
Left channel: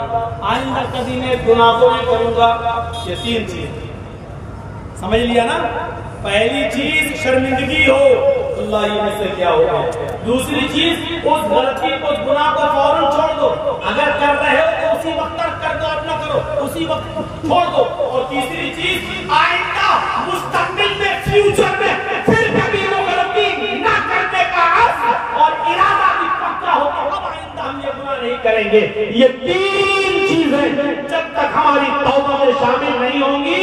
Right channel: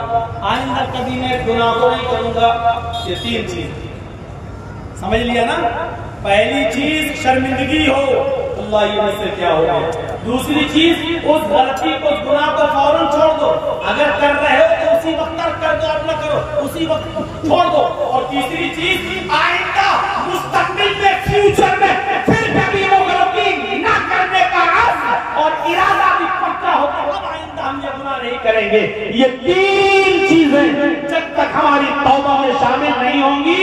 आइंदा कभी मैं गुनाह को नहीं करूंगा। ये तीन चीज समझ लिया ना? पहली चीज शर्मिंदगी हो, अल्लाह ये मुझसे क्या हो गया। दूसरी चीज, उस गलती को, उस गुनाह को फौरन छोड़ दो, अगर कर रहे हो तो उसी वक्त तर्क कर दो, अब ना करो, उसी वक्त छोड़ दो। और तीसरी चीज, आइंदा मुस्तकबिल में, फ्यूचर में फिर कभी वो गलती ना करने का आज़म और इरादा भी पक्का होगा, अब आइंदा हम ये गुनाह नहीं करेंगे। ये तीन चीजें जब तक हमारी तौबा में शामिल नहीं होंगी,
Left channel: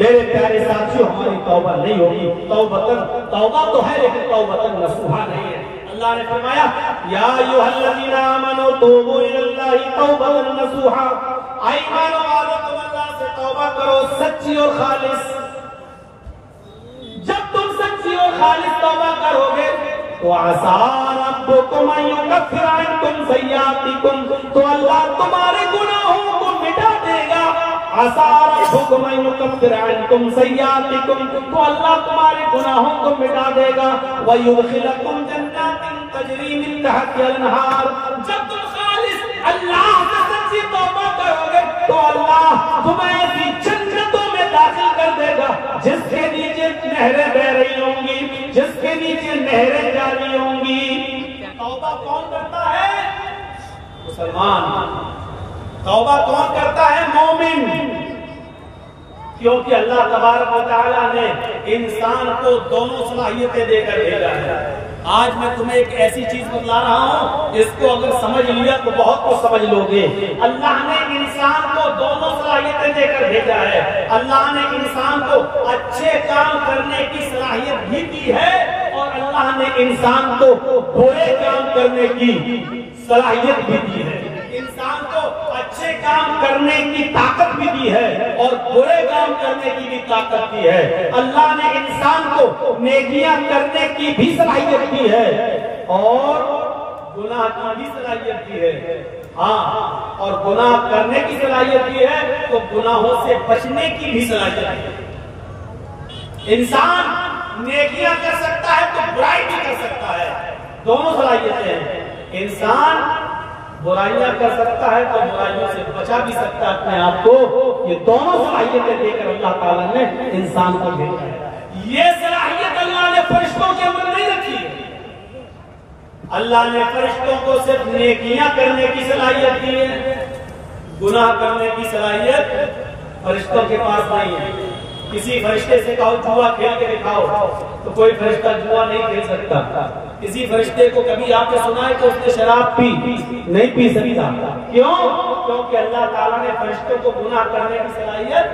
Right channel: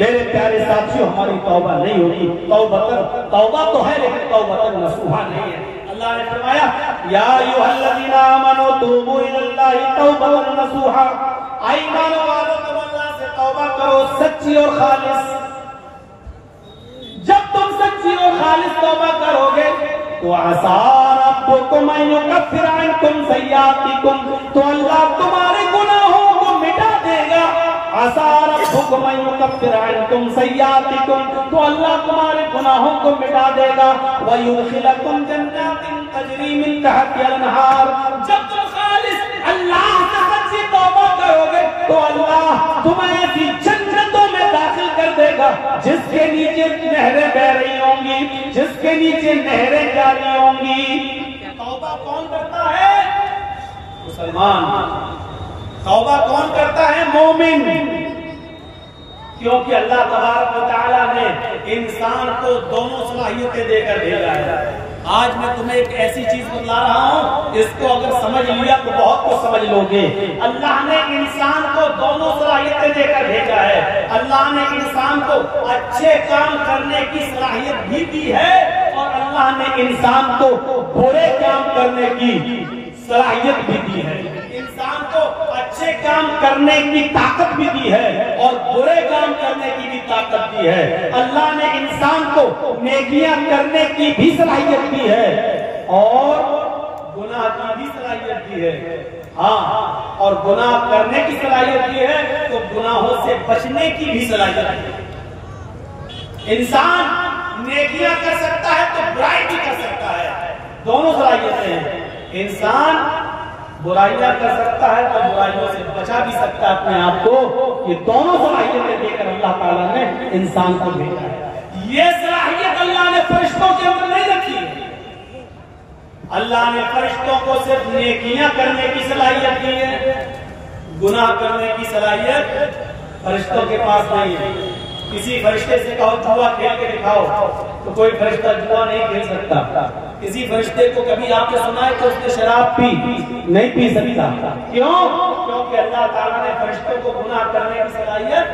मेरे प्यारे साथियों, हमारी तौबा नहीं होगी। तौबा तो है लेकिन तौबतन नसूहा नहीं है। अल्लाह ने फरमाया, या अय्युहल्लज़ीना आमनू तूबू इलल्लाहि तौबतन नसूहा, ईमान वालों तुम अल्लाह से तौबा करो सच्ची और खालिस। जब तुम सच्ची और खालिस तौबा करोगे तो असा रब्बुकुम अन युकफ्फिरा अन्कुम सय्यातिकुम, तो अल्लाह तुम्हारे गुनाहों को मिटा देगा। असा रब्बुकुम अन युकफ्फिरा अन्कुम सय्यातिकुम, तो अल्लाह तुम्हारे गुनाहों को मिटा देगा। व युदखिलकुम जन्नातिन तजरी मिन तहतिहल अनहार, जब तुम खालिस अल्लाह से सच्ची तौबा करोगे तो अल्लाह तुम्हें ऐसी जन्नतों में दाखिल कर देगा जिसके नीचे नहरें बह रही होंगी, जिसके नीचे नहरें जारी होंगी। तौबा कौन करता है? मुसलमान। तौबा कौन करता है? मोमिन। क्योंकि अल्लाह तबारक व तआला ने इंसान को दोनों सलाहियतें देकर भेजा है। आज मैं तुम्हें एक ऐसी चीज बतला रहा हूं, इसको अगर समझ लिया तो बहुत कुछ समझ लोगे। अल्लाह ने इंसान को दोनों सलाहियतें देकर भेजा है। अल्लाह ने इंसान को अच्छे काम करने की सलाहियत भी दी है और अल्लाह ने इंसान को बुरे काम करने की सलाहियत भी दी है। इंसान को अच्छे काम करने की ताकत भी दी है और बुरे काम करने की भी ताकत दी है। अल्लाह ने इंसान को नेकियां करने की भी सलाहियत दी है और गुनाह की भी सलाहियत दी है। हाँ, और गुनाह करने की सलाहियत दी है तो गुनाहों से बचने की भी सलाहियत है। इंसान नेकियां कर सकता है तो बुराई भी कर सकता है, दोनों सलाहियतें हैं। इंसान बुराइयां कर सकता है तो बुराइयों से बचा भी सकता है अपने आप को। ये दोनों सलाहियतें देकर अल्लाह ताला ने इंसान को भेजा है। ये सलाहियत अल्लाह ने फरिश्तों के अंदर नहीं रखी है। अल्लाह ने फरिश्तों को सिर्फ नेकियां करने की सलाहियत दी है, गुनाह करने की सलाहियत फरिश्तों के पास नहीं है। किसी फरिश्ते से कहो जुआ खेल के दिखाओ तो कोई फरिश्ता जुआ नहीं खेल सकता। किसी फरिश्ते को कभी आपने सुना है कि उसने शराब पी? नहीं पी सकता। क्यों? क्योंकि अल्लाह ताला ने फरिश्तों को गुनाह करने की सलाहियत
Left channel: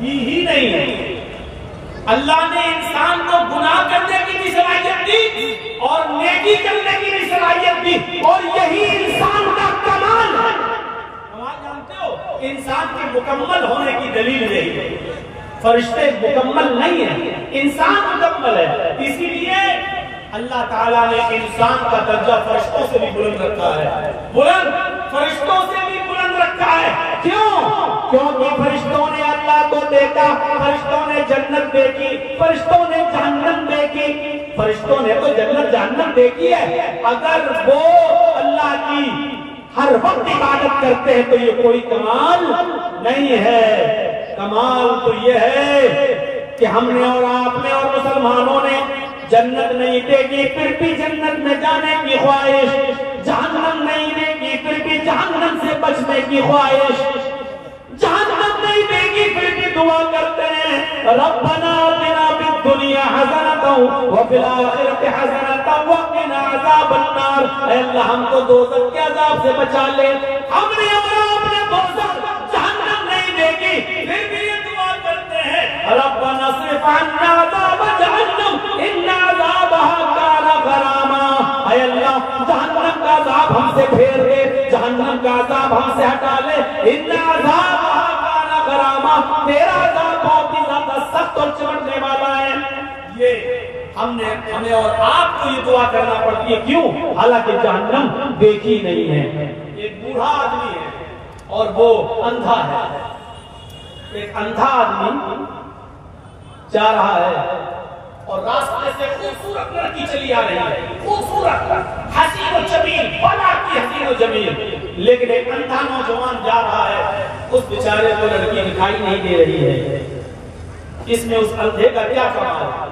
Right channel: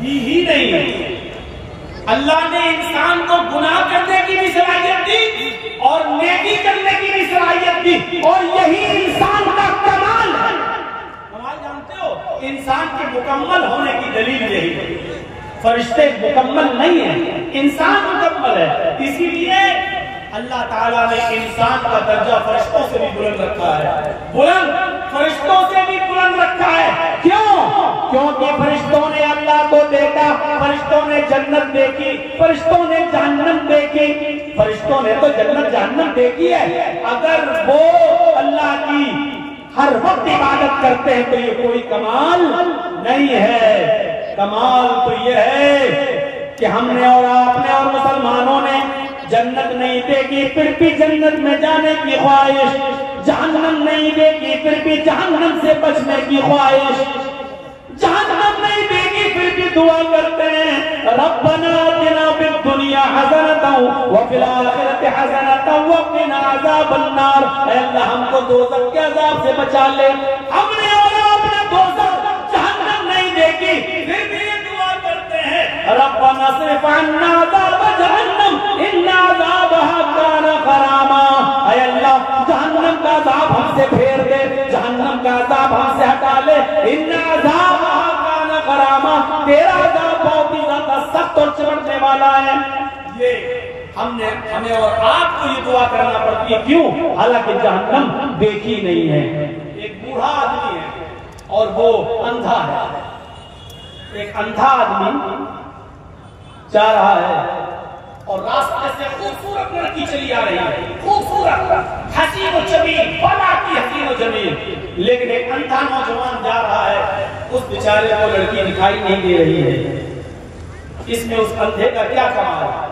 दी ही नहीं है। अल्लाह ने इंसान को गुनाह करने की भी सलाहियत दी और नेकी करने की भी सलाहियत दी और यही इंसान का कमाल है। कमाल जानते हो? इंसान के मुकम्मल होने की दलील यही है। फरिश्ते मुकम्मल नहीं है, इंसान मुकम्मल है। इसीलिए अल्लाह ताला ने इंसान का दर्जा फरिश्तों से भी बुलंद रखा है, बुलंद फरिश्तों से भी बुलंद रखा है। क्यों? क्योंकि फरिश्तों ने अल्लाह को देखा, फरिश्तों ने जन्नत देखी, फरिश्तों ने जहन्नम देखी। फरिश्तों ने तो जन्नत जहन्नम देखी है। अगर वो अल्लाह की हर वक्त इबादत करते हैं तो ये कोई कमाल नहीं है। कमाल तो ये है कि हमने और आपने और मुसलमानों ने जन्नत नहीं देखी फिर भी जन्नत में जाने की ख्वाहिश, जहन्नम नहीं देखी फिर भी जहन्नम से बचने की ख्वाहिश, जहन्नम नहीं देखी फिर भी दुआ करते हैं रब्बना आतिना फिद दुनिया हसनतन व फिल आखिरति हसनतन व क़िना अज़ाबन्नार। ऐ अल्लाह हमको दोज़ख के अज़ाब से बचा ले। हमने और आपने दोज़ख जहन्नम नहीं देखी फिर भी ये दुआ करते हैं रब्बना सिर्फ अन्ना अज़ाब जहन्नम इन्ना अज़ाबहा काना गरामा। ऐ अल्लाह जहन्नम का अज़ाब हमसे फेर दे, जहन्नम का अज़ाब हमसे हटा ले। इन्ना अज़ाबहा काना गरामा, तेरा अज़ाब बहुत ही ज्यादा सख्त और चिमटने वाला है। ये हमें और आपको ये दुआ करना पड़ती है। क्यों? हालांकि जहन्नम देखी नहीं है। एक बूढ़ा आदमी है और वो अंधा है। एक अंधा आदमी जा रहा है और रास्ते से खूबसूरत लड़की चली आ रही है, खूबसूरत हसीन और जमील, बड़ा की हसीन और जमील। लेकिन एक अंधा नौजवान जा रहा है, उस बेचारे को लड़की दिखाई नहीं दे रही है। इसमें उस अंधे का क्या कमाल है?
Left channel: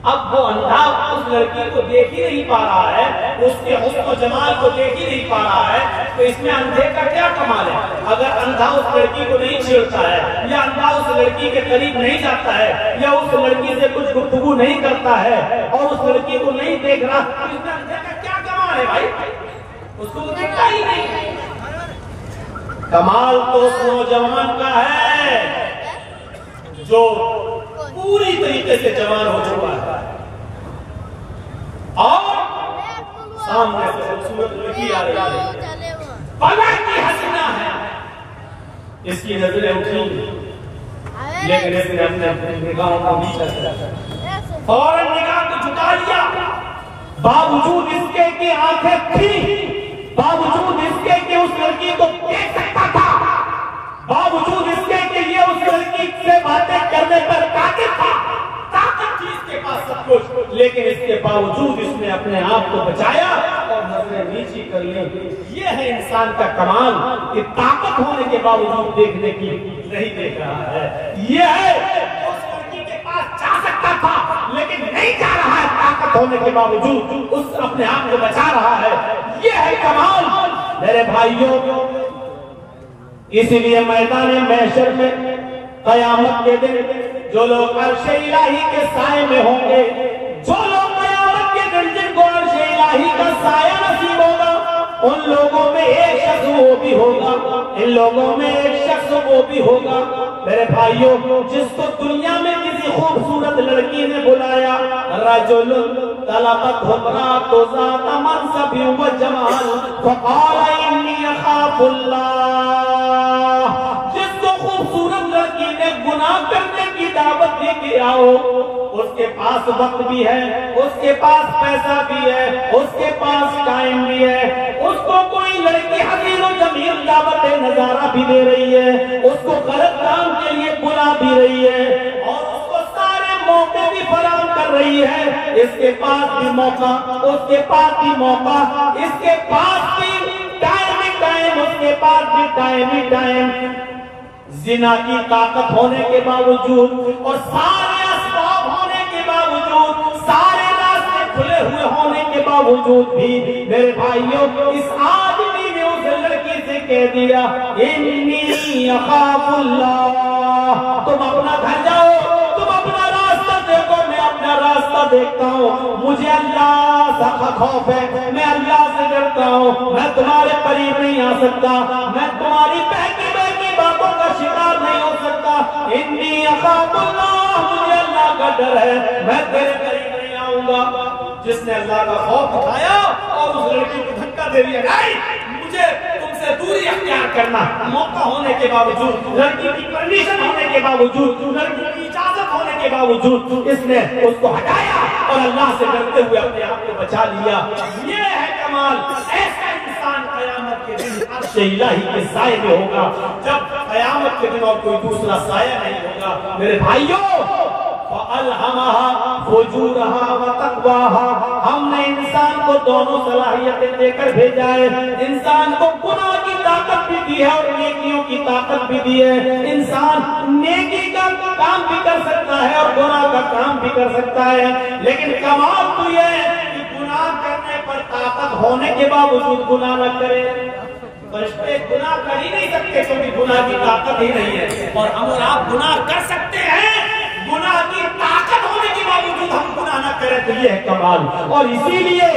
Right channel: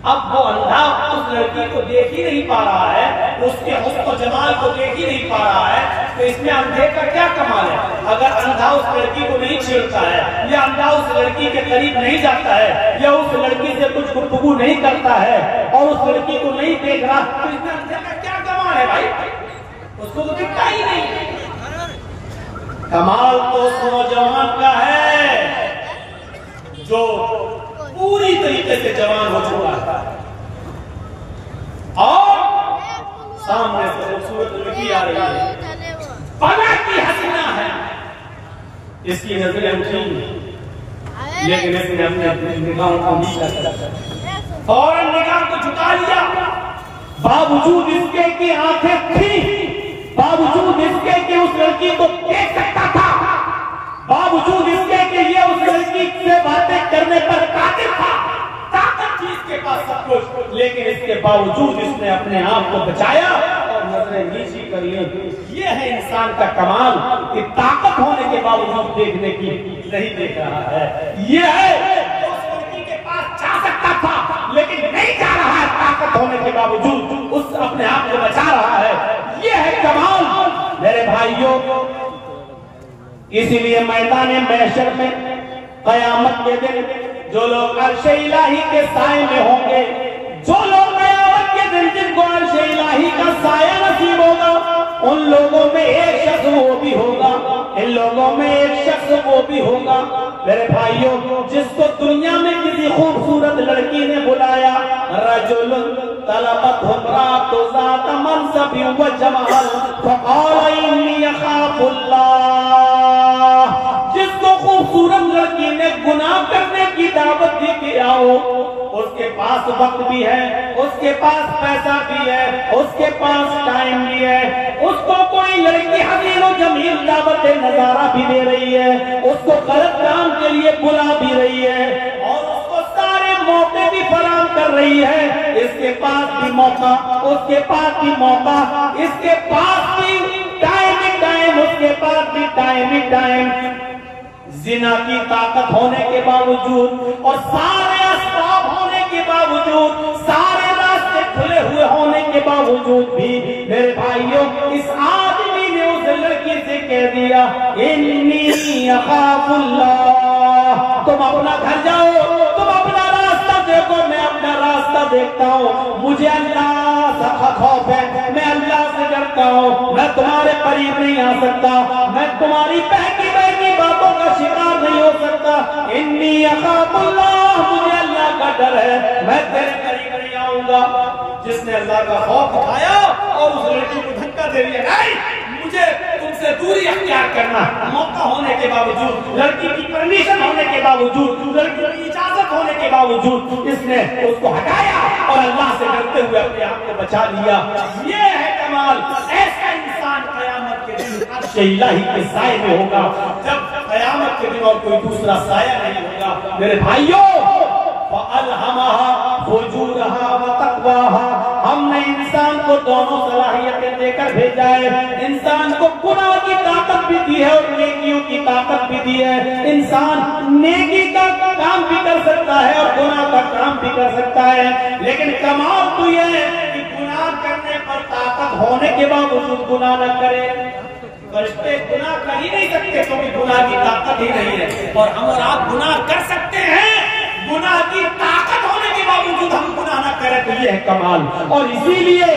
अब वो अंधा उस लड़की को देख ही नहीं पा रहा है, उसके हुस्न जमाल को देख ही नहीं पा रहा है, तो इसमें अंधे का क्या कमाल है? अगर अंधा उस लड़की को नहीं छेड़ता है या अंधा उस लड़की के करीब नहीं जाता है या उस लड़की से कुछ गुफ्तगू नहीं करता है और उस लड़की को नहीं देख रहा, तो इसमें अंधे का क्या कमाल है भाई? उसको तो दिखता ही नहीं। कमाल तो उस नौजवान का है जो पूरी तरीके से जवान हो चुका है और सामने से खूबसूरत लड़की आ रही है, बड़ा की हसीना है। इसकी नजरें उठी लेकिन इसने अपने निगाहों को नीचा किया, फौरन निगाह को झुका लिया। बावजूद इसके की आंखें थी, बावजूद इसके कि उस लड़की को देख सकता था, बावजूद इसके कि ये उस लड़की से बातें करने पर कादिर था, ताकत थी इसके पास सब कुछ, लेकिन इसके बावजूद इसने अपने आप को बचाया और नजरें नीची कर ली। ये है इंसान का कमाल कि ताकत होने के बावजूद देखने की नहीं देख रहा है। ये है उस लड़की के पास जा सकता था लेकिन नहीं जा रहा है, ताकत होने के बावजूद उस अपने आप को बचा रहा है। ये है कमाल मेरे भाइयों। इसीलिए मैदान महशर में कयामत के दिन जो लोग अर्श इलाही के साए में होंगे, जो लोग इलाही का साया नसीब होगा। उन लोगों में एक शख्स वो भी होगा, इन लोगों में एक शख्स वो भी होगा मेरे भाइयों, जिसको दुनिया में किसी खूबसूरत लड़की ने बुलाया, रजुल तलबत हुबरात ज़ात मनसबी व जमाल फक़ाल इन्नी अख़ाफुल्लाह। जिसको खूबसूरत लड़की ने गुनाह करने की दावत दी कि आओ, उसके पास वक्त भी है, उसके पास पैसा भी है, उसके पास टाइम भी है, उसको कोई लड़की हसीन और जमील दावत नजारा भी दे रही है, उसको गलत काम के लिए बुला भी रही है और उसको सारे मौके भी फराहम कर रही है। इसके पास भी मौका, उसके पास भी मौका, इसके पास भी टाइम ही टाइम, उसके पास भी टाइम ही टाइम। जिना की ताकत होने के बावजूद और सारे असबाब होने के बावजूद, सारे रास्ते खुले हुए होने के बावजूद भी मेरे भाइयों, इस आदमी ने उस लड़की से कह दिया इन्नी अख़ाफुल्लाह। तुम अपना घर जाओ, तुम अपना रास्ता देखो, मैं अपना रास्ता देखता हूँ। मुझे अल्लाह का खौफ है, मैं अल्लाह से डरता हूँ, मैं तुम्हारे करीब नहीं आ सकता, मैं तुम्हारी बहकी बहकी बातों का शिकार नहीं हो सकता। इन्नी अख़ाफुल्लाह, मुझे अल्लाह का डर है, मैं तेरे करीब नहीं आऊंगा। जिसने अल्लाह का खौफ दिखाया और उस लड़की को धक्का दे दिया, नहीं मुझे तुमसे दूरी अख्तियार करना, मौका होने के बावजूद, लड़की की परमिशन होने के बावजूद, लड़की की इजाजत होने के बावजूद इसने उसको हटाया और अल्लाह से डरते हुए अपने आप को बचा लिया। ये है कमाल। ऐसा इंसान कयामत के दिन अर्श इलाही के साए में होगा, जब कयामत के दिन और कोई दूसरा साया नहीं होगा। मेरे भाइयों, फ़अल्हमहा फ़ुजूरहा व तक़वाहा, हमने इंसान को दोनों सलाहियतें देकर भेजा है। इंसान को गुनाह की ताकत भी दी है और नेकियों की ताकत भी दी है। इंसान नेकी का काम भी कर सकता है और गुनाह का काम भी कर सकता है, लेकिन कमाल तो यह है कि गुनाह करने पर ताकत होने के बावजूद गुनाह न करे। फरिश्ते गुनाह कर ही नहीं सकते क्योंकि गुनाह की ताकत ही नहीं है, और हम और आप गुनाह कर सकते हैं, गुनाह की ताकत होने के बावजूद हम गुनाह न करें, तो ये है कमाल। और इसीलिए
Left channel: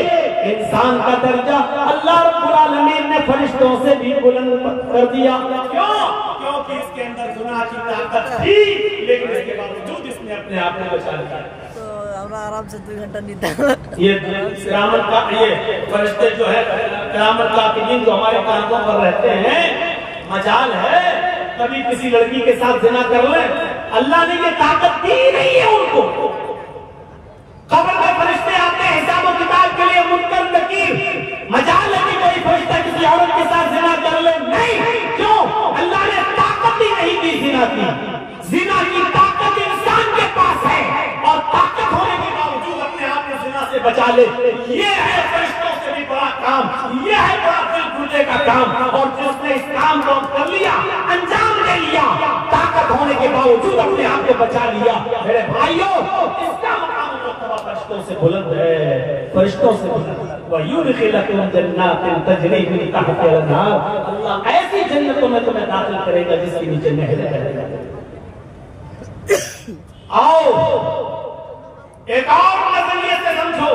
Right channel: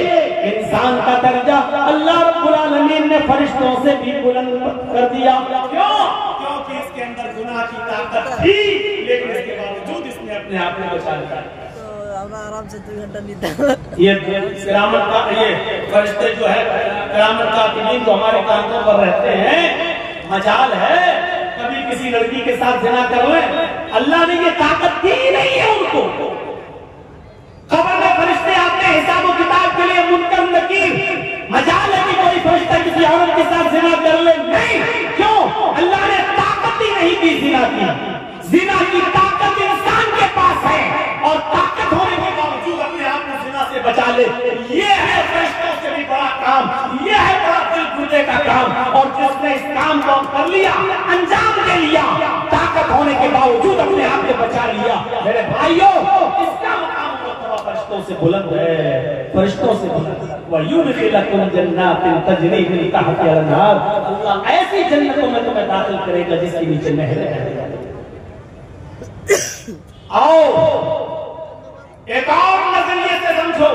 इंसान का दर्जा अल्लाह रब्बुल आलमीन ने फरिश्तों से भी बुलंद कर दिया। क्यों? क्योंकि इसके अंदर गुनाह की ताकत थी, लेकिन इसके बावजूद इसने अपने आप को बचा लिया। आराम से 2 घंटा नींद। ये किरामत का, ये फरिश्ते जो है किरामत कातिबीन जो हमारे कांधों पर रहते हैं, मजाल है कभी किसी लड़की के साथ ज़िना कर ले, अल्लाह ने ये ताकत दी नहीं है उनको। खबर में फरिश्ते आते हैं हिसाब और किताब के लिए, मुनकर नकीर, मजाल है कि कोई फरिश्ता किसी औरत के साथ ज़िना कर ले, नहीं। क्यों? अल्लाह ने ताकत ही नहीं दी ज़िना की। ज़िना की ताकत इंसान के पास है और ताकत होने के बावजूद अपने आप को ज़िना से बचा ले, ये है फरिश्तों से भी बड़ा काम, ये है बड़ा दिल घुटने का काम। और जिसने इस काम को कर लिया, अंजाम दे लिया, ताकत होने के बावजूद अपने आप को बचा लिया, मेरे भाइयों, इसका मुकाम फरिश्तों से बुलंद है, फरिश्तों से बुलंद। वयुदखिलकुम जन्नातिन तजरी मिन तहतिहा अल-अनहार, अल्लाह ऐसी जन्नतों में तुम्हें दाखिल करेगा जिसके नीचे नहरें हैं। आओ एक और नजरिए से समझो,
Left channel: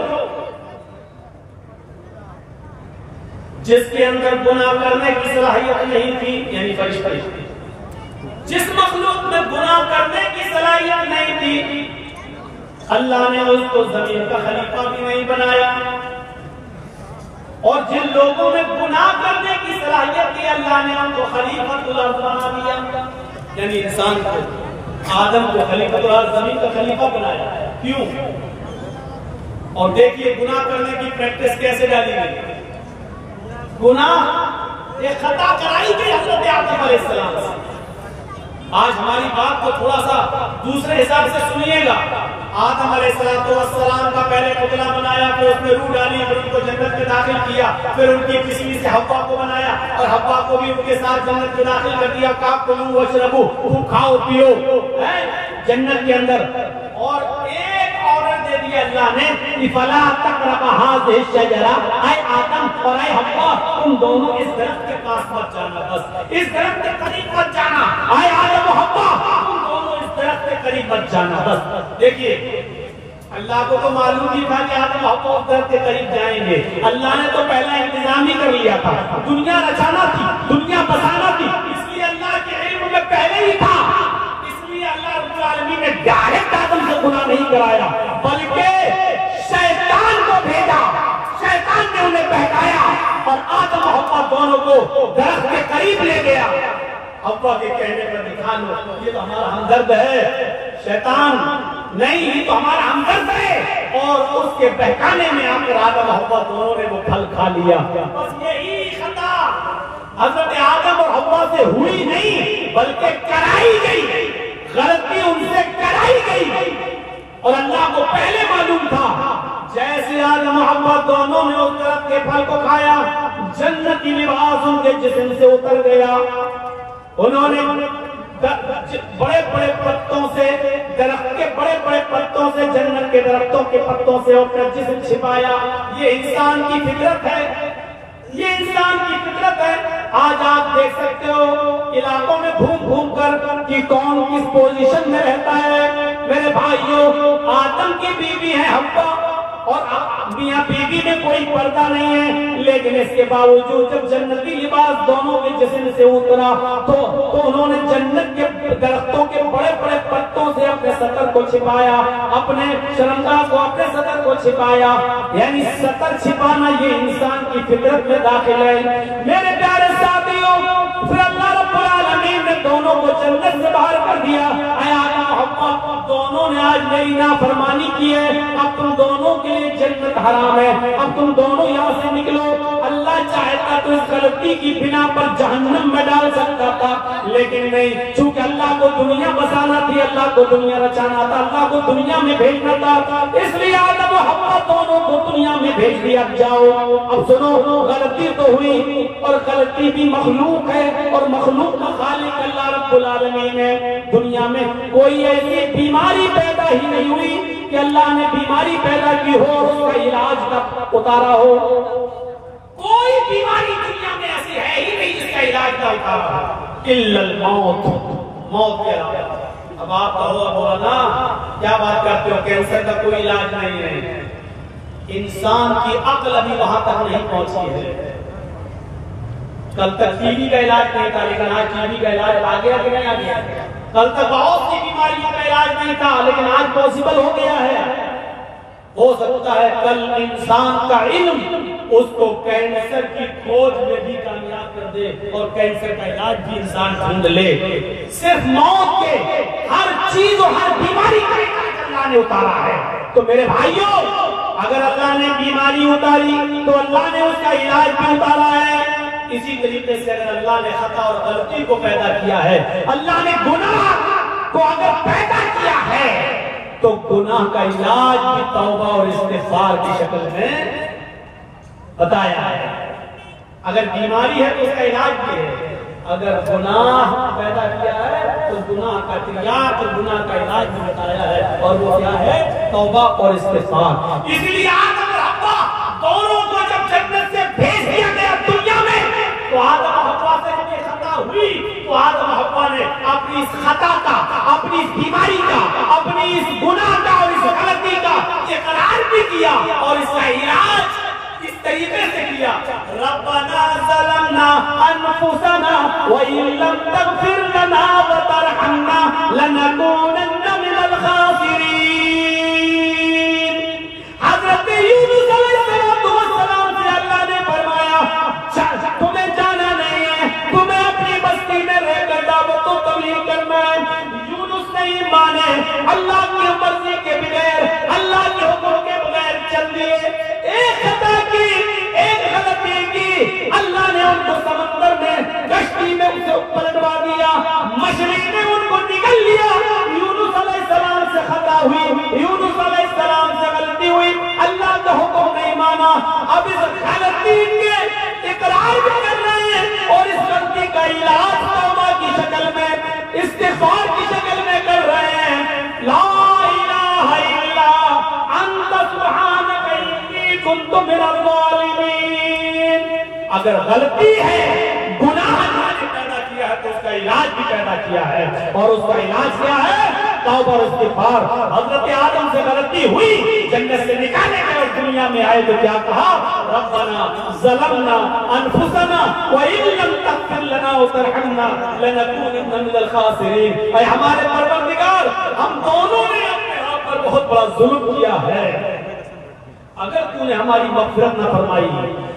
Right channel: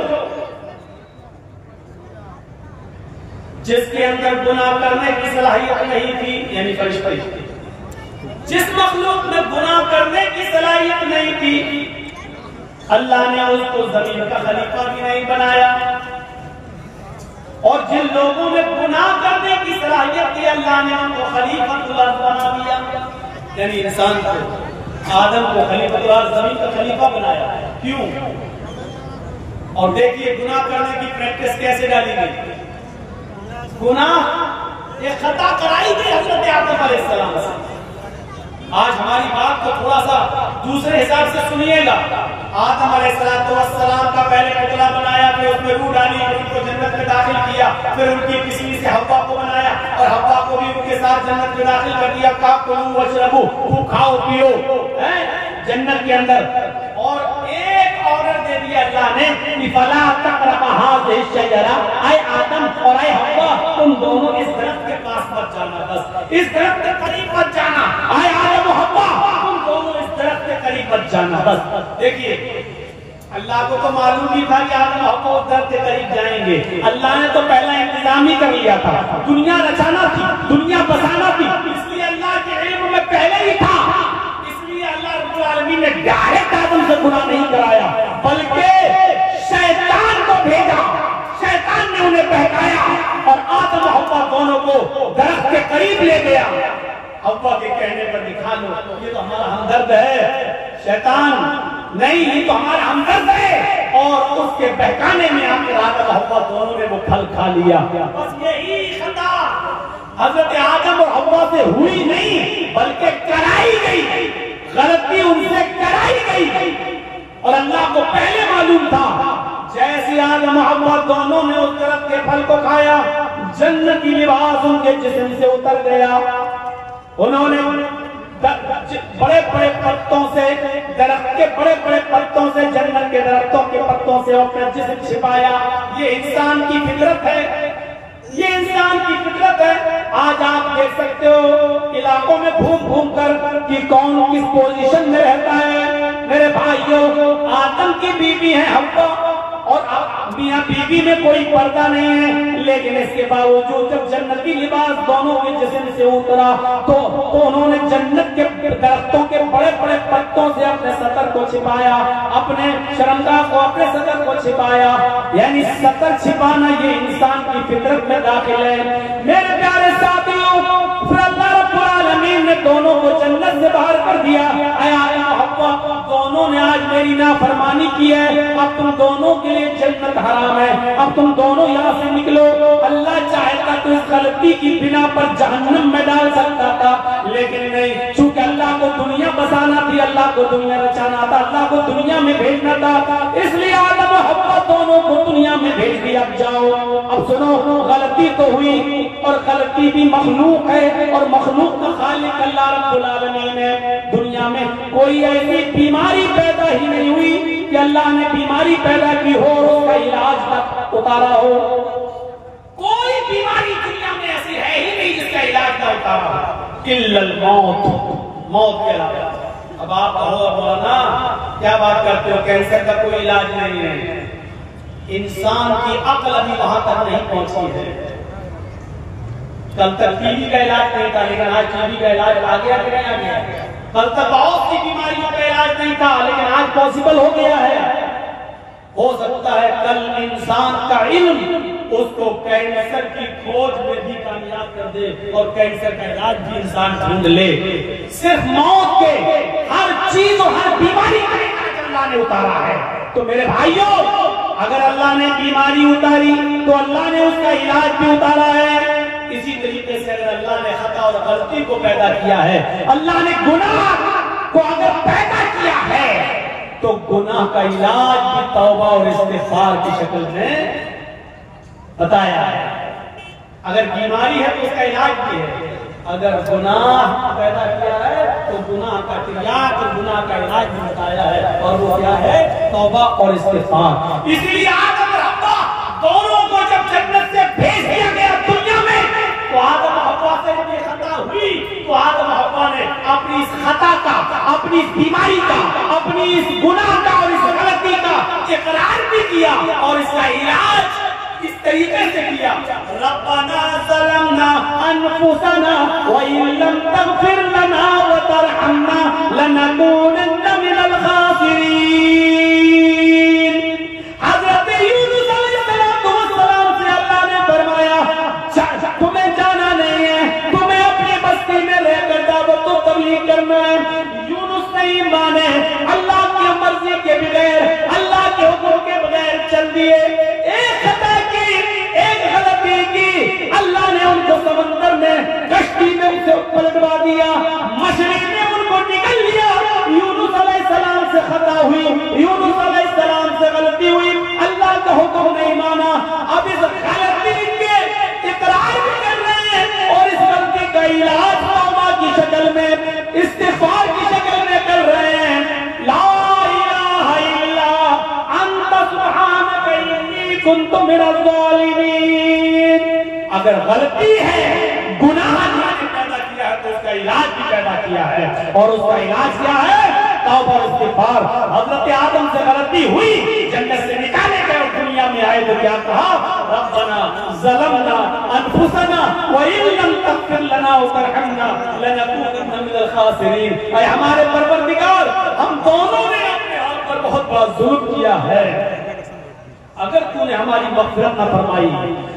जिसके अंदर गुनाह करने की सलाहियत नहीं थी, यानी फरिश्ते, जिस मखलूक में गुनाह करने की सलाहियत नहीं थी, अल्लाह ने उसको जमीन का खलीफा भी नहीं बनाया। और जिन लोगों में गुनाह करने की सलाहियत थी, अल्लाह ने उनको खलीफतुल अर्ज़ बना दिया, यानी इंसान को, आदम को खलीफतुल अर्ज़, जमीन का खलीफा बनाया। क्यों? और देखिए गुनाह करने की प्रैक्टिस कैसे डाली गई। गुनाह एक खता कराई गई हजरत आदम अलैहिस्सलाम से। आज हमारी बात को थोड़ा सा दूसरे हिसाब से सुनिएगा। आदम अलैहिस्सलाम का पहले पुतला बनाया, फिर उसमें रूह डाली, फिर उनको जन्नत में दाखिल किया, फिर उनकी किसी से हव्वा को बनाया और हव्वा को भी उनके साथ जन्नत में दाखिल कर दिया। काकुलू वशरबू, खूब खाओ पियो जन्नत के अंदर। और एक ऑर्डर दे दिया अल्लाह ने कि फला तक़रबा हाज़िहि शजरा, ऐ आदम और ऐ हव्वा, तुम दोनों इस दरख्त के पास मत जाना, बस इस दरख्त के करीब मत जाना। ऐ आदम और हव्वा, तुम दोनों इस दरख्त के करीब मत जाना, बस। देखिए अल्लाह को तो मालूम ही था कि आदम हव्वा उस दर्द के करीब जाएंगे। अल्लाह ने तो पहला इंतजाम ही कर लिया था, दुनिया रचाना थी, दुनिया बसाना थी, इसलिए अल्लाह के इल्म में पहले ही था। इसलिए अल्लाह रब्बुल आलमीन ने डायरेक्ट आदम से गुनाह नहीं कराया, बल्कि शैतान को भेजा। शैतान ने उन्हें बहकाया और आदम हव्वा दोनों को दरख्त के करीब ले गया। हव्वा के कहने पर दिखा लो, ये तो हमारा हमदर्द है। शैतान नहीं, ये तो हमारा हमदर्द है। और उसके बहकाने में आकर आदम हव्वा दोनों ने वो फल खा लिया। बस यही खता हजरत आदम और हव्वा से हुई नहीं, बल्कि कराई गई। गलती उनसे कराई गई और अल्लाह को पहले मालूम था। जैसे आदम हव्वा दोनों ने उस दरख्त के फल को खाया, जन्नत की लिबास उनके जिस्म से उतर गया। उन्होंने बड़े बड़े पत्तों से, दरख्त के बड़े बड़े पत्तों से, जन्नत के दरख्तों के पत्तों से अपना जिस्म छिपाया। ये इंसान की फितरत है, ये इंसान की फितरत है। आज आप देख सकते हो इलाकों में घूम घूम कर कि कौन किस पोजीशन में रहता है। मेरे भाइयों, आदम की बीवी है हव्वा और मियां बीवी में कोई पर्दा नहीं है, लेकिन इसके बावजूद जब जन्नती लिबास दोनों के जिस्म से उतरा तो उन्होंने जन्नत के दरख्तों के बड़े बड़े पत्तों से अपने सतर को छिपाया, अपने शर्मगाह को, अपने सतर को छिपाया। यानी सतर छिपाना ये इंसान की फितरत में दाखिल है। मेरे प्यारे साथियों, अल्लाह रब्बुल आलमीन ने दोनों को जन्नत से बाहर कर दिया। आदम हव्वा दोनों ने आज मेरी नाफरमानी की है, अब तुम दोनों के लिए जन्नत हराम है, अब तुम दोनों यहाँ से निकलो। अल्लाह चाहता तो इस गलती की बिना पर जहन्नम में डाल सकता था, लेकिन नहीं, चूंकि अल्लाह को दुनिया बसाना थी, अल्लाह को दुनिया रचाना था, अल्लाह को दुनिया में भेजना था, इसलिए आदम और हव्वा दोनों को दुनिया में भेज दिया। जाओ, अब सुनो, गलती तो हुई और गलती भी मखलूक है और मखलूक का खालिक अल्लाह रब्बुल आलमीन है। दुनिया में कोई ऐसी बीमारी पैदा ही नहीं हुई कि अल्लाह ने बीमारी पैदा की हो और उसका इलाज तक उतारा हो। कोई बीमारी दुनिया में ऐसी है ही नहीं जिसका इलाज ना उतारा हो, इल्लल मौत, मौत के अलावा। अब आप कहो मौलाना क्या बात करते हो, कैंसर का कोई इलाज नहीं है। इंसान की अक्ल अभी वहां तक नहीं पहुंची है। कल तक टीबी का इलाज नहीं था, लेकिन आज टीबी का इलाज आ गया कि नहीं आ गया? कल तक बहुत सी बीमारियों का इलाज नहीं था, लेकिन आज पॉसिबल हो गया है। हो सकता है कल इंसान का इल्म उसको कैंसर की खोज में भी कामयाब कर दे और कैंसर का इलाज भी इंसान ढूंढ ले। सिर्फ मौत के हर चीज और हर बीमारी का इलाज अल्लाह ने उतारा है। तो मेरे भाइयों, अगर अल्लाह ने बीमारी उतारी तो अल्लाह ने उसका इलाज भी उतारा है। इसी तरीके से अगर अल्लाह ने खता और गलती को पैदा किया है, अल्लाह ने गुनाह को अगर पैदा किया है, तो गुनाह का इलाज भी तौबा और इस्तिग़फ़ार की शक्ल में बताया है। अगर बीमारी है तो उसका इलाज भी है, अगर गुनाह पैदा किया है तो गुनाह का तिर्याक और गुनाह का इलाज भी बताया है, और वो क्या है? तौबा और इस्तिग़फ़ार। इसलिए आदम और हव्वा दोनों को जब जन्नत से भेज दिया गया दुनिया में, तो आदम और हव्वा से जब ये खता हुई तो आदम और हव्वा ने अपनी इस खता का, अपनी इस बीमारी का, अपनी इस गुनाह का और इस गलती का इकरार भी किया और इसका इलाज इस तरीके से किया। रब्बना ज़लमना अनफुसना व इन लम तग़फिर लना व तरहमना लनकूनन्ना मिनल खासिरीन। हज़रत यूनुस अलैहिस्सलाम से अल्लाह ने फरमाया, तुम्हें जाना नहीं है, तुम्हें अपनी बस्ती में रहकर दावत व तबलीग करना है। यूनुस नहीं माने, अल्लाह की मर्जी के बगैर, अल्लाह के हुक्म के बगैर चल दिए। एक खता की, एक गलती की, अल्लाह ने उनको समंदर में, कश्ती में उसे पलटवा दिया, मछली ने उनको निकल लिया। यूनुस अलैहिस्सलाम से खता हुई, यूनुस अलैहिस्सलाम से गलती हुई, अल्लाह का हुक्म नहीं माना। अब इस गलती के इकरार भी कर रहे हैं और इस गलती का इलाज तौबा की शक्ल में, इस्तिग़फ़ार की शक्ल में कर रहे हैं। ला इलाहा इल्ला अंता सुब्हानक इन्नी कुन्तु मिनज़ ज़ालिमीन। अगर गलती है, गुनाह अल्लाह ने पैदा किया है, तो उसका इलाज भी पैदा किया है, और उसका इलाज क्या है? तौबा इस्तिगफार। हजरत आदम से गलती हुई, जन्नत से निकाले गए और दुनिया में आए तो क्या कहा? रब्बना ज़लमना अनफुसना व इन लम तग़फिर लना व तरहमना लनकूनन्ना मिनल खासिरीन। ऐ हमारे परवरदिगार, हम दोनों ने अपने आप पर बहुत बड़ा जुल्म किया है। अगर तूने हमारी मग़फ़िरत न फरमाई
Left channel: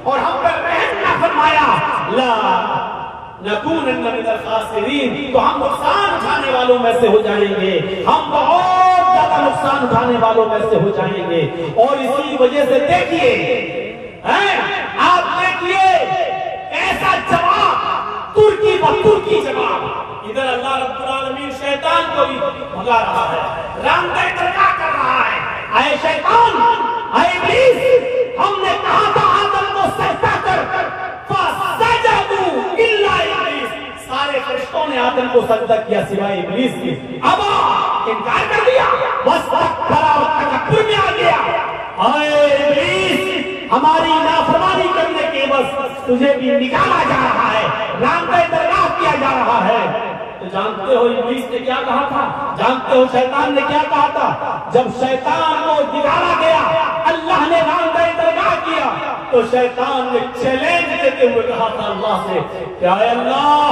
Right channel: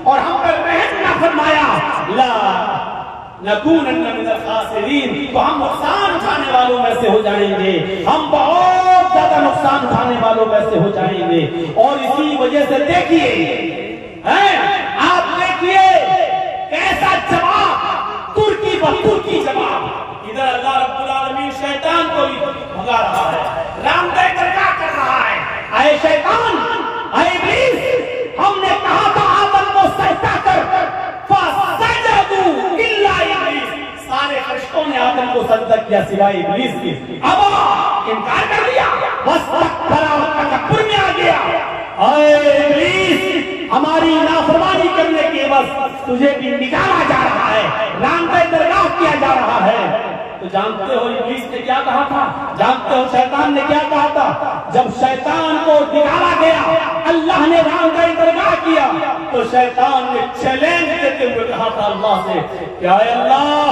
और हम पर रहम न फरमाया, ला नकूनन्ना मिनल खासिरीन, तो हम नुकसान उठाने वालों में से हो जाएंगे, हम बहुत ज्यादा नुकसान उठाने वालों में से हो जाएंगे। और इसी वजह से देखिए, आप देखिए कैसा जवाब, तुर्की व तुर्की जवाब। इधर अल्लाह रब्बुल आलमीन शैतान को भी भगा रहा है, रामदेव दरगाह कर रहा है। अरे शैतान, अरे इब्लीस, हमने कहा था आदम को सजदा कर, फसजदू इल्ला इब्लीस, सारे फरिश्तों ने आदम को सजदा किया सिवाय इब्लीस के। अब इनकार कर दिया, वस्तकबरा व तकब्बुर में आ गया। अरे इब्लीस, हमारी नाफरमानी करने के बस तुझे भी निकाला जा रहा है, रामदेव दरगाह किया जा रहा है। तो जानते हो इब्लीस ने क्या कहा था? जानते हो शैतान ने क्या कहा था? जब शैतान को निकाला गया, अल्लाह ने रामदेव दरगाह किया, तो शैतान ने चैलेंज देते हुए कहा था अल्लाह से, क्या अल्लाह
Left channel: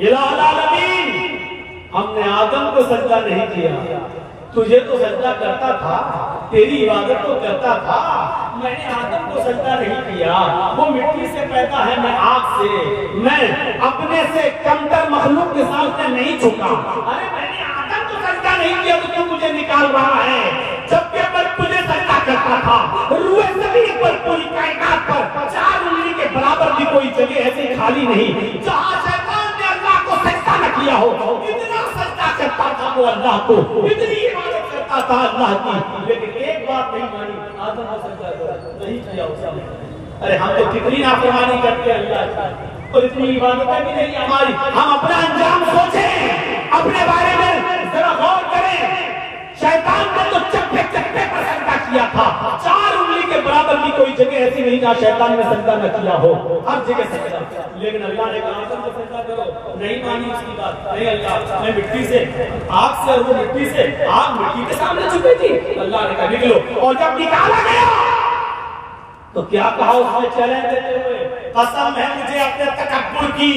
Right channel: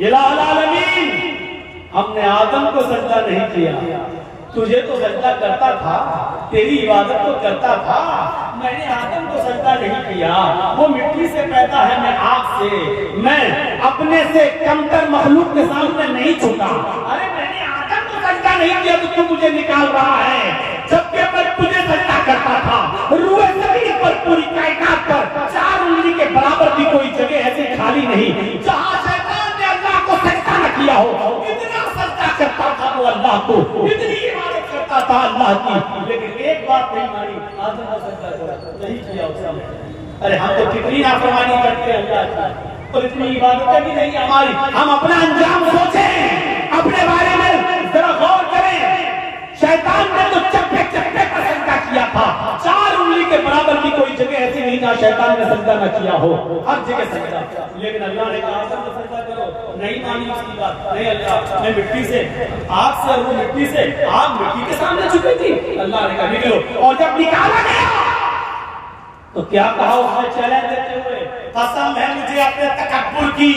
इलाहुल आलमीन, हमने आदम को सजदा नहीं किया, तुझे तो सजदा करता था, तेरी इबादत तो करता था, मैंने आदम को सजदा नहीं किया, वो मिट्टी से पैदा है, मैं आग से, मैं अपने से कमतर मखलूक के सामने नहीं झुका। अरे मैंने आदम को सजदा नहीं किया तो तू मुझे निकाल रहा है, जबकि मैं तुझे सजदा करता था। रूए ज़मीन पर, पूरी कायनात पर 4 उंगली के बराबर भी कोई जगह ऐसी खाली नहीं जहाँ शैतान ने अल्लाह को सजदा न किया हो। इतना सजदा करता था वो अल्लाह को, इतनी इबादत करता था अल्लाह की, लेकिन एक बात नहीं मानी, आदम को सजदा नहीं किया उसने। अरे हम तो कितनी नाफरमानी करते हैं अल्लाह की, और इतनी इबादतें भी नहीं हमारी। हम अपना अंजाम सोचें, अपने बारे में जरा गौर करें। शैतान ने तो चप्पे चप्पे पर सजदा किया था, 4 उंगली के बराबर की कोई जगह ऐसी नहीं जहाँ शैतान ने सजदा न किया हो, हर जगह सजदा। लेकिन अल्लाह ने कहा आदम को सजदा करो, नहीं मानी उसकी बात। नहीं अल्लाह, मैं मिट्टी से, आग से, वो मिट्टी से, आग मिट्टी के सामने झुकी थी। अल्लाह ने कहा निकलो, और जब निकाला गया तो क्या कहा उसने चैलेंज देते हुए, कसम है मुझे अपने तकब्बुर की,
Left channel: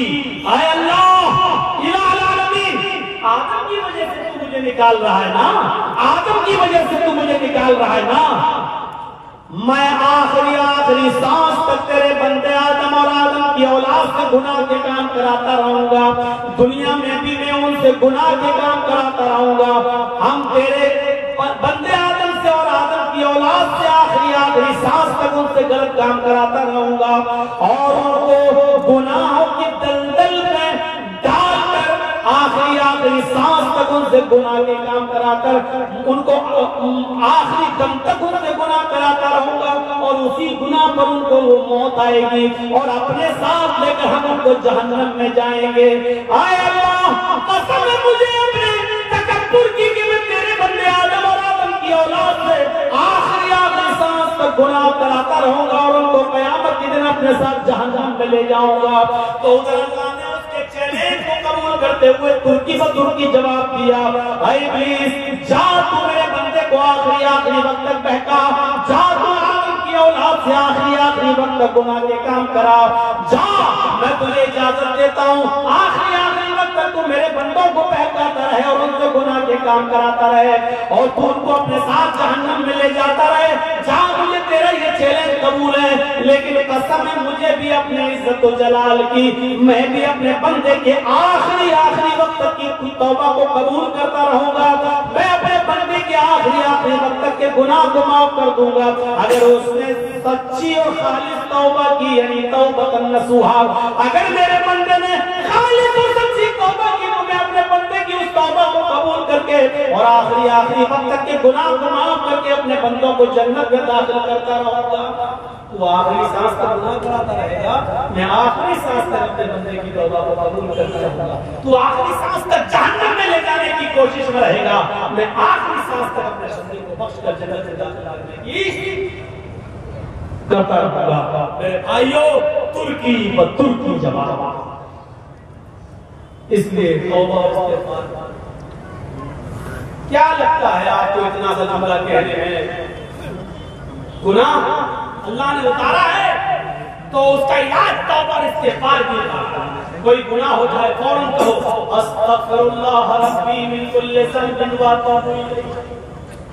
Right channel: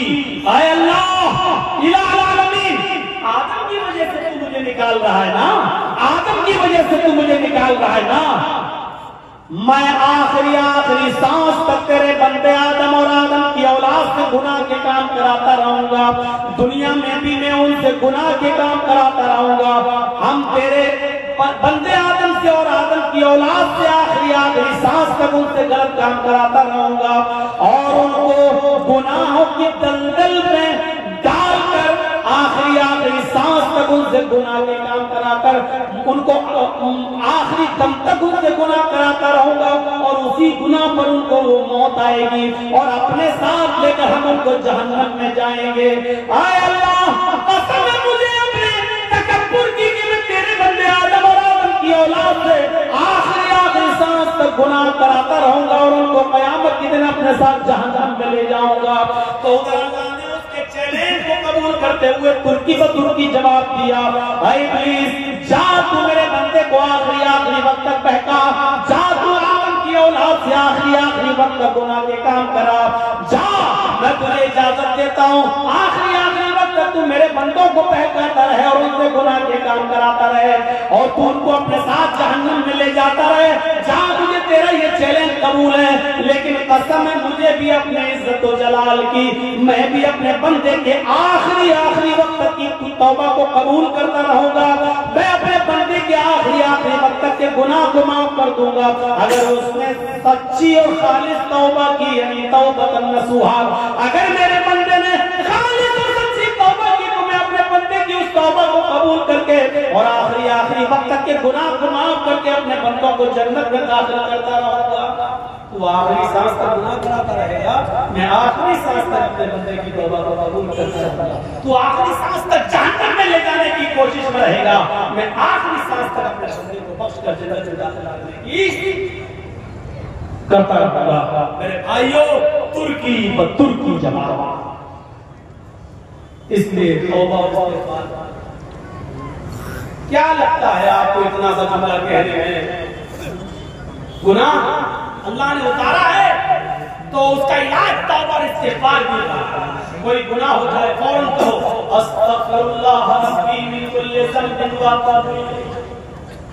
आए अल्लाह इलाहुल आलमीन, आदम की वजह से तू मुझे निकाल रहा है ना, आदम की वजह से तू मुझे निकाल रहा है ना, मैं आखिरी सांस तक तेरे बंदे आदम और आदम की औलाद से गुनाह के काम कराता रहूंगा, दुनिया में भी मैं उनसे गुनाह के काम कराता रहूंगा। हम तेरे बंदे आदम से और आदम की औलाद से आखिरी सांस तक उनसे गलत काम कराता रहूंगा, और उनको गुनाहों की दलदल में डालकर आखिरी सांस तक उनसे गुनाह के काम कराकर, उनको आखिरी दम तक उनसे गुनाह कराता रहूंगा, और उसी गुनाह पर उनको वो मौत आएगी, और अपने साथ लेकर हम उनको जहन्नम में जाएंगे। आए अल्लाह, कसम है मुझे अपने तकब्बुर की कि मैं तेरे बंदे आदम और आदम की औलाद से आखिरी सांस तक गुनाह कराता रहूंगा, और उनको क़यामत के दिन अपने साथ जहन्नम में ले जाऊंगा। तो उधर अल्लाह ने उसके चैलेंज को कबूल करते हुए तुर्की व तुर्की जवाब दिया, भाई प्लीज जा, तू मेरे बंदे को आखिरी वक्त तक बहका, जा तू आदम की औलाद से आखिरी वक्त तक गुनाह के काम करा, जा, मैं तुझे इजाजत देता हूँ, आखिरी वक्त तक तू मेरे बंदों को बहकाता रहे और उनसे गुनाह के काम कराता रहे, और तू उनको अपने साथ जहन्नम में ले जाता रहे। जहाँ मुझे तेरा ये चैलेंज कबूल है, लेकिन कसम है मुझे भी अपने इज्जत और जलाल की, मैं भी अपने बंदे के आखिरी वक्त की तौबा को कबूल करता रहूंगा, मैं अपने बंदे के आखिरी वक्त के गुनाह को माफ कर दूंगा, अगर उसने सच्ची और खालिस तौबा की, यानी तौबतन नसूहा, अगर मेरे बंदे ने खालिस और सच्ची तौबा की, तो मैं अपने बंदे की उस तौबा को कबूल करके और आखिरी वक्त के गुनाह को माफ करके अपने बंदों को जन्नत में दाखिल करता रहूंगा। तू आखिरी सांस तक गुनाह कराता रहेगा, मैं आखिरी सांस तक अपने बंदे की तौबा को कबूल करता रहूंगा। तू आखिरी सांस तक जहन्नम में ले जाने की कोशिश में रहेगा, मैं आखिरी सांस तक अपने बंदे को बख्श कर जन्नत में दाखिल करने की करता रहूंगा। मेरे भाइयों, तुर्की व तुर्की जवाब, इसलिए तौबा इस्तिग़फ़ार क्या लगता है आपको इतना सा जुमला कहने में? गुनाह अल्लाह ने उतारा है तो उसका इलाज तौबा और इस्तिग़फ़ार भी है। कोई गुनाह हो जाए फौरन कहो अस्तग़फ़िरुल्लाह रब्बी मिन कुल्लि ज़ंबिन व अतूबु इलैह,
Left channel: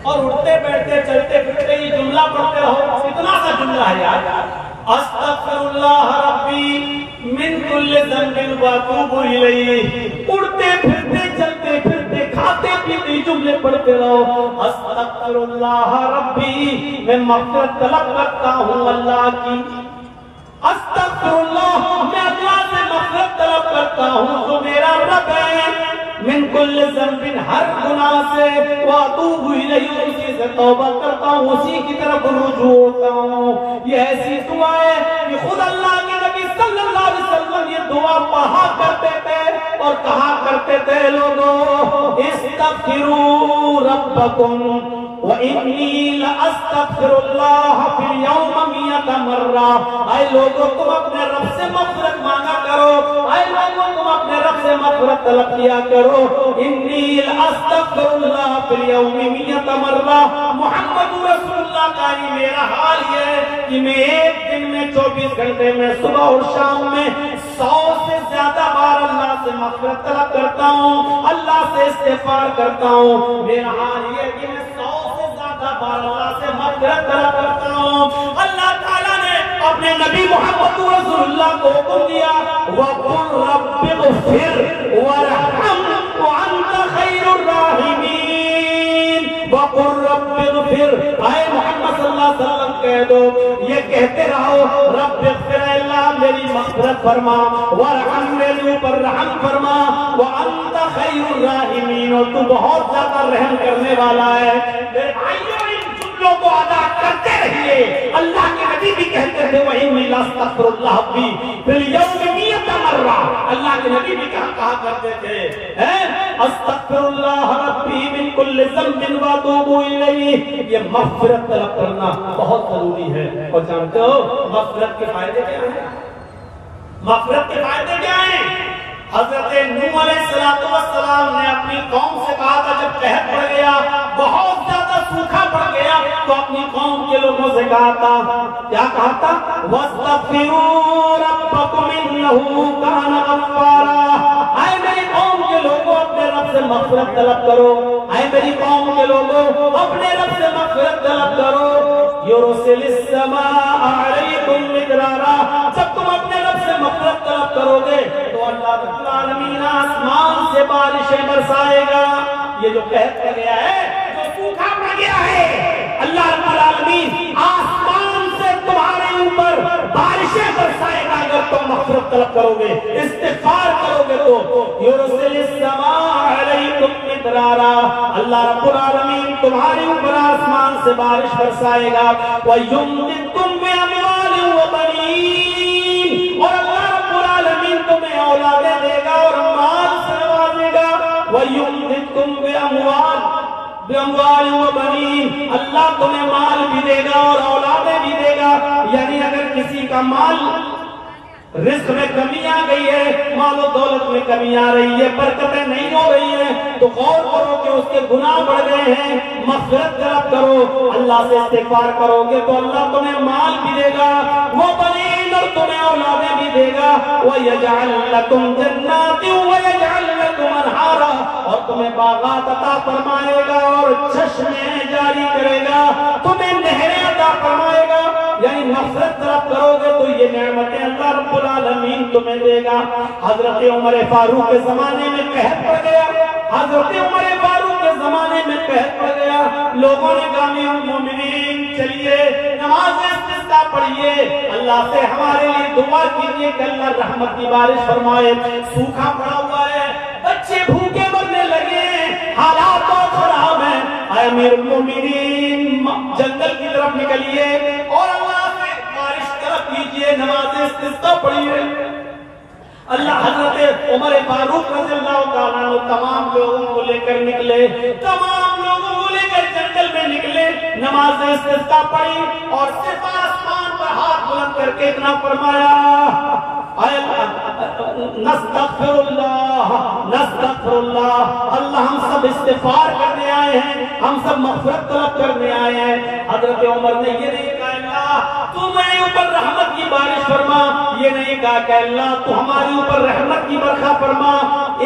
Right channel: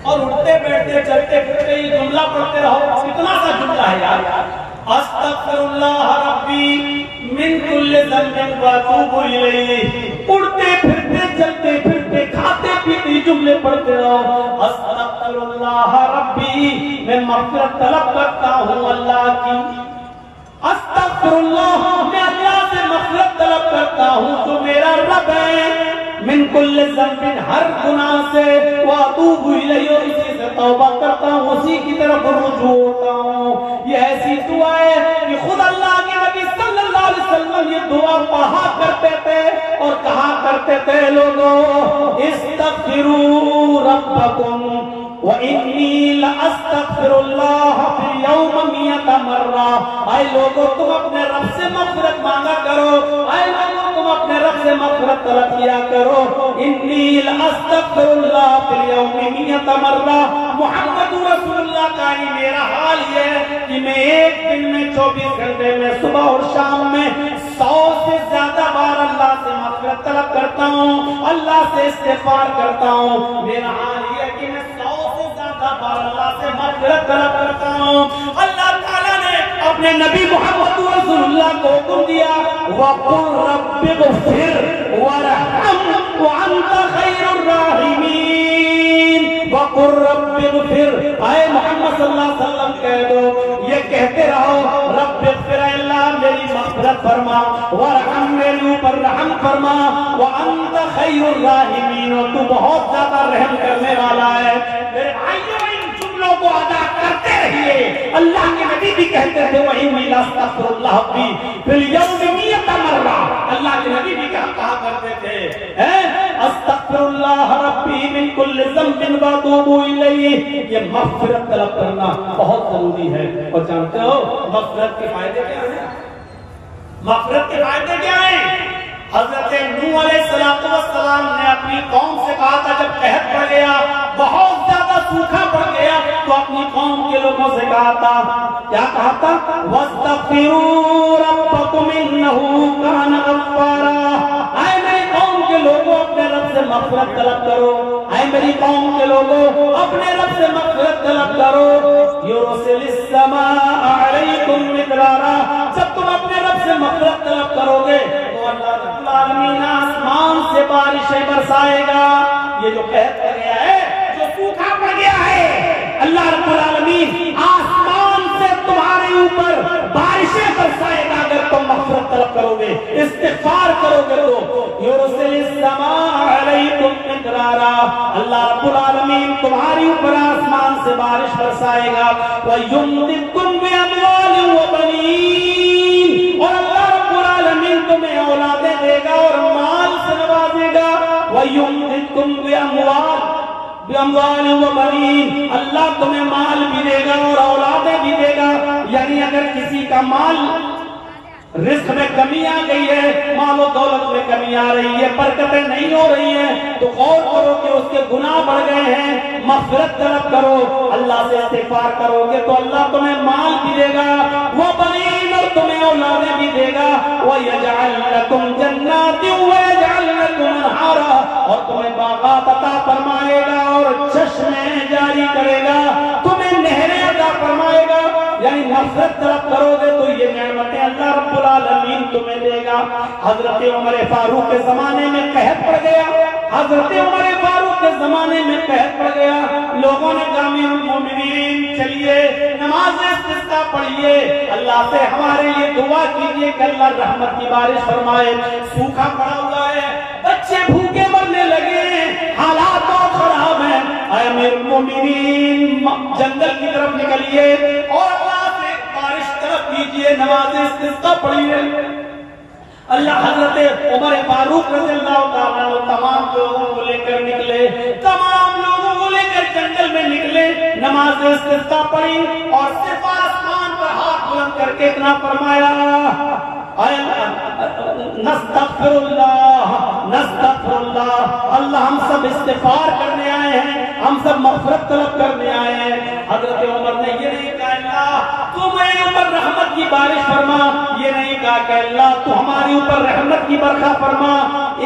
और उठते बैठते चलते फिरते ये जुमला पढ़ते रहो। इतना सा जुमला है यार, अस्तग़फिरुल्लाह रब्बी मिन कुल्लि ज़ंबिन व अतूबु इलैह। उड़ते फिरते चलते फिरते खाते पीते जुमले पढ़ते रहो। अस्तग़फिरुल्लाह रब्बी, मैं मग़फ़िरत तलब करता हूँ अल्लाह की। अस्तग़फिरुल्लाह, मैं अल्लाह से मग़फ़िरत तलब करता हूँ जो मेरा रब है। मिन कुल्लि ज़ंबिन, हर गुनाह से, व अतूबु इलैह, उसी से तौबा करता हूँ, उसी की तरफ रुजू होता हूँ। ये ऐसी दुआ है कि खुद अल्लाह के नबी सल्लल्लाहु अलैहि वसल्लम ये दुआ पढ़ा करते थे और कहा करते थे, लोगों इस्तग़फिरू रब्बकुम व इन्नी लअस्तग़फिरुल्लाह फिल यौम मियता मर्रा। ऐ लोगों, तुम अपने रब से मग़फ़िरत मांगा करो। ऐ लोगों, तुम अपने रब से मग़फ़िरत तलब किया करो। इन्नी लअस्तग़फिरुल्लाह फिल यौम मियता मर्रा। मुहम्मद रसूलुल्लाह का ही मेरा हाल ये है कि मैं एक दिन में 24 घंटे में सुबह और शाम में 100 से ज्यादा बार अल्लाह से मग़फ़िरत तलब करता हूँ, अल्लाह से इस्तिग़फ़ार करता हूँ। मेरा हाल ये है कि मैं 100 से ज्यादा बार अल्लाह से मग़फ़िरत तलब करता हूँ। अल्लाह ताला ने अपने नबी मोहम्मद रसूलुल्लाह को हुक्म दिया, वक़ुल रब्बिग़फ़िर वरहम व अंत खैरुर राहिमीन। वक़ुल रब्बिग़फ़िर, आए मोहम्मद सल्लल्लाहु अलैहि वसल्लम कह दो, ये कहते रहो, रब्बिग़फ़िर, अल्लाह मेरी मग़फ़िरत फरमा, वरहम, मेरे ऊपर रहम फरमा, व अंत खैरुर राहिमीन, और तू बहुत ज्यादा रहम करने वाला है। मेरे भाइयों, इन जुमलों को अदा करते रहिए। अल्लाह के नबी भी कहते थे, वही मिला अस्तग़फिरुल्लाह भी फिल यौम मियता मर्रा। अल्लाह के नबी भी कहा करते थे, अस्तग़फिरुल्लाह रब्बी मिन कुल्लि ज़ंबिन व अतूबु इलैह। ये मग़फ़िरत तलब करना बहुत जरूरी है। और जानते हो मग़फ़िरत के फायदे क्या हैं? मग़फ़िरत के फायदे क्या हैं? हज़रत नूह अलैहिस्सलाम ने अपनी कौम से कहा था, जब कहत पड़ गया, बहुत ज्यादा सूखा पड़ गया, तो अपनी कौम के लोगों से कहा था, क्या कहा था? वस्तग़फिरू रब्बकुम इन्नहु कान गफ़्फ़ारा। आए मेरी कौम के लोगों, अपने रब से मग़फ़िरत तलब करो। आए मेरी कौम के लोगों, अपने रब से मग़फ़िरत तलब करो। युरसिलिस समाअ अलैकुम मिदरारा। जब तुम अपने रब से मग़फ़िरत तलब करोगे तो अल्लाह रब्बुल आलमीन आसमान से बारिशें बरसाएगा। ये जो कहत कर गया है, जो सूखा पड़ गया है, अल्लाह रब्बुल आलमीन आसमान से तुम्हारे ऊपर बारिशें बरसाएगा अगर तुम मग़फ़िरत तलब करोगे, इस्तिग़फ़ार करोगे तो। युरसिलिस समाअ अलैकुम मिदरारा, अल्लाह रब्बुल आलमीन तुम्हारे ऊपर आसमान से बारिश बरसाएगा। व युमदिदकुम बिअमवालिन व बनीन, और अल्लाह रब्बुल आलमीन तुम्हें औलादें देगा और माल से नवाजेगा। व युमदिदकुम बिअमवालिन व बनीन, अल्लाह तुम्हें माल भी देगा और औलादें भी देगा। यानी अगर किसी का माल, रिस्क में कमी आ गई है, मालो दौलत में कमी आ रही है, बरकतें नहीं हो रही है, तो गौर करो कि उसके गुनाह बढ़ गए हैं, मग़फ़िरत तलब करो, अल्लाह से इस्तिग़फ़ार करोगे तो अल्लाह तुम्हें माल भी देगा, वो बनीन, और तुम्हें औलादें भी देगा। व यजअल लकुम जन्नातिन व यजअल लकुम अनहारा, और तुम्हें बागात अता फरमाएगा और चश्मे जारी करेगा, तुम्हें नहरें अता फरमाएगा। यानी मग़फ़िरत तलब करोगे तो ये नेमतें अल्लाह रब्बुल आलमीन तुम्हें देगा। हज़रत उमर फारूक के जमाने में कहत पड़ गया, हज़रत उमर फारूक के जमाने में कहत पड़ गया, लोगों ने कहा, मोमिनीन चलिए नमाज़ इस्तिस्क़ा पढ़िए, अल्लाह से हमारे लिए दुआ कीजिए कि अल्लाह रहमत की बारिश फरमाए। सूखा पड़ा हुआ है, बच्चे भूखे मरने लगे हैं, हालात बहुत खराब है। अमीरुल मोमिनीन जंगल की तरफ निकलिए और अल्लाह से बारिश तरफ कीजिए, नमाज़ इस्तिस्क़ा पढ़िए। अल्लाह हज़रत उमर फारूक रज़ियल्लाहु ताला अन्हु तमाम लोगों को लेकर निकले, तमाम लोगों को लेकर जंगल में निकले, नमाज़ इस्तिस्क़ा पढ़ी और सिर्फ आसमान पर हाथ बुलंद करके इतना फरमाया, नस्तग़फिरुल्लाह नस्तगफिरुल्लाह, अल्लाह हम सब इस्तिगफार करने आए हैं, हम सब मग़फ़िरत तलब करने आए हैं। हज़रत उमर ने ये नहीं कहा अल्लाह तू मेरे ऊपर रहमत की बारिश फरमा, ये नहीं कहा कि अल्लाह तू हमारे ऊपर रहमत की बरखा फरमा,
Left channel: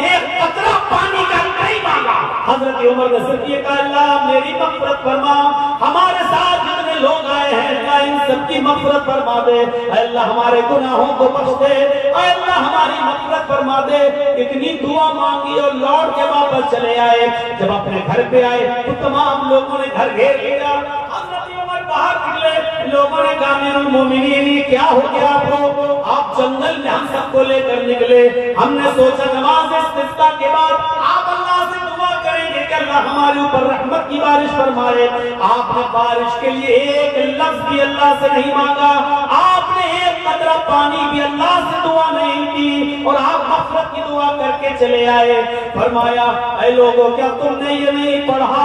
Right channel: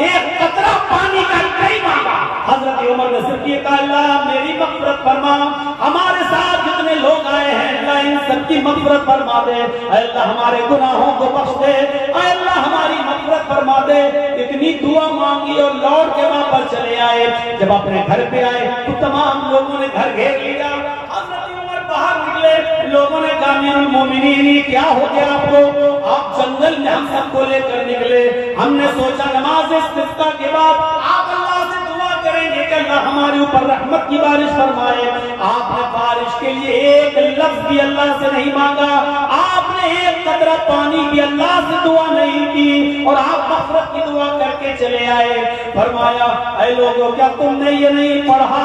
एक कतरा पानी का नहीं मांगा। हज़रत उमर ने सिर्फ ये कहा अल्लाह मेरी मग़फ़िरत फरमा, हमारे साथ जितने लोग आए हैं अल्लाह इन सबकी मग़फ़िरत फरमा दे, अल्लाह हमारे गुनाहों को बख्श दे, अल्लाह हमारी मग़फ़िरत फरमा दे। इतनी दुआ मांगी और लौट के वापस चले आए। जब अपने घर पे आए तो तमाम लोगों ने घर घेर लिया। हज़रत उमर बाहर निकले, लोगों ने कहा अमीरुल मोमिनीन क्या हो गया आपको? आप जंगल में हम सबको लेकर निकले, हमने सोचा नमाज इस्तिस्क़ा के बाद आप अल्लाह से दुआ करेंगे कि अल्लाह हमारे ऊपर रहमत की बारिश फरमाए। आपने बारिश के लिए एक लफ्ज भी अल्लाह से नहीं मांगा, आपने एक कतरा पानी भी अल्लाह से दुआ नहीं की और आप मग़फ़िरत की दुआ करके चले आए। फरमाया ऐ लोगों क्या तुमने ये नहीं पढ़ा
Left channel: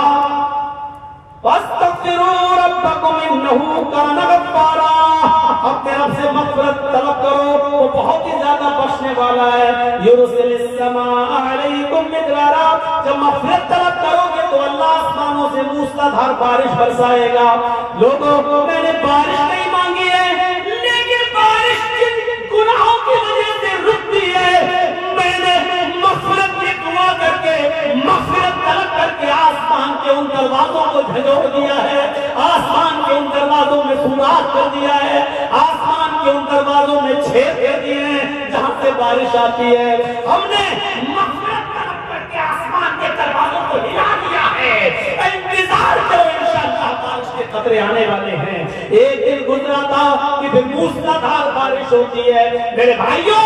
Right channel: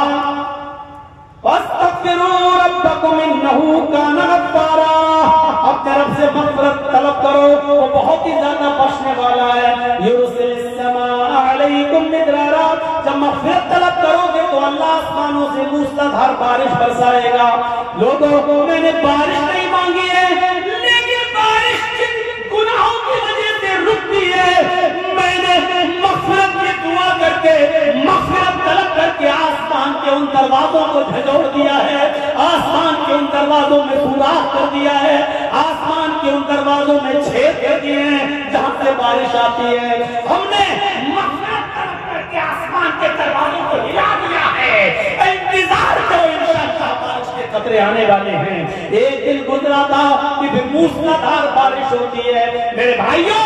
वस्तग़फ़िरू रब्बकुम इन्नहु काना गफ़्फ़ारा, अपने रब से मग़फ़िरत तलब करो, वो बहुत ही ज्यादा बख्शने वाला है। युरसिलिस समाअ अलैकुम मिदरारा, जब मग़फ़िरत तलब करोगे तो अल्लाह आसमानों से मूसलाधार बारिश बरसाएगा। लोगों मैंने बारिश नहीं मांगी है, लेकिन बारिश जिन गुनाहों की वजह से रुकती है, मैंने मग़फ़िरत की दुआ करके मग़फ़िरत तलब करके आसमान के उन दरवाजों को झंझोड़ दिया है, आसमान के उन दरवाजों में सुराख कर दिया है, आसमान के उन दरवाजों में छेद कर दिए हैं जहां से बारिश आती है। हमने मग़फ़िरत तलब करके आसमान के दरवाजों को हिला दिया है। इंतजार करो, इंशाअल्लाह बारिश के खतरे आने वाले हैं। एक दिन गुजरा था कि फिर मूसलाधार बारिश होती है। मेरे भाइयों,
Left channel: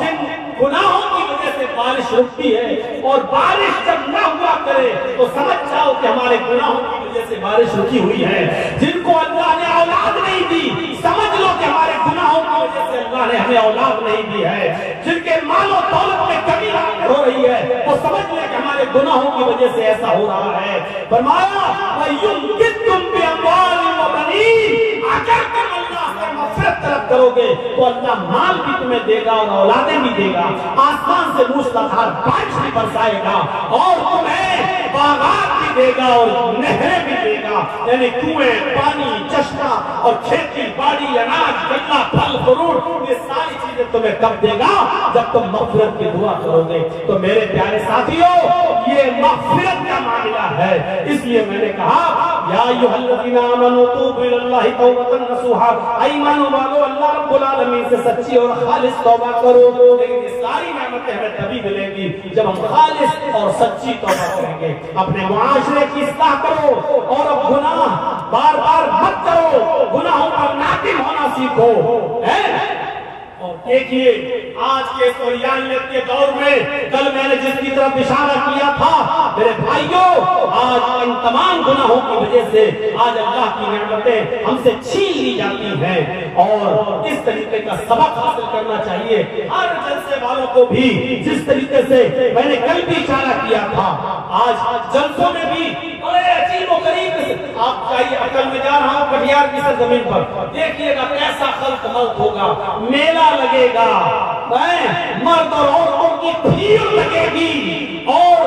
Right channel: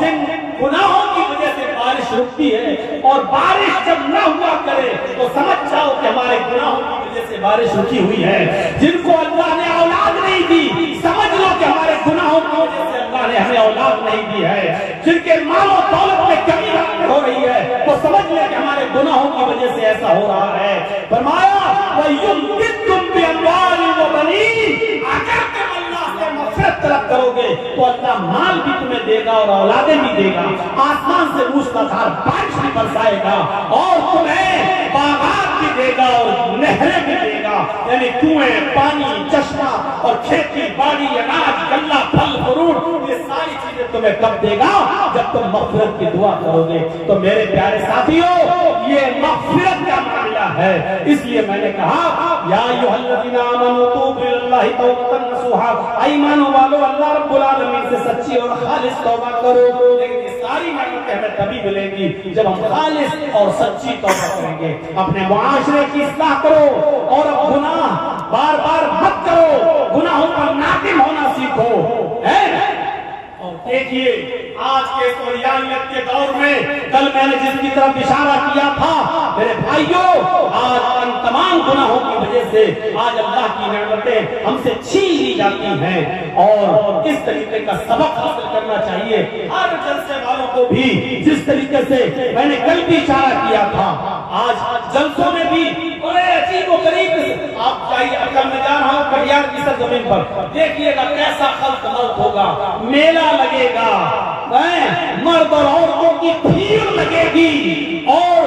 जिन गुनाहों की वजह से बारिश रुकती है और बारिश जब न हुआ करे तो समझ जाओ कि हमारे गुनाहों की वजह से बारिश रुकी हुई है। जिनको अल्लाह ने औलाद नहीं दी, समझ लो कि हमारे गुनाहों की वजह से अल्लाह ने हमें औलाद नहीं दी है। जिनके मालो दौलत में कमी हो रही है तो समझ ले कि हमारे गुनाहों की वजह से ऐसा हो रहा है। फरमाया वयुमदिदकुम बिअम्वालिन व बनीन, अगर तुम अल्लाह से मग़फ़िरत तलब करोगे तो अल्लाह माल भी तुम्हें देगा और औलादें भी देगा, आसमान से मूसलाधार बारिश भी बरसाएगा और तुम्हें बागात भी देगा और नहरें भी देगा, यानी कुएं, पानी, चश्मा और खेती बाड़ी, अनाज, गन्ना, फल फ्रूट, ये सारी चीजें तुम्हें कब देगा? जब तुम मग़फ़िरत की दुआ करोगे। तो मेरे प्यारे साथियों, ये मग़फ़िरत का मामला है। इसलिए मैंने कहा या अय्युहल्लज़ीना आमनू तूबू इलल्लाहि तौबतन नसूहा, ईमान वालों अल्लाह रब्बुल आलमीन से सच्ची और खालिस तौबा करो। लेकिन ये सारी नेमतें हमें तभी मिलेंगी जब हम खालिस और सच्ची तौबा करेंगे। अपने मुआशरे की इस्लाह करो और अब गुनाह बार बार मत करो, गुनाहों पर नादिम होना सीखो। और देखिए आज के सोयानियत के दौर में कल मैंने जिसकी तरफ इशारा किया था, मेरे भाइयों, आज इन तमाम गुनाहों की वजह से आज अल्लाह की नेमतें हमसे छीन ली जाती हैं और इस तरीके का सबक हासिल करना चाहिए हर जलसे वालों को भी। जिस तरीके से मैंने कल भी इशारा किया था, आज जलसों में भी बड़े अजीब व गरीब, आप चाहिए अकल में जा रहा हूँ कटिहार की सरजमीन पर, देखिएगा कैसा खल्क मल्क होगा, मेला लगेगा, मर्द और औरतों की भीड़ लगेगी और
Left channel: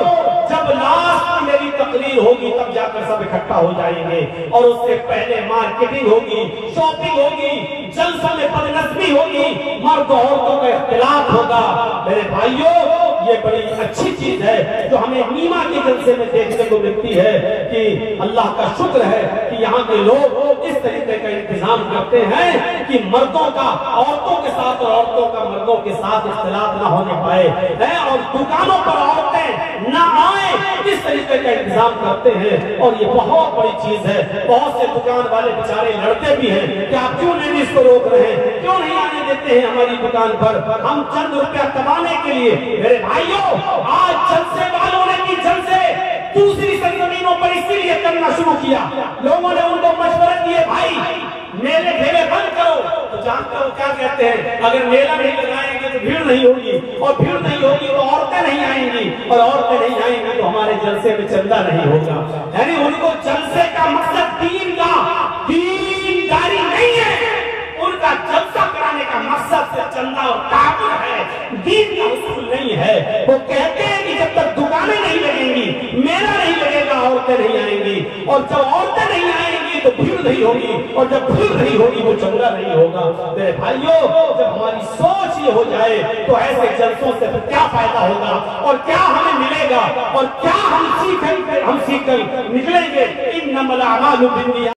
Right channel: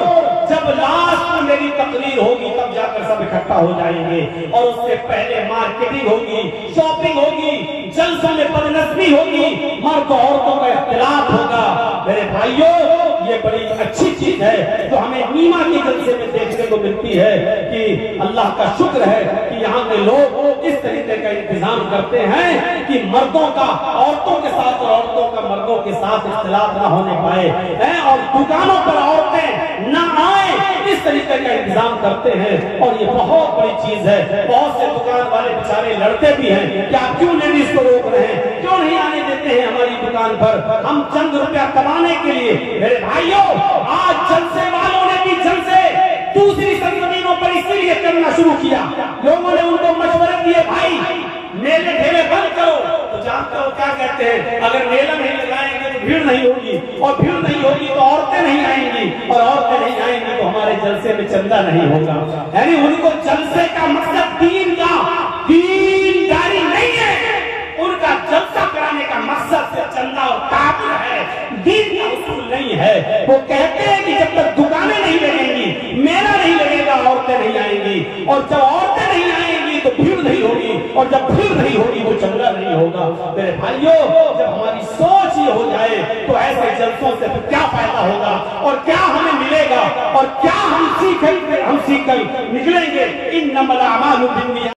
जब लास्ट में मेरी तकरीर होगी तब जाकर सब इकट्ठा हो जाएंगे और उससे पहले मार्केटिंग होगी, शॉपिंग होगी, जलसों में बदनज़मी होगी, मर्द औरतों का इख्तिलाफ होगा। मेरे भाइयों, ये बड़ी अच्छी चीज है जो हमें नीमा के जलसे में देखने को मिलती है कि अल्लाह का शुक्र है कि यहाँ के लोग इस तरीके का इंतजाम करते हैं कि मर्दों का औरतों के साथ और औरतों का मर्दों के साथ इख्तिलाफ न होने पाए हैं और दुकानों पर औरतें न आए, इस तरीके का इंतजाम करते हैं और ये बहुत बड़ी चीज है। बहुत से दुकान वाले बेचारे लड़ते भी हैं कि आप क्यों लेडीज को रोक रहे हैं, क्यों नहीं आने देते हैं हमारी दुकान पर, हम चंद रुपया कमाने के लिए। मेरे भाइयों, आज जलसे वालों ने भी जलसे दूसरी सरजमीनों पर इसीलिए करना शुरू किया। लोगों ने उनको मशवरे दिए, भाई मेले ढेले बंद करो, तो जानते हो क्या कहते हैं, अगर मेला नहीं लगाएंगे तो भीड़ नहीं होगी और भीड़ नहीं होगी तो औरतें नहीं आएंगी और औरतें नहीं आएंगी तो हमारे जलसे में चंदा नहीं होगा। यानी उनको जलसे का मकसद दीनदारी नहीं है, उनका जलसा कराने का मकसद सिर्फ चंदा और काबुल है, दीन का उसूल नहीं है। वो कहते हैं कि फिर नहीं होगी, वो चंगा नहीं होगा। मेरे भाइयों, जब हमारी सोच ये हो जाए तो ऐसे जलसों से फिर क्या फायदा होगा और क्या हमें मिलेगा और क्या हम सीख कर निकलेंगे। इन्नमल अमालु बिन्नियात।